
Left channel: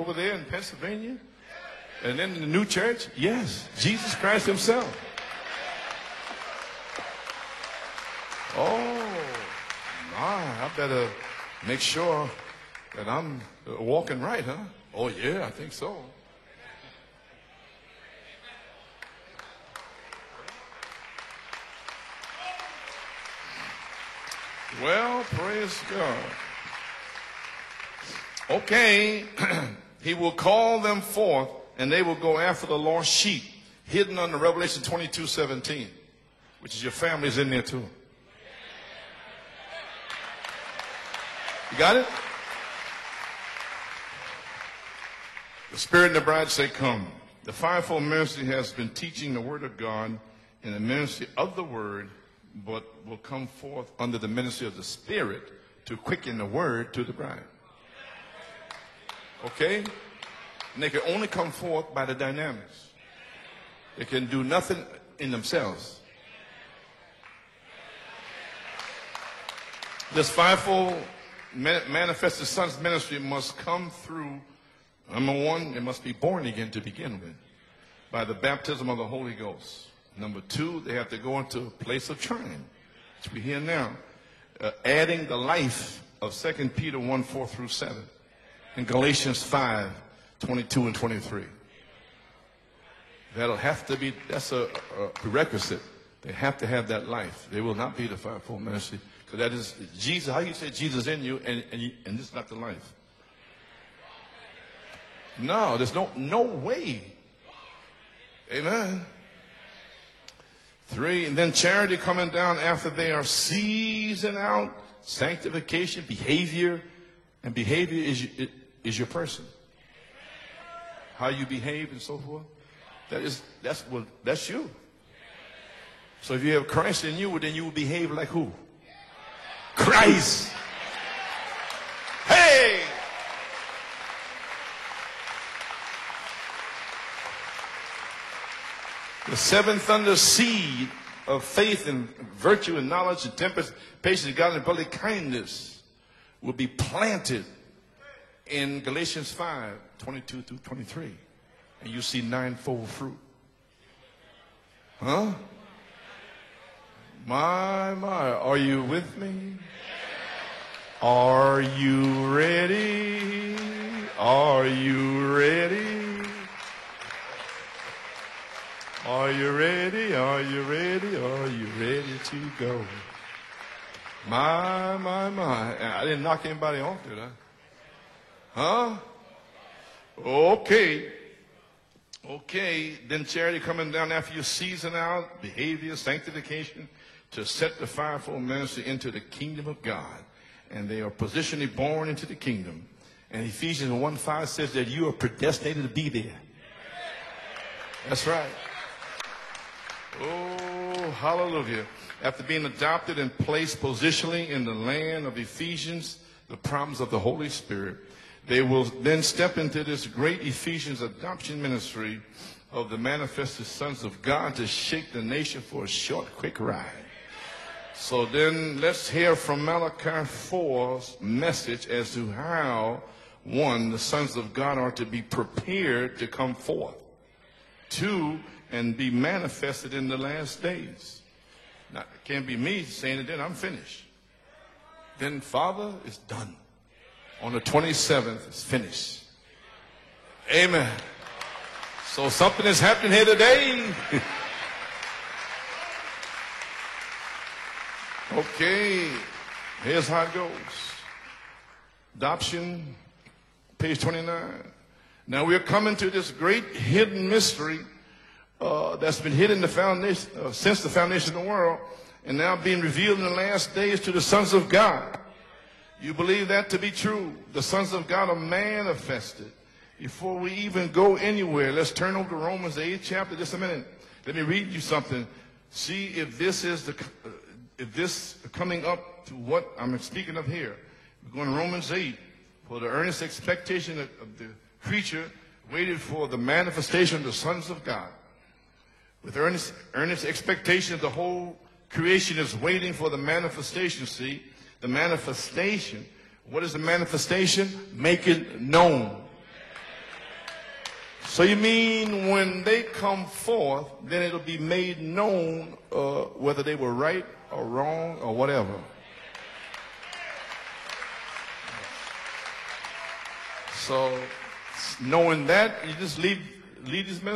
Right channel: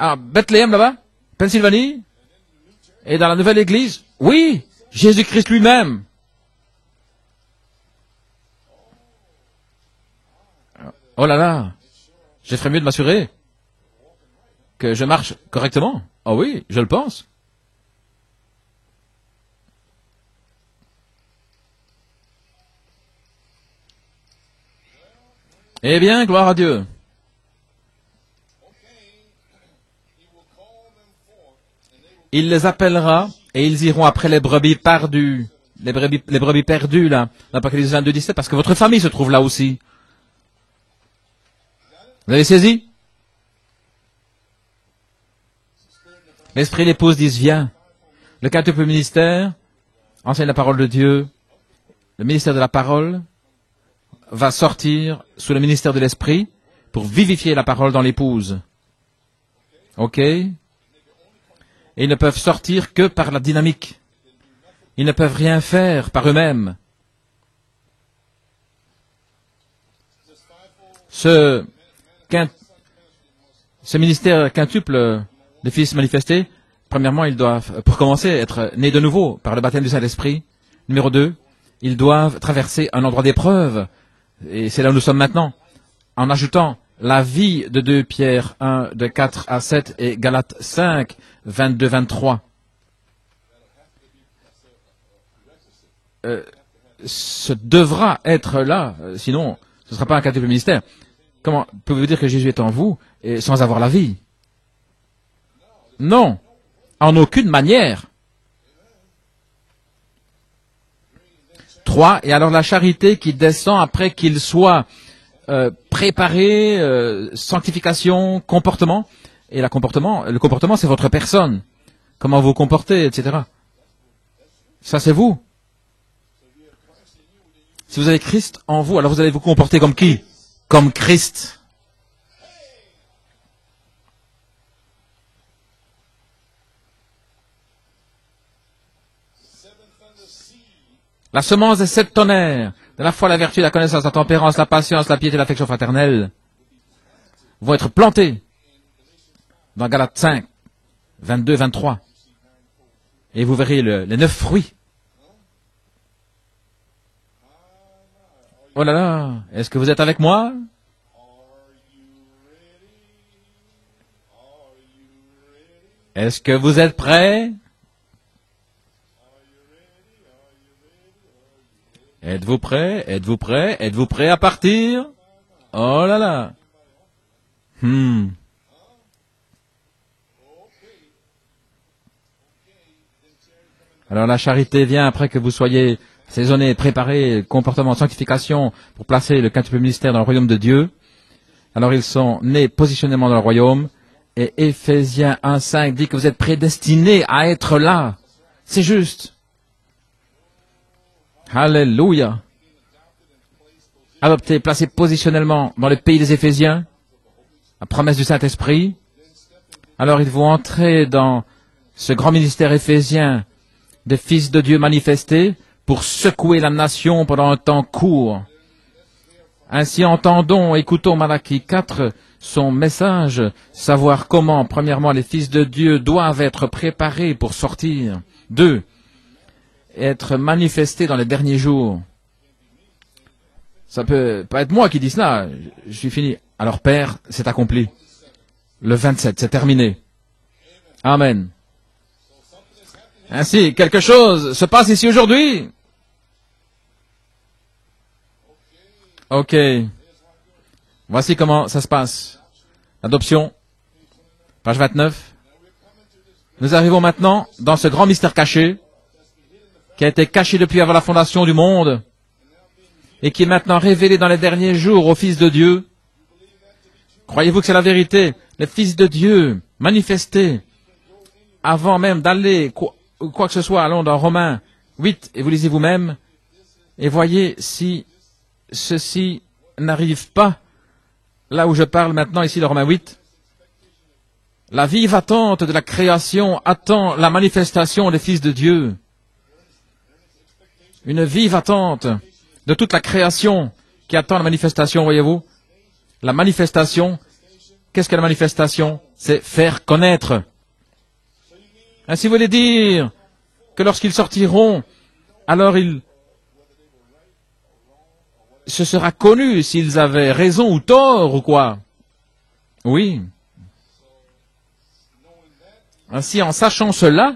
à Bethléem là-bas, Pennsylvanie, et dans la nouvelle église, oui, Jésus-Christ lui-même. Oh là là, je ferais mieux de m'assurer que je marche correctement. Oh oui, je le pense. Eh bien, gloire à Dieu. Il les appellera et ils iront après les brebis perdues. Les brebis perdues, là, l'Apocalypse 22, 17, parce que votre famille se trouve là aussi. Vous avez saisi? L'esprit et l'épouse disent, viens. Le quintuple ministère enseigne la parole de Dieu. Le ministère de la parole va sortir sous le ministère de l'esprit pour vivifier la parole dans l'épouse. Ok? Ils ne peuvent sortir que par la dynamique. Ils ne peuvent rien faire par eux-mêmes. Ce ministère quintuple des fils manifestés, premièrement, ils doivent, pour commencer, être nés de nouveau par le baptême du Saint-Esprit. Numéro 2, ils doivent traverser un endroit d'épreuve. Et c'est là où nous sommes maintenant. En ajoutant la vie de 2 Pierre 1, de 4 à 7 et Galates 5, 22-23. Ce devra être là, sinon ce ne sera pas un quintuple ministère. Comment pouvez-vous dire que Jésus est en vous et sans avoir la vie? Non, en aucune manière. 3. Et alors la charité qui descend après qu'il soit préparé, sanctification, comportement. Et le comportement c'est votre personne. Comment vous comportez, etc. Ça c'est vous. Si vous avez Christ en vous, alors vous allez vous comporter comme qui? Comme Christ. La semence des 7 tonnerres, à la fois la vertu, la connaissance, la tempérance, la patience, la piété et l'affection fraternelle, vont être plantés dans Galates 5, 22-23. Et vous verrez les 9 fruits. Oh là là, est-ce que vous êtes avec moi? Est-ce que vous êtes prêts? Êtes-vous prêts? Êtes-vous prêts? Êtes-vous prêts à partir? Oh là là. Alors la charité vient après que vous soyez saisonnés, préparés, comportement, sanctification, pour placer le quintuple ministère dans le royaume de Dieu. Alors ils sont nés positionnément dans le royaume. Et Éphésiens 1.5 dit que vous êtes prédestinés à être là. C'est juste. Alléluia. Adopté, placé positionnellement dans le pays des Éphésiens, la promesse du Saint-Esprit. Alors ils vont entrer dans ce grand ministère éphésien des fils de Dieu manifestés pour secouer la nation pendant un temps court. Ainsi entendons, écoutons Malachie 4, son message, savoir comment, premièrement, les fils de Dieu doivent être préparés pour sortir. 2. Être manifestés dans les derniers jours. Ça peut pas être moi qui dis cela. Je suis fini. Alors Père, c'est accompli. Le 27, c'est terminé. Amen. Ainsi, quelque chose se passe ici aujourd'hui. Ok. Voici comment ça se passe. Adoption, Page 29. Nous arrivons maintenant dans ce grand mystère caché qui a été caché depuis avant la fondation du monde et qui est maintenant révélé dans les derniers jours au Fils de Dieu. Croyez-vous que c'est la vérité? Les fils de Dieu manifestés avant même d'aller ou quoi que ce soit. Allons dans Romains 8 et vous lisez vous-même et voyez si ceci n'arrive pas. Là où je parle maintenant, ici, le Romains 8, la vive attente de la création attend la manifestation des fils de Dieu. Une vive attente de toute la création qui attend la manifestation, voyez-vous. La manifestation, qu'est-ce que la manifestation? C'est faire connaître. Ainsi, vous voulez dire que lorsqu'ils sortiront, alors ce sera connu s'ils avaient raison ou tort ou quoi. Oui. Ainsi, en sachant cela,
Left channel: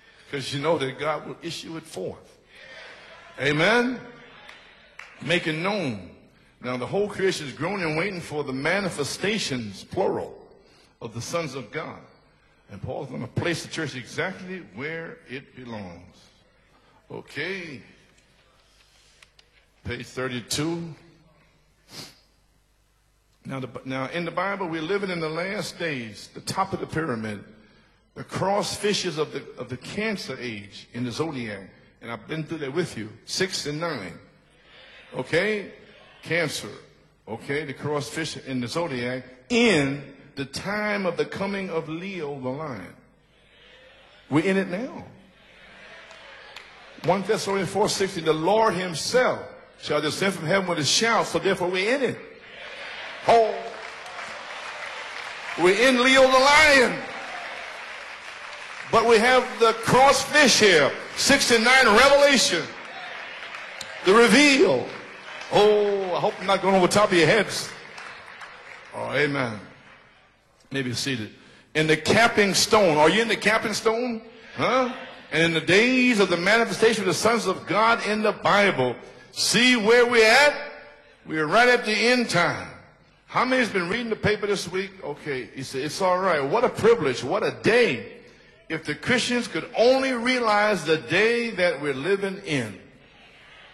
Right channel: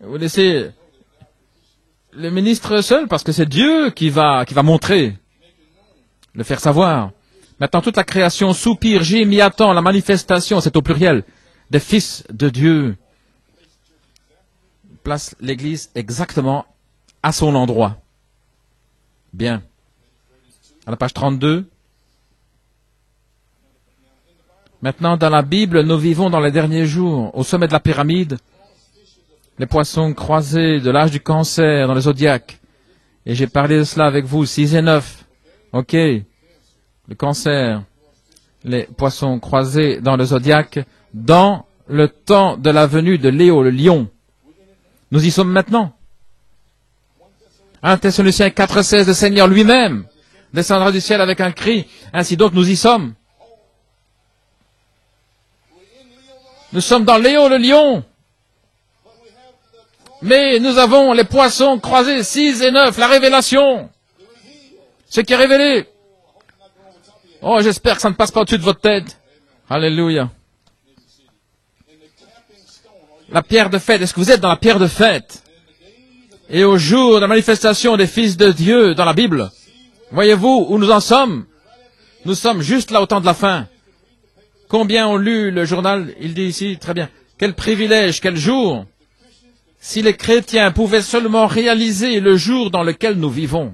vous laissez le ministre seul parce que c'est Dieu qui va montrer, le faire savoir. Maintenant, toute la création soupire, j'ai m'y attend, la manifestation, c'est au pluriel, des fils de Dieu. Place l'Église exactement à son endroit. Bien. À la page 32. Maintenant, dans la Bible, nous vivons dans les derniers jours. Au sommet de la pyramide, les poissons croisés de l'âge du cancer dans le zodiaque. Et j'ai parlé de cela avec vous, 6 et 9. OK. Le cancer, les poissons croisés dans le zodiaque, dans le temps de la venue de Léo, le lion. Nous y sommes maintenant. 1 Thessaloniciens 4,16, le Seigneur lui-même descendra du ciel avec un cri. Ainsi donc, nous y sommes. Nous sommes dans Léo le lion. Mais nous avons les poissons croisés 6 et 9, la révélation. Ce qui est révélé. Oh, j'espère que ça ne passe pas au-dessus de votre tête. Alléluia. La pierre de fête, est-ce que vous êtes dans la pierre de fête? Et au jour de la manifestation des fils de Dieu dans la Bible, voyez-vous où nous en sommes? Nous sommes juste là au temps de la fin. Combien ont lu le journal? Il dit ici, très bien, quel privilège, quel jour! Si les chrétiens pouvaient seulement réaliser le jour dans lequel nous vivons.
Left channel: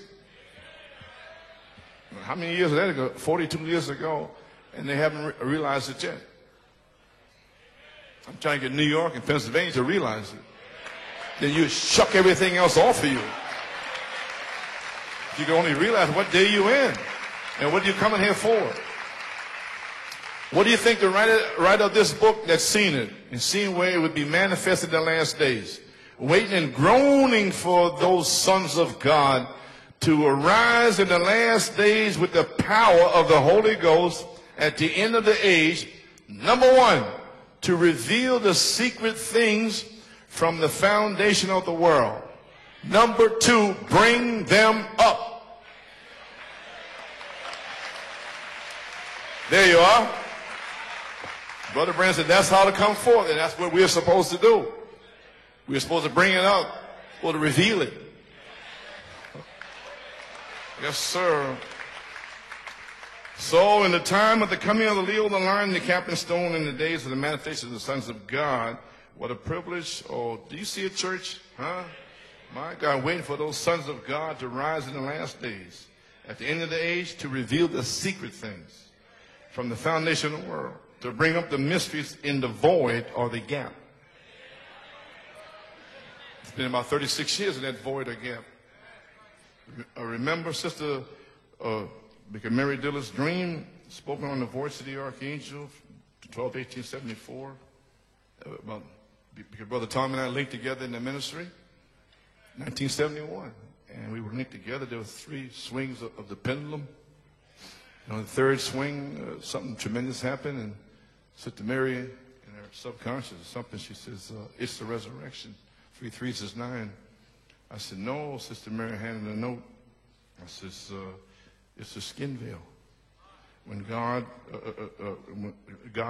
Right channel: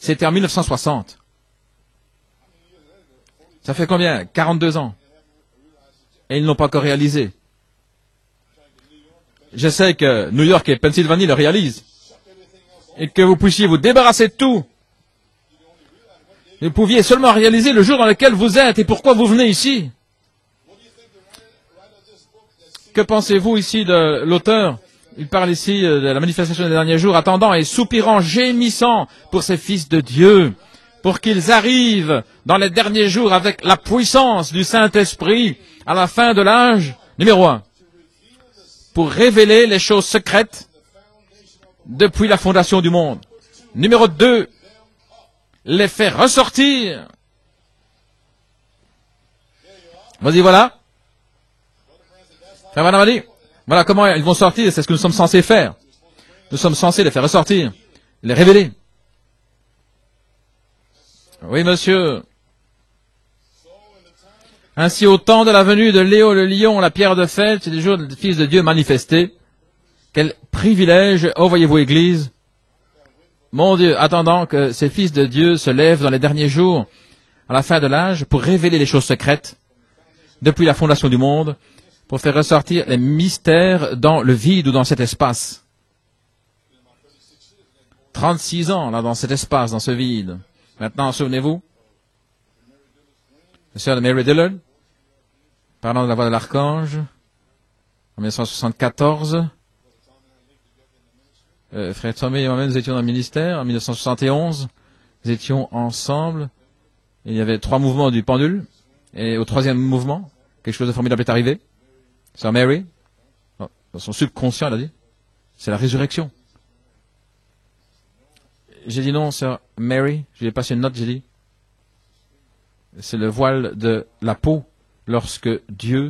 C'était en 1960. Ça fait combien? 42 ans. Et ils n'ont pas encore réalisé. Je sais que New York et Pennsylvanie le réalisent. Et que vous puissiez vous débarrasser de tout. Vous pouviez seulement réaliser le jour dans lequel vous êtes et pourquoi vous venez ici. Que pensez-vous ici de l'auteur? Il parle ici de la manifestation des derniers jours, attendant et soupirant, gémissant pour ces fils de Dieu, pour qu'ils arrivent dans les derniers jours avec la puissance du Saint-Esprit à la fin de l'âge. Numéro 1, pour révéler les choses secrètes depuis la fondation du monde. Numéro 2, les faire ressortir. Vas-y, voilà. Voilà comment ils vont sortir, c'est ce que nous sommes censés faire. Nous sommes censés les faire ressortir, les révéler. Oui, monsieur. Ainsi, au temps de la venue de Léo le lion, la pierre de fête, c'est des jours des fils de Dieu manifestés. Quel privilège, oh voyez-vous, Église. Mon Dieu, attendant que ces fils de Dieu se lèvent dans les derniers jours, à la fin de l'âge, pour révéler les choses secrètes depuis la fondation du monde, pour faire ressortir les mystères dans le vide ou dans cet espace. 36 ans, là, dans cet espace, dans ce vide. Maintenant, souvenez-vous, la sœur de Mary Dillon, parlant de la voix de l'archange, en 1974, frère Tommy et moi-même, nous étions dans le ministère. En 1971, nous étions ensemble. Il y avait 3 mouvements du pendule. Et au 3e mouvement, quelque chose de formidable est arrivé. Sœur Mary, dans son subconscient, elle a dit, c'est la résurrection. J'ai dit non, sœur Mary. Je lui ai passé une note, j'ai dit, c'est le voile de la peau lorsque Dieu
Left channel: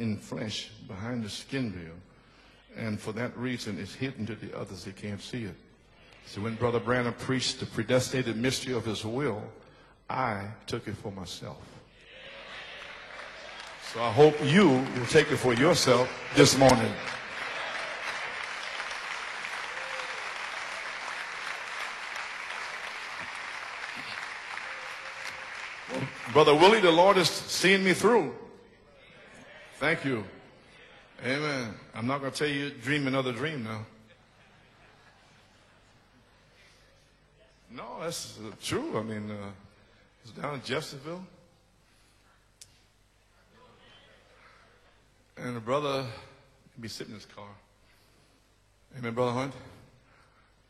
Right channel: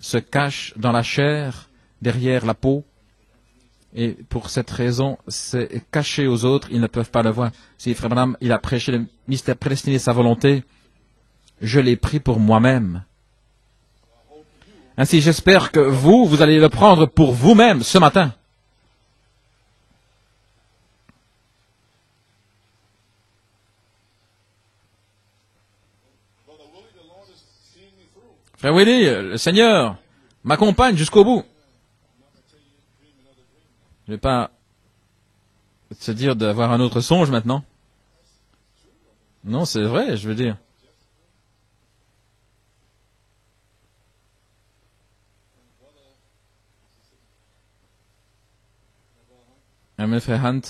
se cache dans la chair, derrière la peau, et pour cette raison, c'est caché aux autres, ils ne peuvent pas le voir. Si Frère Branham, il a prêché le mystère prédestiné de sa volonté, je l'ai pris pour moi-même. Ainsi, j'espère que vous allez le prendre pour vous-même ce matin. Frère Willie, le Seigneur m'accompagne jusqu'au bout. Je ne vais pas te dire d'avoir un autre songe maintenant. Non, c'est vrai, je veux dire. Amen, frère Hunt.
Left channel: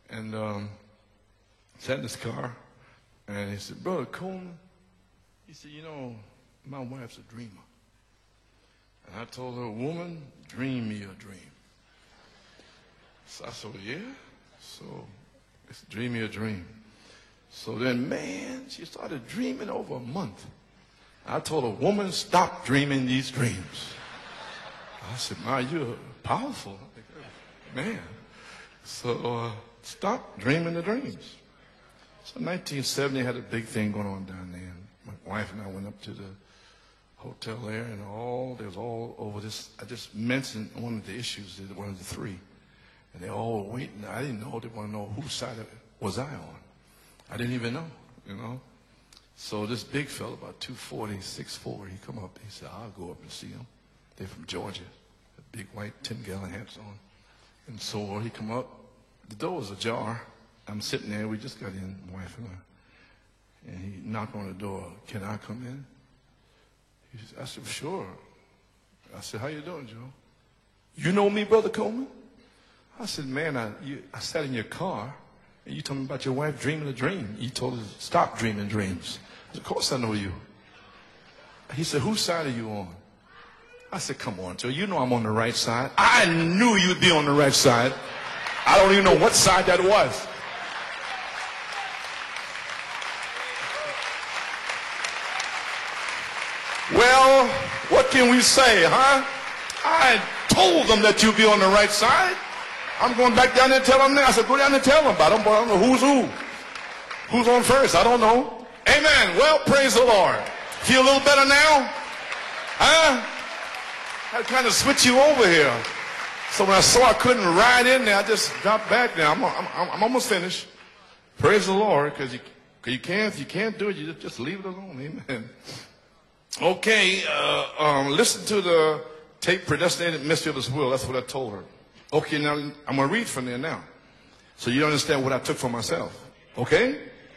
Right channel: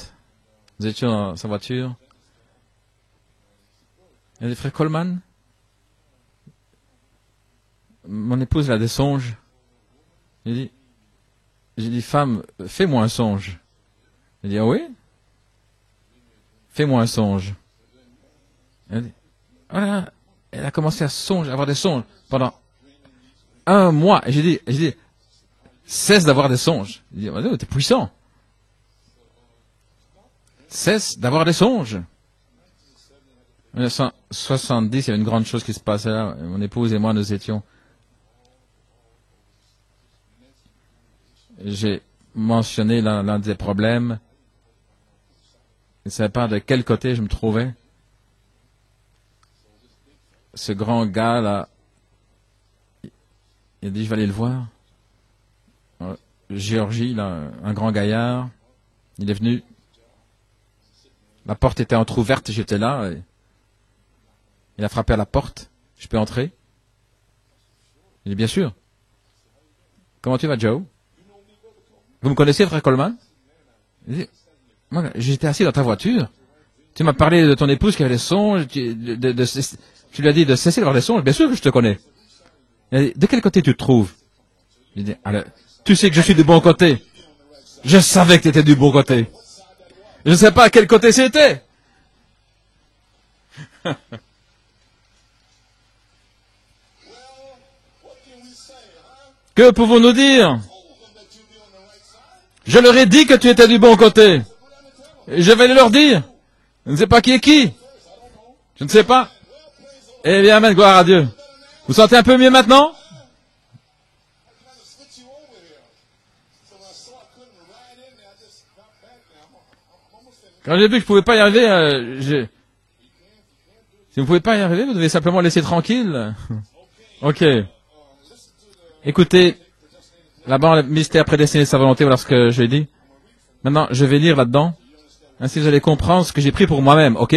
Nous étions dans sa voiture. Et le frère Coleman. Mon épouse a des songes. J'ai dit, femme, fais-moi un songe. Elle dit, ah oui? Fais-moi un songe. Voilà. Elle a commencé à avoir des songes pendant un mois. Et j'ai dit, cesse d'avoir des songes. Elle dit, oh, t'es puissant. Cesse d'avoir des songes. En 1970, il y avait une grande chose qui se passait là. Mon épouse et moi, nous étions. J'ai mentionné l'un des problèmes. Je ne savais pas de quel côté je me trouvais. Ce grand gars-là, il a dit, je vais aller le voir. Géorgie, là, un grand gaillard, il est venu. La porte était entrouverte, j'étais là. Il a frappé à la porte. Je peux entrer? Il dit, bien sûr. Comment tu vas, Joe? Vous me connaissez, frère Coleman? J'étais assis dans ta voiture. Tu m'as parlé de ton épouse qui avait des songes. Tu lui as dit de cesser d'avoir des songes. Bien sûr que je te connais. De quel côté tu te trouves? Tu sais que je suis du bon côté. Je savais que tu étais du bon côté. Je ne sais pas à quel côté c'était. Que pouvons-nous dire? Je leur ai dit que tu étais du bon côté. Et je vais leur dire. Je ne sais pas qui est qui. Je ne sais pas. Eh bien, amen, gloire à Dieu. Vous sentez un peu mieux maintenant? Quand j'ai vu que je ne pouvais pas y arriver, si vous ne pouvez pas y arriver, vous devez simplement laisser tranquille. Ok. Écoutez, là-bas, le mystère prédestiné de sa volonté, voilà ce que j'ai dit. Maintenant, je vais lire là-dedans. Ainsi, vous allez comprendre ce que j'ai pris pour moi-même. Ok?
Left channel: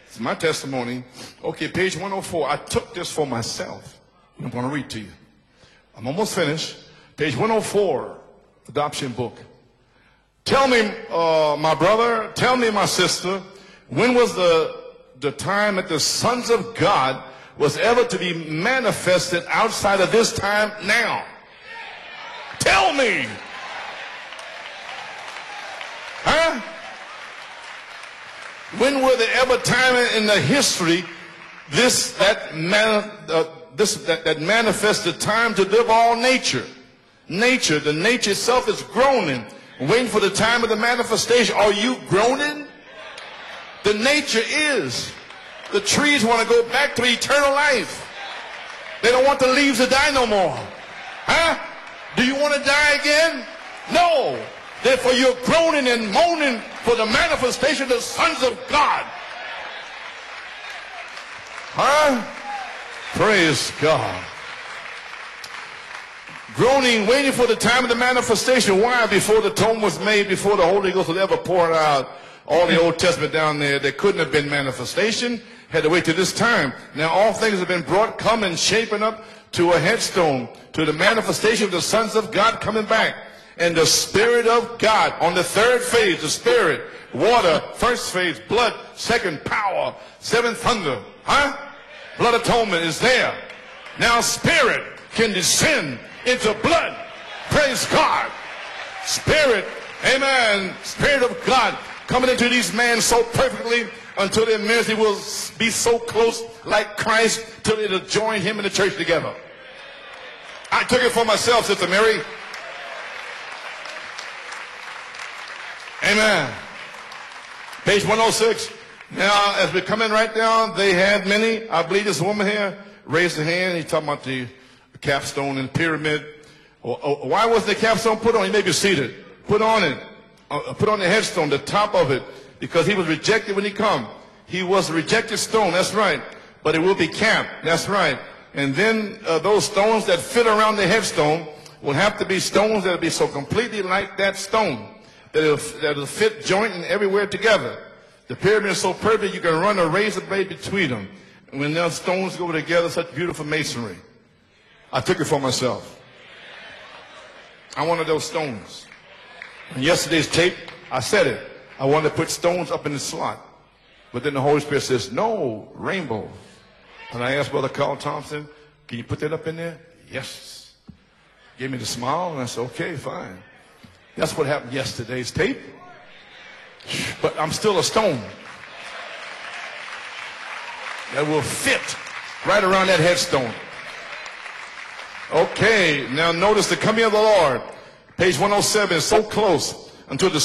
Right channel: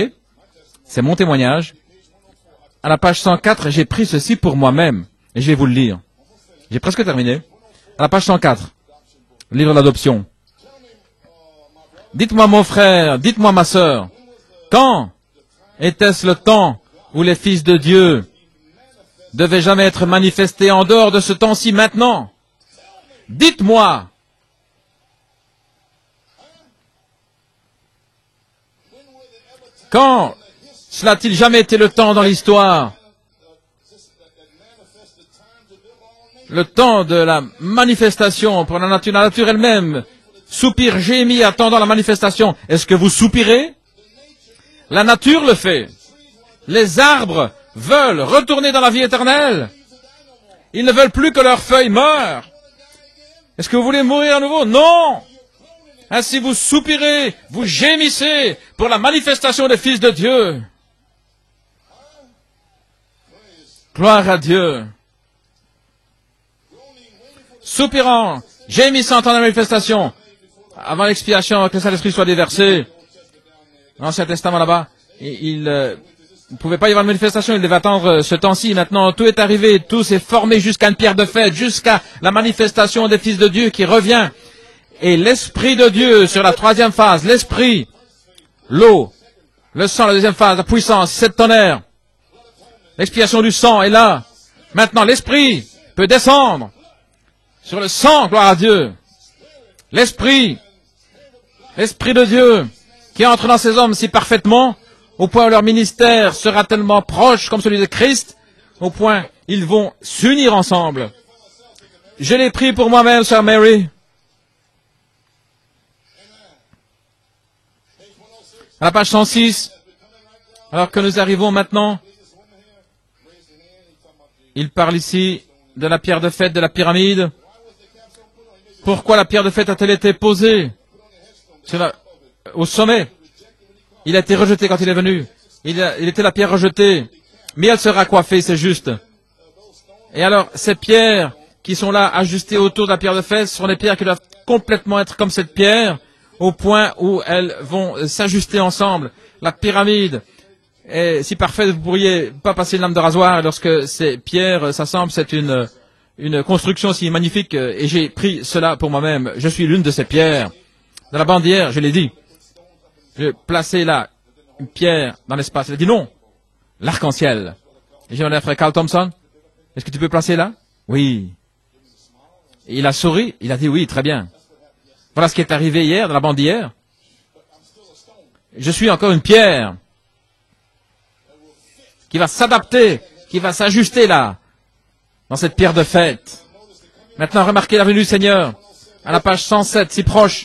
C'est mon témoignage. À la page 104, j'ai pris ceci pour moi-même. Et je vais vous le lire. J'ai presque terminé. À la page 104, livre d'adoption. Dites-moi mon frère, dites-moi ma sœur, quand était-ce le temps où les fils de Dieu ne devaient jamais être manifestés en dehors de ce temps-ci maintenant? Dites-moi. Quand cela n'a-t-il jamais été le temps dans l'histoire? Le temps de la manifestation pour la nature elle-même. Soupir, gémit, attendant la manifestation. Est-ce que vous soupirez? La nature le fait. Les arbres veulent retourner dans la vie éternelle. Ils ne veulent plus que leurs feuilles meurent. Est-ce que vous voulez mourir à nouveau? Non! Ainsi vous soupirez, vous gémissez pour la manifestation des fils de Dieu. Gloire à Dieu. Soupirant, gémissant en la manifestation, avant l'expiation, que le Saint-Esprit soit déversé. L'Ancien Testament là-bas, il ne pouvait pas y avoir de manifestation, il devait attendre ce temps-ci. Maintenant, tout est arrivé, tout s'est formé jusqu'à une pierre de fête, jusqu'à la manifestation des fils de Dieu qui revient. Et l'Esprit de Dieu sur la troisième phase, l'Esprit, l'eau, le sang, la deuxième phase, la puissance, cette tonnerre. L'expiation du sang est là. Maintenant, l'Esprit peut descendre sur le sang, gloire à Dieu. L'Esprit de Dieu qui entre dans ces hommes si parfaitement, au point où leur ministère sera tellement proche comme celui de Christ, au point ils vont s'unir ensemble. Je l'ai pris pour moi-même, sœur Mary. Amen. À la page 106, alors que nous arrivons maintenant, Il parle ici de la pierre de fête de la pyramide. Pourquoi la pierre de fête a-t-elle été posée au sommet? Il a été rejeté quand il est venu. Il était la pierre rejetée. Mais elle sera coiffée, c'est juste. Et alors, ces pierres qui sont là ajustées autour de la pierre de fête, ce sont des pierres qui doivent complètement être comme cette pierre, au point où elles vont s'ajuster ensemble. La pyramide est si parfaite, vous ne pourriez pas passer une lame de rasoir lorsque ces pierres s'assemblent. C'est une construction si magnifique, et j'ai pris cela pour moi-même. Je suis l'une de ces pierres. La bandière, je l'ai dit, je placer là une pierre dans l'espace. Il a dit non, l'arc-en-ciel. J'ai demandé à frère Carl Thompson, est-ce que tu peux placer là? Oui. Il a souri, il a dit oui, très bien. Voilà ce qui est arrivé hier dans la bandière. Je suis encore une pierre qui va s'adapter, qui va s'ajuster là. Dans cette pierre de fête. Maintenant, remarquez la venue du Seigneur. À la page 107, si proche,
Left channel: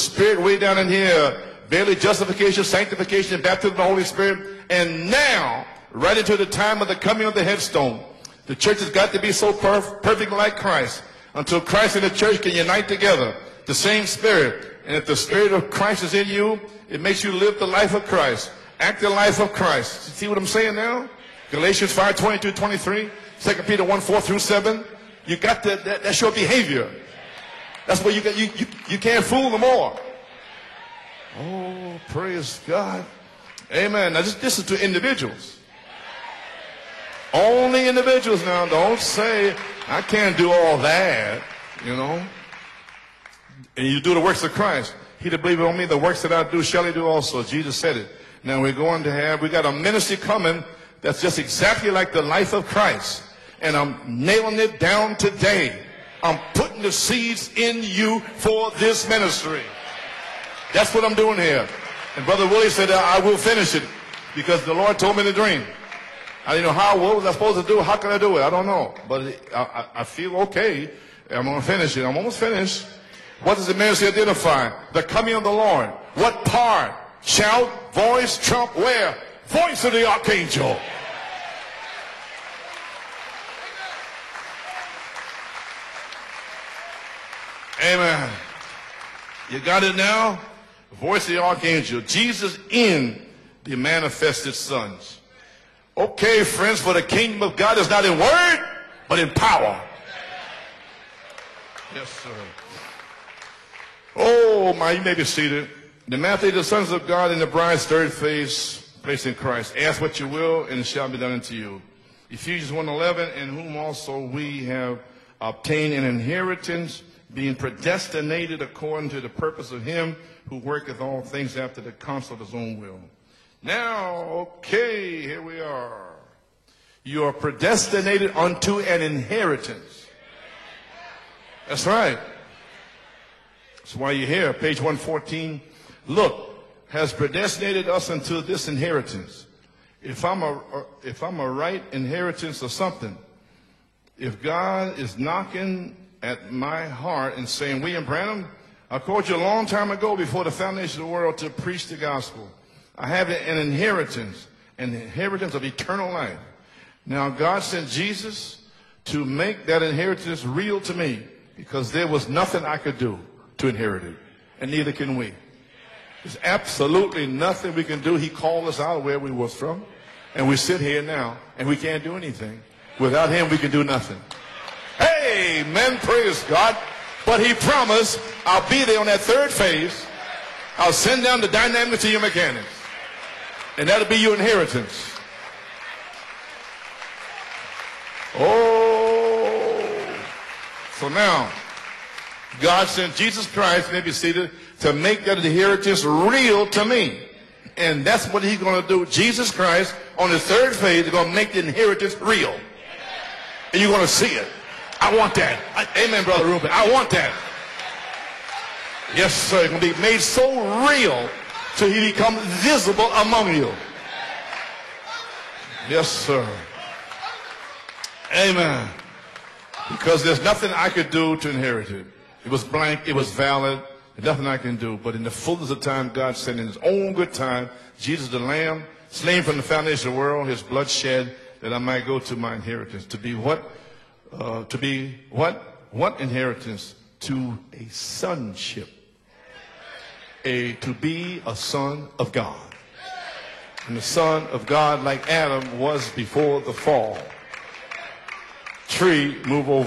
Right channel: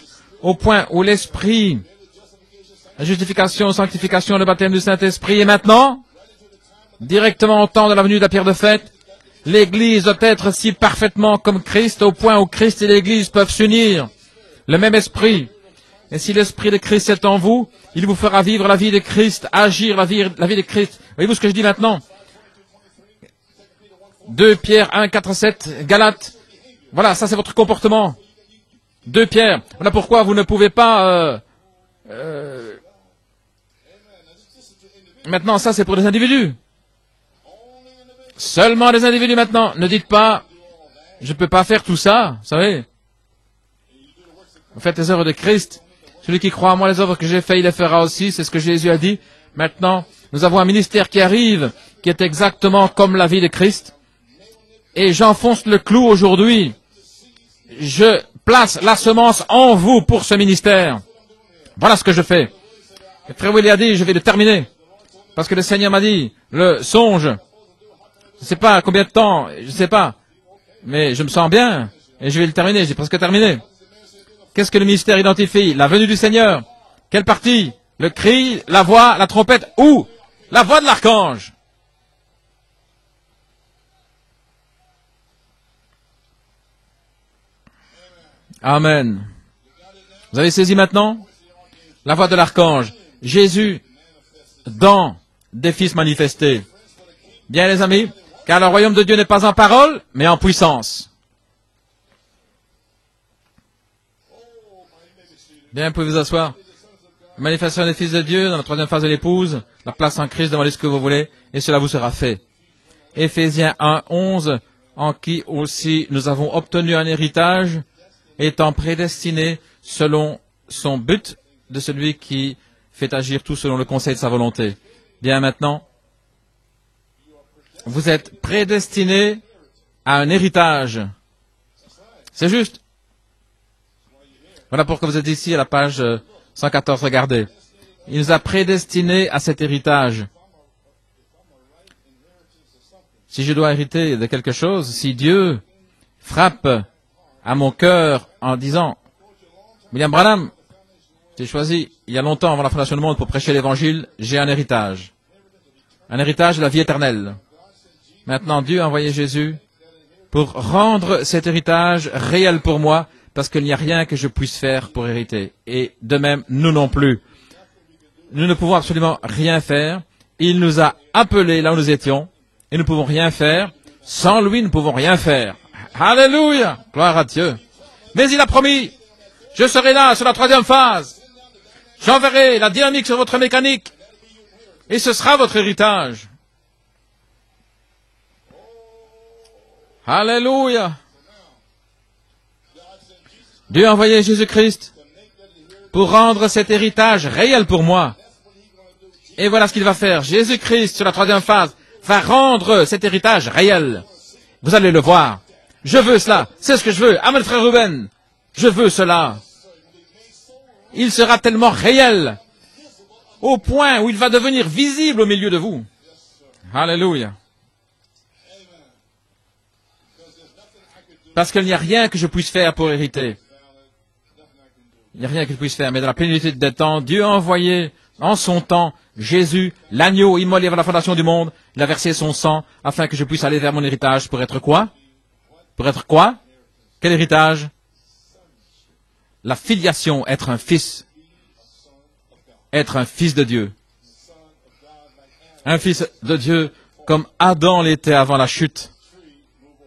au point où l'Esprit, la justification, sanctification, le baptême du Saint-Esprit, et maintenant, directement au temps de la venue de la pierre de fête, l'Église doit être si parfaitement comme Christ, au point où Christ et l'Église peuvent s'unir. Le même Esprit. Et si l'Esprit de Christ est en vous, il vous fera vivre la vie de Christ, agir la vie de Christ. Voyez-vous ce que je dis maintenant? 2 Pierre 1, 4, 7, Galates. Voilà, ça c'est votre comportement. 2 Pierre. Voilà pourquoi vous ne pouvez pas... Maintenant, ça c'est pour les individus. Seulement les individus maintenant. Ne dites pas, je ne peux pas faire tout ça, vous savez. Faites les œuvres de Christ. Celui qui croit en moi, les œuvres que j'ai faites, il les fera aussi. C'est ce que Jésus a dit. Maintenant, nous avons un ministère qui arrive, qui est exactement comme la vie de Christ. Et j'enfonce le clou aujourd'hui. Je place la semence en vous pour ce ministère. Voilà ce que je fais. Frère Willie a dit, je vais le terminer. Parce que le Seigneur m'a dit, le songe. Je ne sais pas combien de temps, je ne sais pas. Mais je me sens bien. Et je vais le terminer. J'ai presque terminé. Qu'est-ce que le ministère identifie? La venue du Seigneur. Quelle partie? Le cri, la voix, la trompette ou la voix de l'archange? Amen. Vous avez saisi maintenant? La voix de l'archange. Jésus dans des fils manifestés. Bien les amis, car le royaume de Dieu n'est pas en parole, mais en puissance. Bien, vous pouvez vous asseoir. Manifestation des fils de Dieu dans la troisième phase de l'épouse. En place en Christ, demandez ce que vous voulez, et cela vous sera fait. Éphésiens 1, 11, en qui aussi nous avons obtenu un héritage, étant prédestinés selon son but, de celui qui fait agir tout selon le conseil de sa volonté. Bien, maintenant, vous êtes prédestinés à un héritage. C'est juste. Voilà pourquoi vous êtes ici à la page 114. Regardez. Il nous a prédestinés à cet héritage. Si je dois hériter de quelque chose, si Dieu frappe à mon cœur en disant, William Branham, j'ai choisi il y a longtemps avant la fondation du monde pour prêcher l'évangile, j'ai un héritage de la vie éternelle. Maintenant, Dieu a envoyé Jésus pour rendre cet héritage réel pour moi, parce qu'il n'y a rien que je puisse faire pour hériter. Et de même, nous non plus. Nous ne pouvons absolument rien faire. Il nous a appelés là où nous étions, et nous ne pouvons rien faire. Sans lui, nous ne pouvons rien faire. Alléluia! Gloire à Dieu. Mais il a promis, je serai là sur la troisième phase. J'enverrai la dynamique sur votre mécanique, et ce sera votre héritage. Alléluia! Dieu a envoyé Jésus-Christ pour rendre cet héritage réel pour moi. Et voilà ce qu'il va faire. Jésus-Christ, sur la troisième phase, va rendre cet héritage réel. Vous allez le voir. Je veux cela. C'est ce que je veux. Amen, frère Ruben. Je veux cela. Il sera tellement réel au point où il va devenir visible au milieu de vous. Alléluia. Parce qu'il n'y a rien que je puisse faire pour hériter. Il n'y a rien qu'il puisse faire, mais dans la plénitude des temps, Dieu a envoyé en son temps Jésus, l'agneau immolé avant la fondation du monde. Il a versé son sang afin que je puisse aller vers mon héritage pour être quoi? Pour être quoi? Quel héritage? La filiation, être un fils. Être un fils de Dieu. Un fils de Dieu comme Adam l'était avant la chute.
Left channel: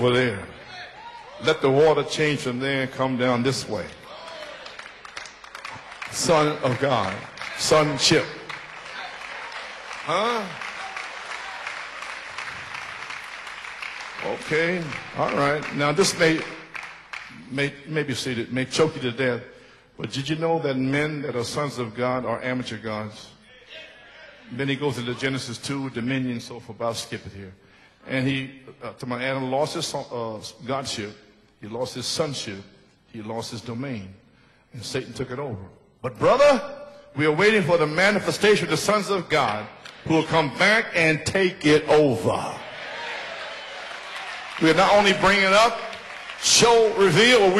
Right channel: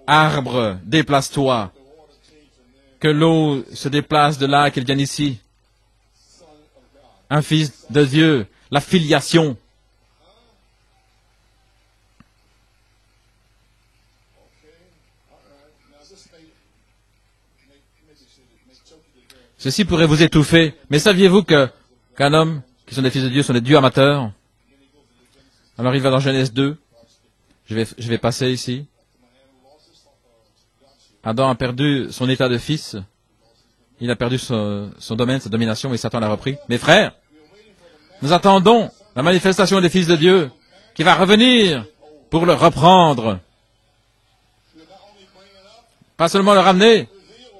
Arbre, déplace-toi. Que l'eau se déplace de là et qu'elle vienne ici. Un fils de Dieu. La filiation. Okay, all right. Now this may be seated, may choke you to death. Ceci pourrait vous étouffer, mais saviez-vous qu'un homme, qui sont des fils de Dieu, sont des dieux amateurs? Alors il va dans Genèse 2. Je vais passer ici. Adam a perdu son état de fils. Il a perdu son domaine, sa domination, et Satan l'a repris. Mes frères, nous attendons la manifestation des fils de Dieu qui va revenir pour le reprendre. Pas seulement le ramener,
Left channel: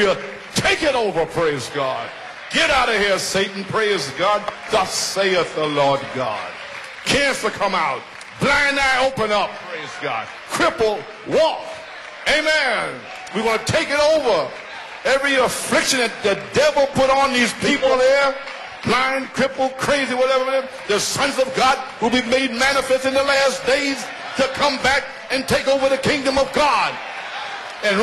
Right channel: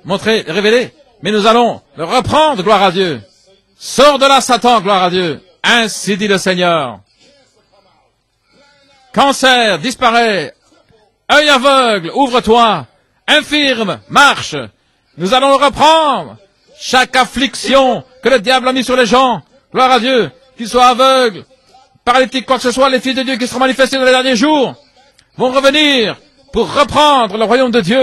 montrer, révéler, mais nous allons le reprendre, gloire à Dieu. Sors de là, Satan, gloire à Dieu. Ainsi dit le Seigneur. Cancer, disparaît. Œil aveugle, ouvre-toi. Infirme, marche. Nous allons le reprendre. Chaque affliction que le diable a mis sur les gens, gloire à Dieu, qu'ils soient aveugles, paralytiques, quoi que ce soit, les fils de Dieu qui seront manifestés dans les derniers jours, vont revenir pour reprendre le royaume de Dieu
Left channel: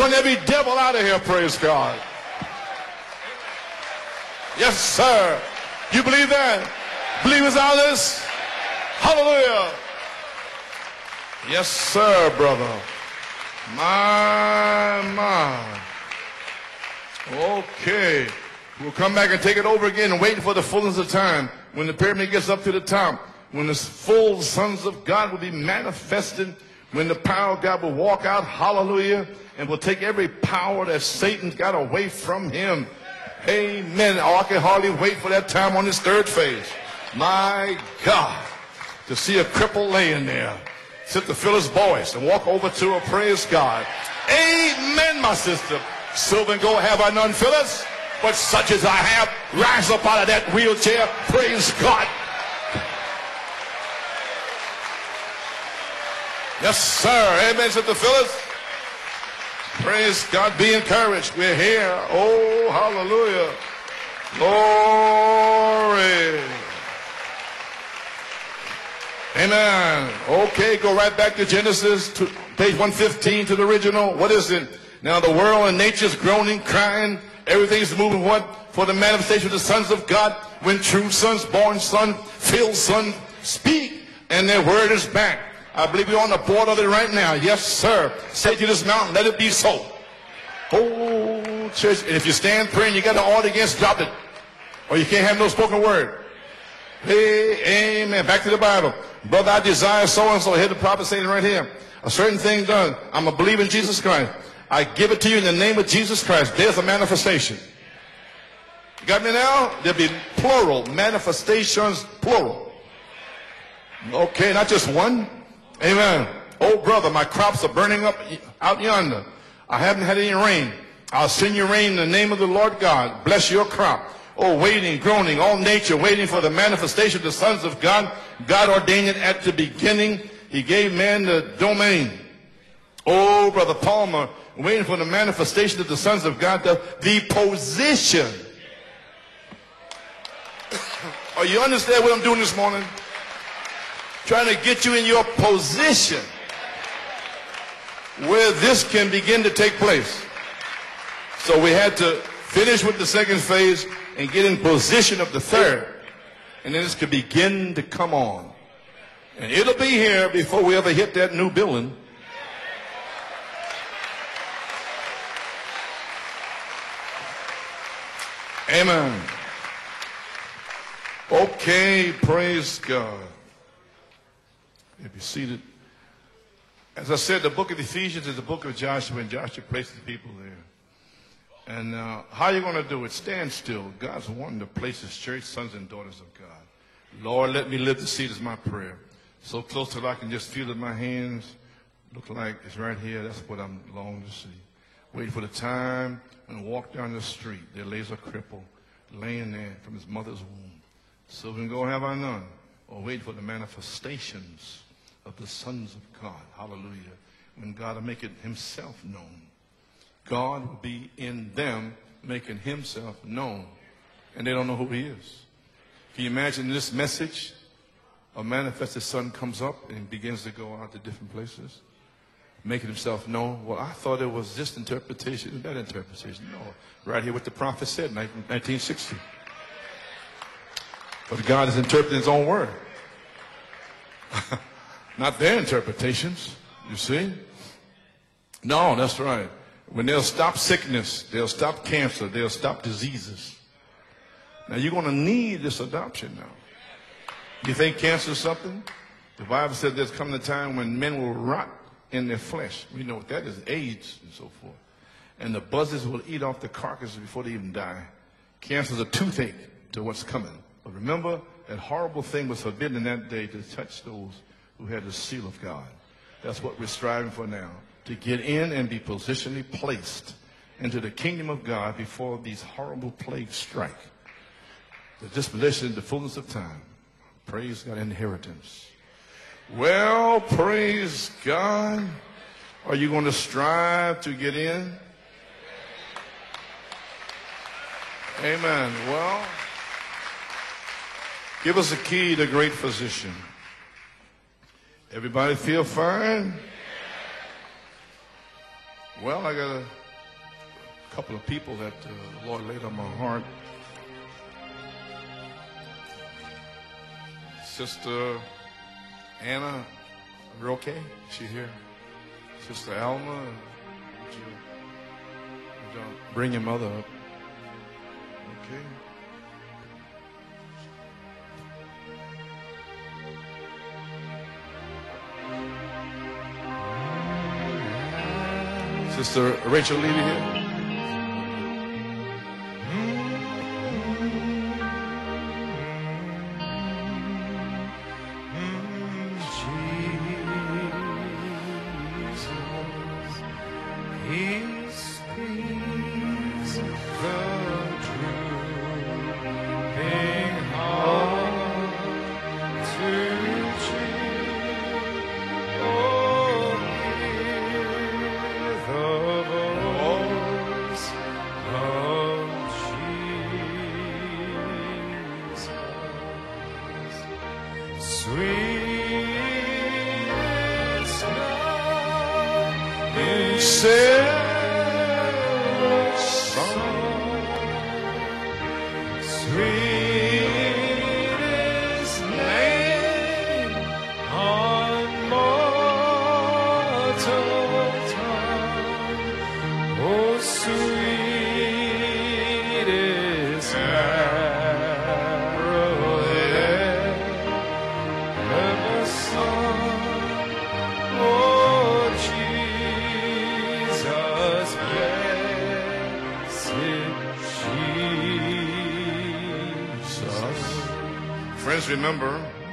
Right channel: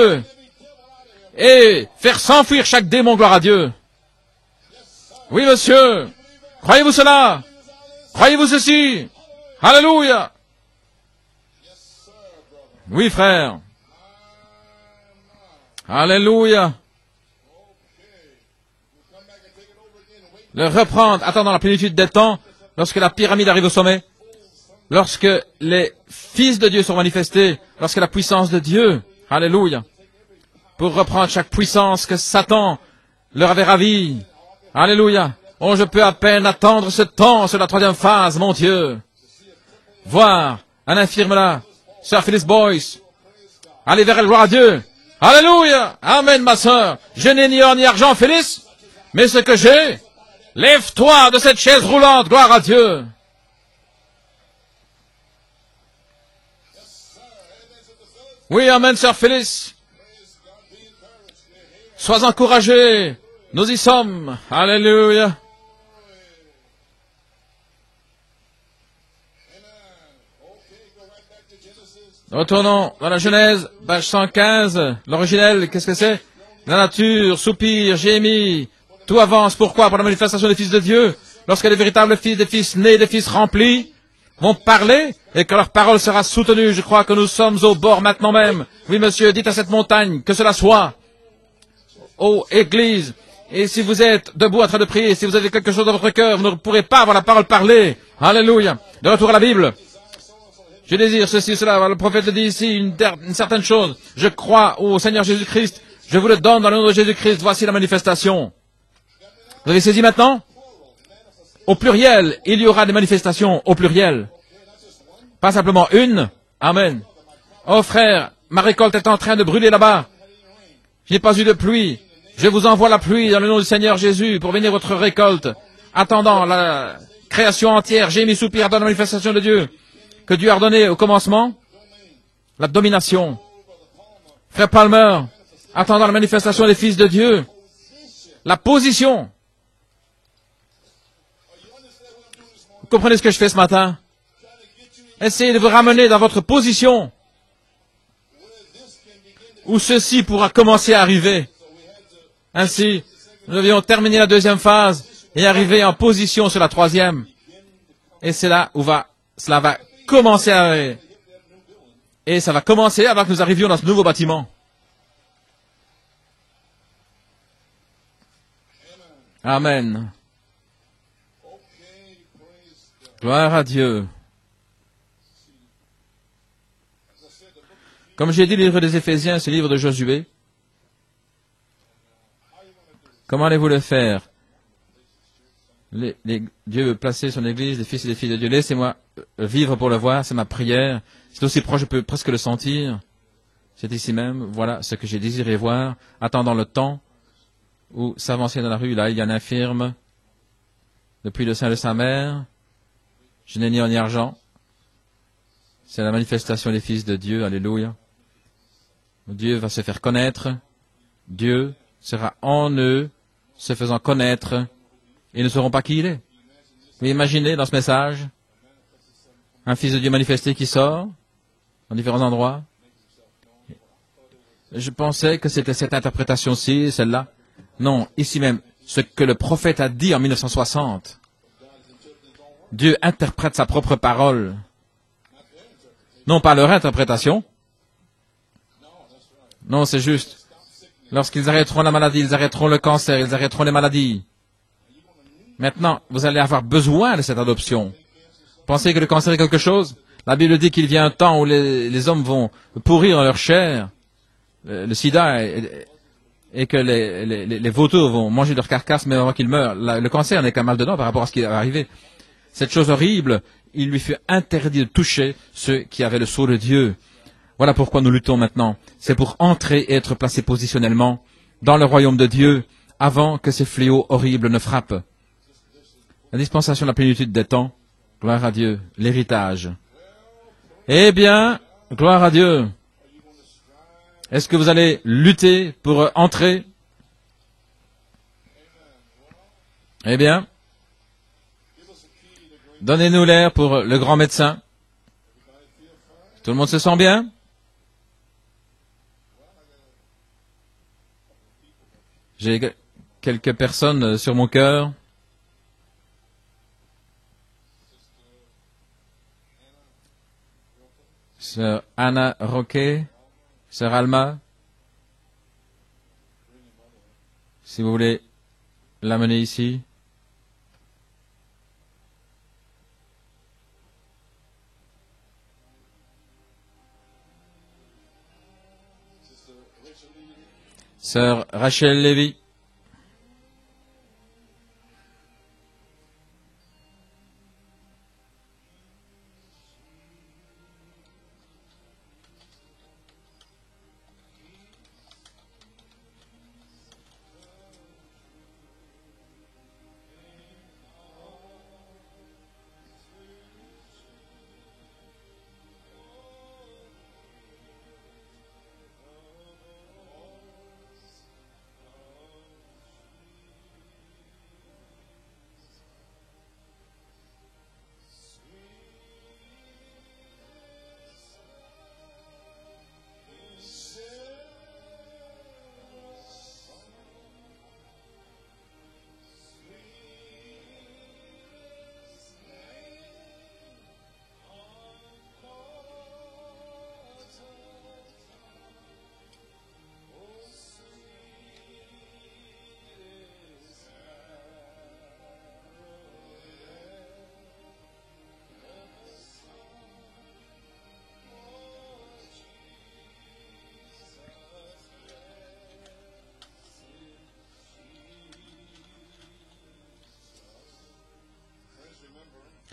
et faire s'enfuir chaque démon, gloire à Dieu. Oui, monsieur. Croyez-vous cela? Croyez-vous ceci? Alléluia. Oui, frère. Alléluia. De reprendre, attendant la plénitude des temps, lorsque la pyramide arrive au sommet, lorsque les fils de Dieu sont manifestés, lorsque la puissance de Dieu, alléluia, pour reprendre chaque puissance que Satan leur avait ravie. Alléluia. Oh, je peux à peine attendre ce temps sur la troisième phase, mon Dieu. Voir un infirme là, Sir Phyllis Boyce, allez vers la gloire à Dieu. Alléluia. Amen, ma soeur. Je n'ai ni or ni argent, Phyllis, mais ce que j'ai, lève-toi de cette chaise roulante, gloire à Dieu. Oui, amen, Sir Phyllis. Sois encouragé. Nous y sommes. Alléluia. Amen. Okay, go right back to Genesis. Retournons à la Genèse, page 115. L'originel, qu'est-ce que c'est? La nature soupire, gémit. Tout avance. Pourquoi? Pour la manifestation des fils de Dieu. Lorsque les véritables fils, des fils nés, des fils remplis, vont parler et que leur parole sera soutenue. Je crois que nous sommes au bord maintenant même. Oui, monsieur, dites à cette montagne que cela soit. Oh, Église, et si vous êtes debout en train de prier, si vous avez quelque chose dans votre cœur, vous ne pourrez pas avoir la parole parlée. Alléluia. De retour à la Bible. Je désire ceci, cela. Le prophète dit ici une certaine chose. Je crois au Seigneur Jésus-Christ. Je vous le donne dans le nom de Jésus-Christ. Voici la manifestation. Vous avez saisi maintenant? Au pluriel, il y aura des manifestations au pluriel. Pas simplement une. Amen. Oh frère, ma récolte est en train de brûler là-bas. Il n'y a pas eu de pluie. Je vous envoie la pluie au nom du Seigneur Jésus pour bénir votre récolte. Attendant la création entière, j'ai mis soupir dans la manifestation de Dieu que Dieu a ordonné au commencement. La domination. Frère Palmer, attendant la manifestation des fils de Dieu. La position. Vous comprenez ce que je fais ce matin? Essayez de vous ramener dans votre position où ceci pourra commencer à arriver. Ainsi, nous ayons terminé la deuxième phase et arriver en position sur la troisième. Et c'est là où cela va commencer à arriver. Et ça va commencer avant que nous arrivions dans ce nouveau bâtiment. Amen. Amen. Okay, praise God. Gloire à Dieu. Comme j'ai dit, le livre des Éphésiens, c'est le livre de Josué. Comment allez-vous le faire? Dieu veut placer son Église, les fils et les filles de Dieu. Laissez-moi vivre pour le voir, c'est ma prière. C'est aussi proche, je peux presque le sentir. C'est ici même, voilà ce que j'ai désiré voir. Attendant le temps où s'avancer dans la rue, là, il y a un infirme depuis le sein de sa mère. Je n'ai ni or ni argent. C'est la manifestation des fils de Dieu, alléluia. Dieu va se faire connaître. Dieu sera en eux, se faisant connaître. Ils ne sauront pas qui il est. Mais imaginez dans ce message, un fils de Dieu manifesté qui sort dans différents endroits. Je pensais que c'était cette interprétation-ci, celle-là. Non, ici même, ce que le prophète a dit en 1960. Dieu interprète sa propre parole. Non, pas leur interprétation. Non, c'est juste. Lorsqu'ils arrêteront la maladie, ils arrêteront le cancer, ils arrêteront les maladies. Maintenant, vous allez avoir besoin de cette adoption. Pensez que le cancer est quelque chose? La Bible dit qu'il vient un temps où les hommes vont pourrir dans leur chair, le sida, et que les vautours vont manger leur carcasse mais avant qu'ils meurent. Le cancer n'est qu'un mal dedans par rapport à ce qui va arriver. Cette chose horrible, il lui fut interdit de toucher ceux qui avaient le sceau de Dieu. Voilà pourquoi nous luttons maintenant. C'est pour entrer et être placés positionnellement dans le royaume de Dieu avant que ces fléaux horribles ne frappent. La dispensation de la plénitude des temps, gloire à Dieu, l'héritage. Eh bien, gloire à Dieu. Est-ce que vous allez lutter pour entrer? Eh bien, donnez-nous l'air pour le grand médecin. Tout le monde se sent bien? J'ai quelques personnes sur mon cœur. Sœur Anna Roquet, Sœur Alma, si vous voulez l'amener ici. Sœur Rachel Levy.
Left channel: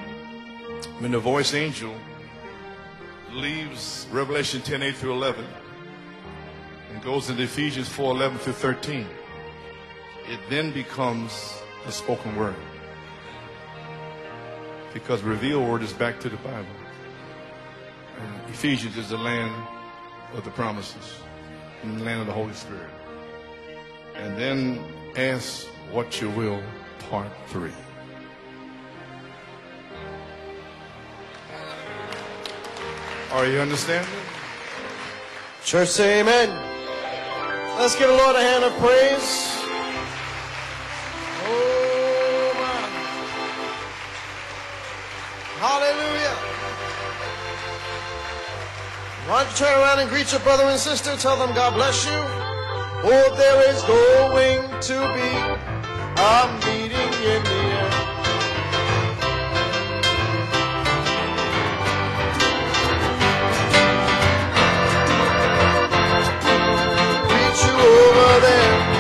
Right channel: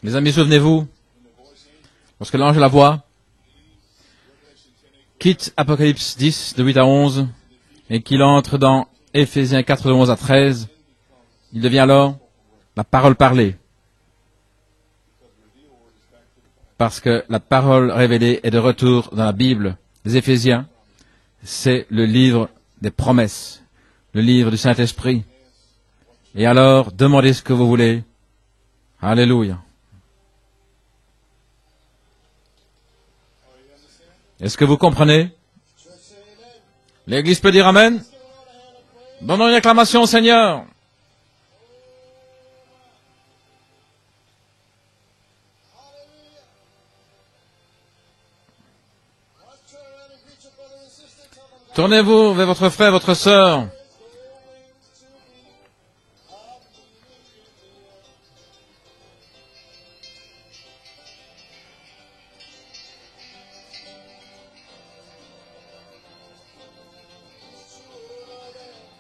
Mes amis, souvenez-vous, lorsque l'ange de la voix quitte Apocalypse 10, de 8 à 11, et qu'il entre dans Éphésiens 4, de 11 à 13, il devient alors la parole parlée. Parce que la parole révélée est de retour dans la Bible. Les Éphésiens, c'est le livre des promesses, le livre du Saint-Esprit. Et alors, demandez ce que vous voulez. Alléluia. Est-ce que vous comprenez? L'Église peut dire Amen. Donnons une acclamation au Seigneur. Tournez-vous vers votre frère, votre sœur. Over there.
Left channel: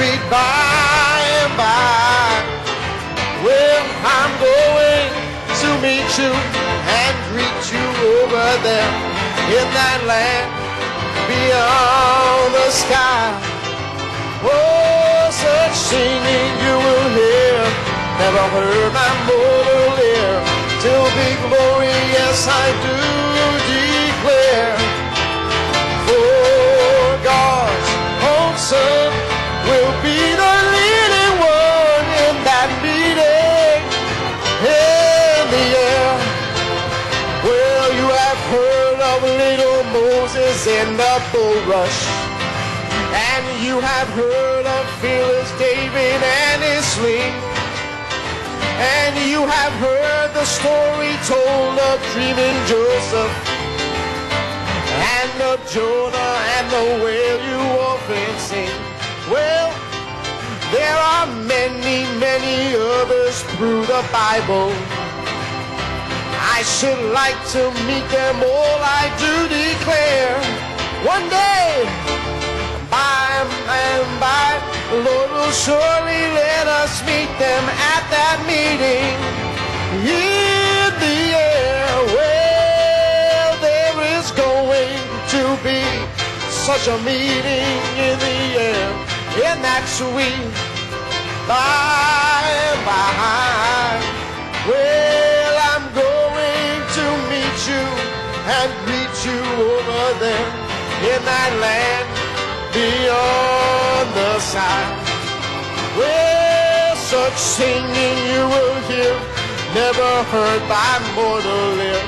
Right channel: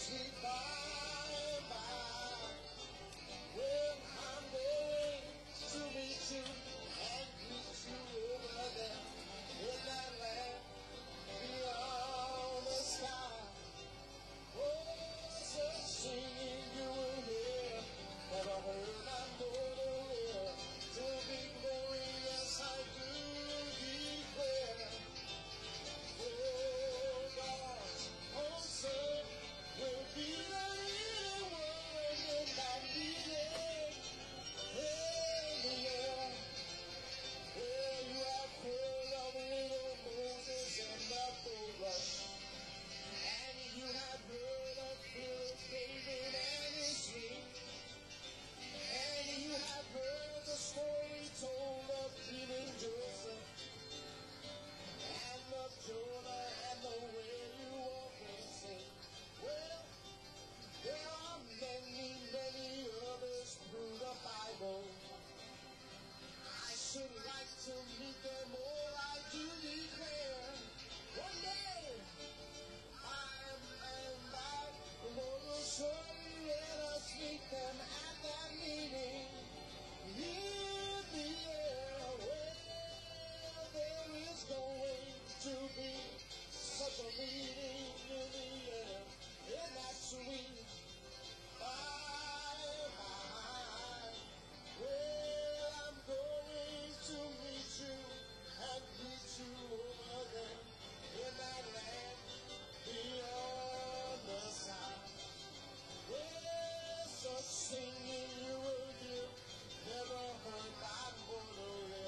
sweet by and by. Well, I'm going to meet you and greet you over there in that land beyond the sky. Oh, such singing you will hear, never heard my mortal ear, till be glory, yes I do declare. For God's own Son will be the leading one in that meeting in the air. Well, you have heard of little Moses in the bulrush, and you have heard of fearless David and his sling, and you have heard the story told of dreaming Joseph, and of Jonah and the whale you often sing. Well, there are many, many others through the Bible. I should like to meet them all, I do declare. One day, by and by, the Lord will surely let us meet them at that meeting in the air. Well, there is going to be such a meeting in the air, in that sweet by and by. Well, I'm going to meet you and greet you over there in that land beyond the side. Well, such singing you will hear, never heard by mortal ear,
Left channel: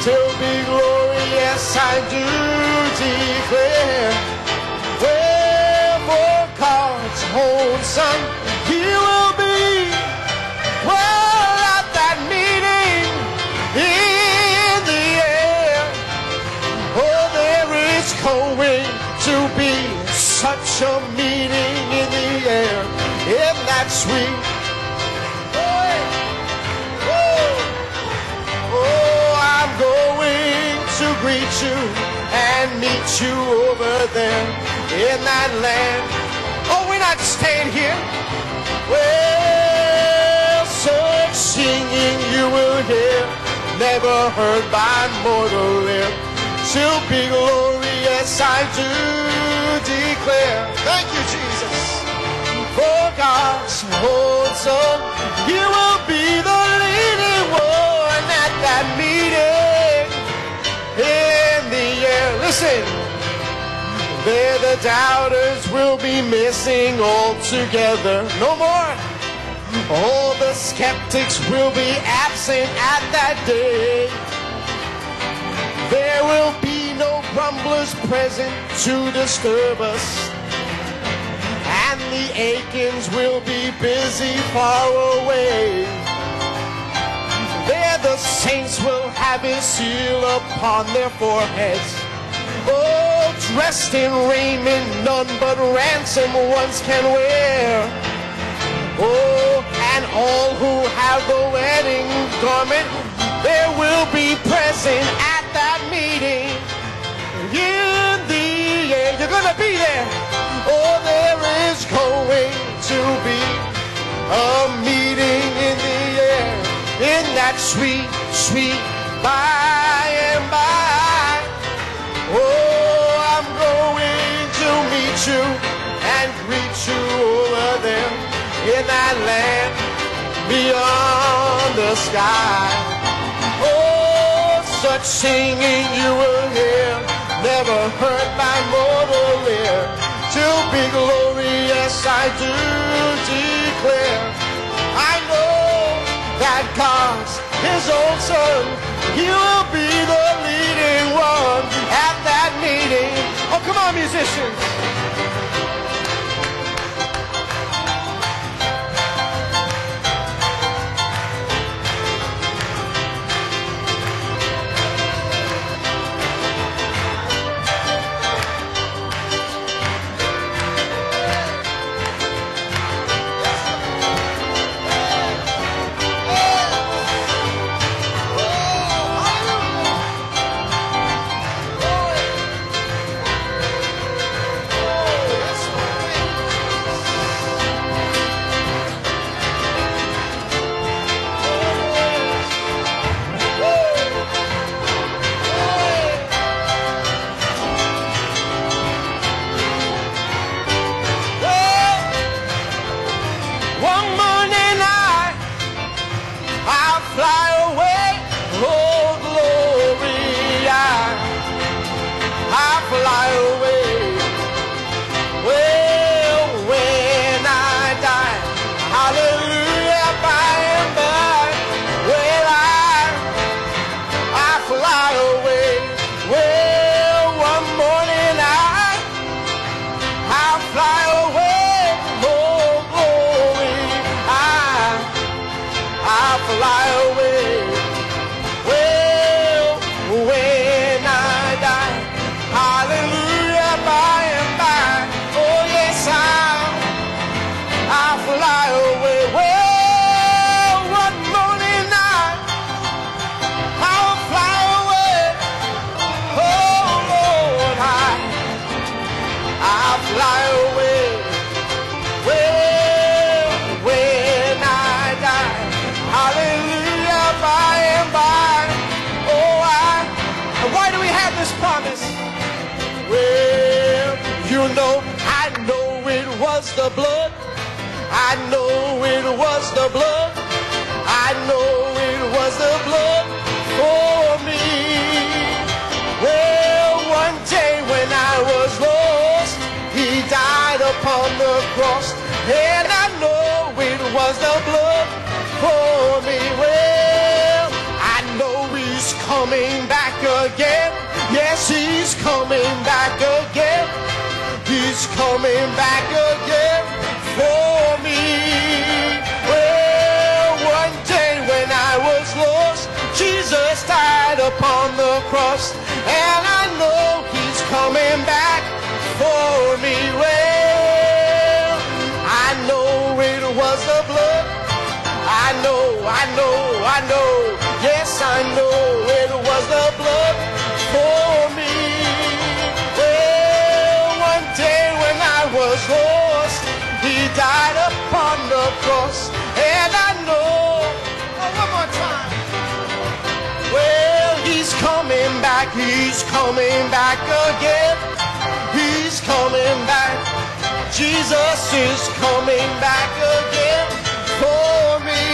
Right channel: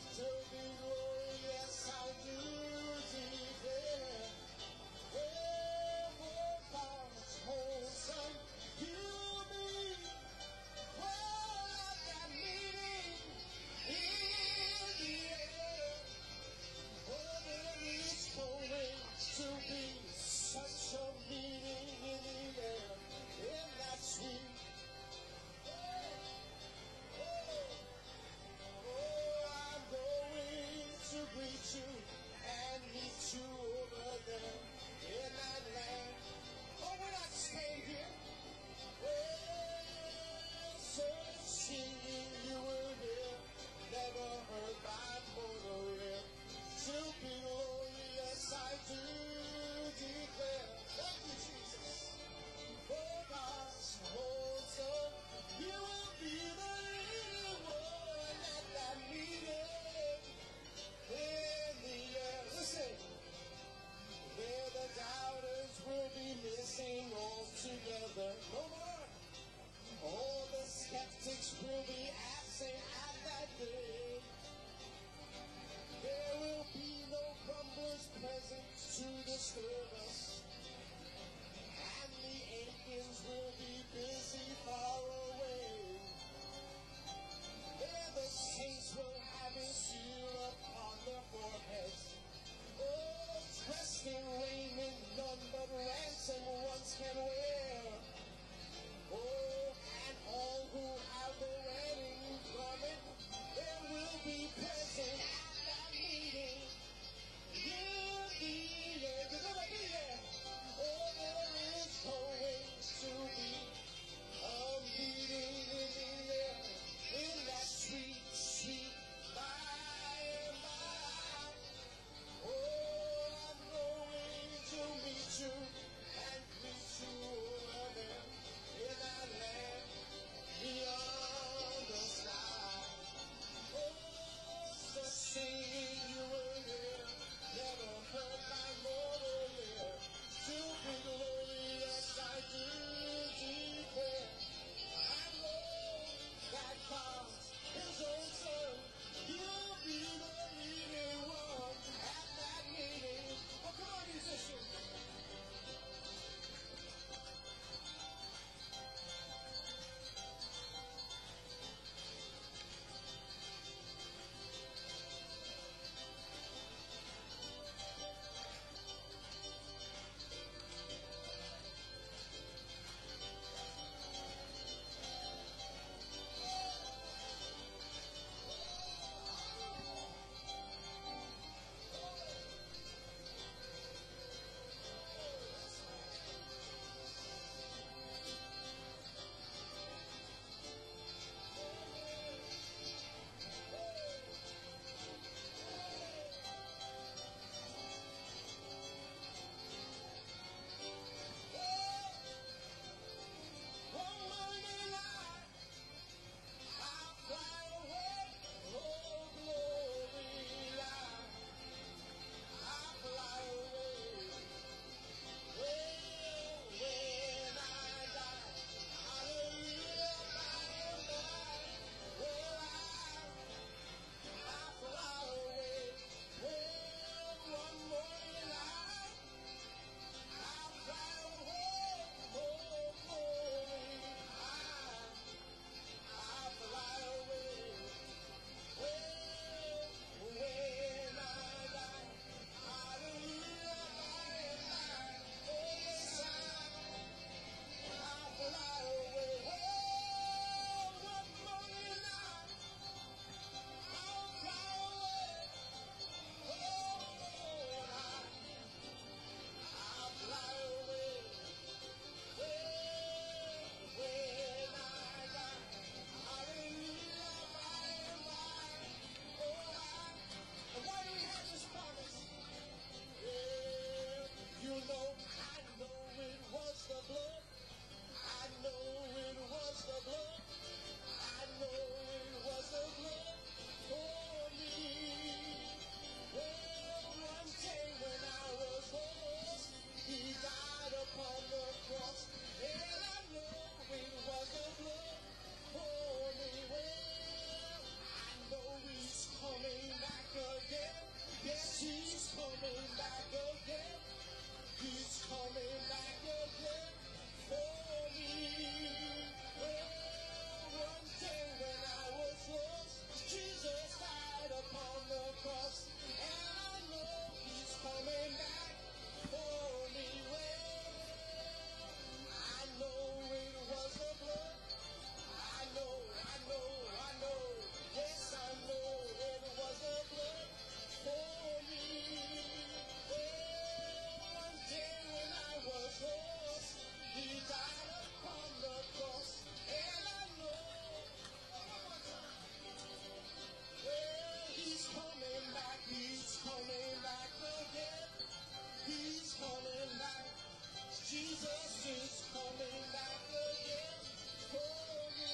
till be glory, yes I do declare. Well, for God's own Son, he will be, well, at that meeting in the air. Oh, there is going to be such a meeting in the air, in that sweet. Oh, I'm going to greet you and meet you over there in that land. Oh, we're not staying here. Well, such singing you will hear, never heard by mortal ear, till be glory, yes I do declare. Thank you, Jesus. For God's own Son, you will be the leading one at that meeting in the air. Listen, there the doubters will be missing altogether. No more. All the skeptics will be absent at that day. There will be no grumblers present to disturb us, and the Achans will be busy far away. There the saints will have his seal upon their foreheads. Oh, dressed in raiment none but ransom ones can wear. Oh, and all who have the wedding garment, there will be present at that meeting in the air. You're gonna be there. Oh, there is going to be a meeting in the air, in that sweet, sweet by and by. Oh, I'm going to meet you and greet you over there in that land beyond the sky. Oh, such singing you will hear, never heard by mortal ear, till be glory, yes I do declare. I know that God's his own Son, he will be the leading one at that meeting. Oh, come on, musicians. have this promise. Well, you know, I know it was the blood. I know it was the blood. I know it was the blood for me. Well, one day when I was lost, he died upon the cross. And I know it was the blood for me. Well, I know he's coming back again. Yes, he's coming back again. He's coming back again for me. Well, one day when I was lost, Jesus died upon the cross. And I know he's coming back for me. Well, I know it was the blood. I know. Yes, I know it was the blood for me. Well, one day when I was lost, he died upon the cross. And I know, one more time. Well, he's coming back again. He's coming back. Jesus is coming back again for me.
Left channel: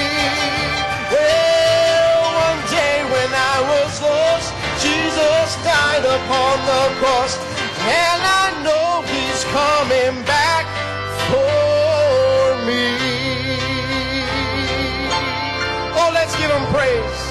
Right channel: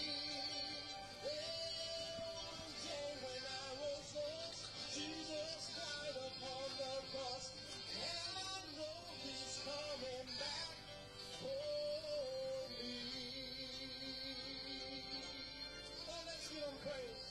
Well, one day when I was lost, Jesus died upon the cross. And I know he's coming back for me. Oh, let's give him praise.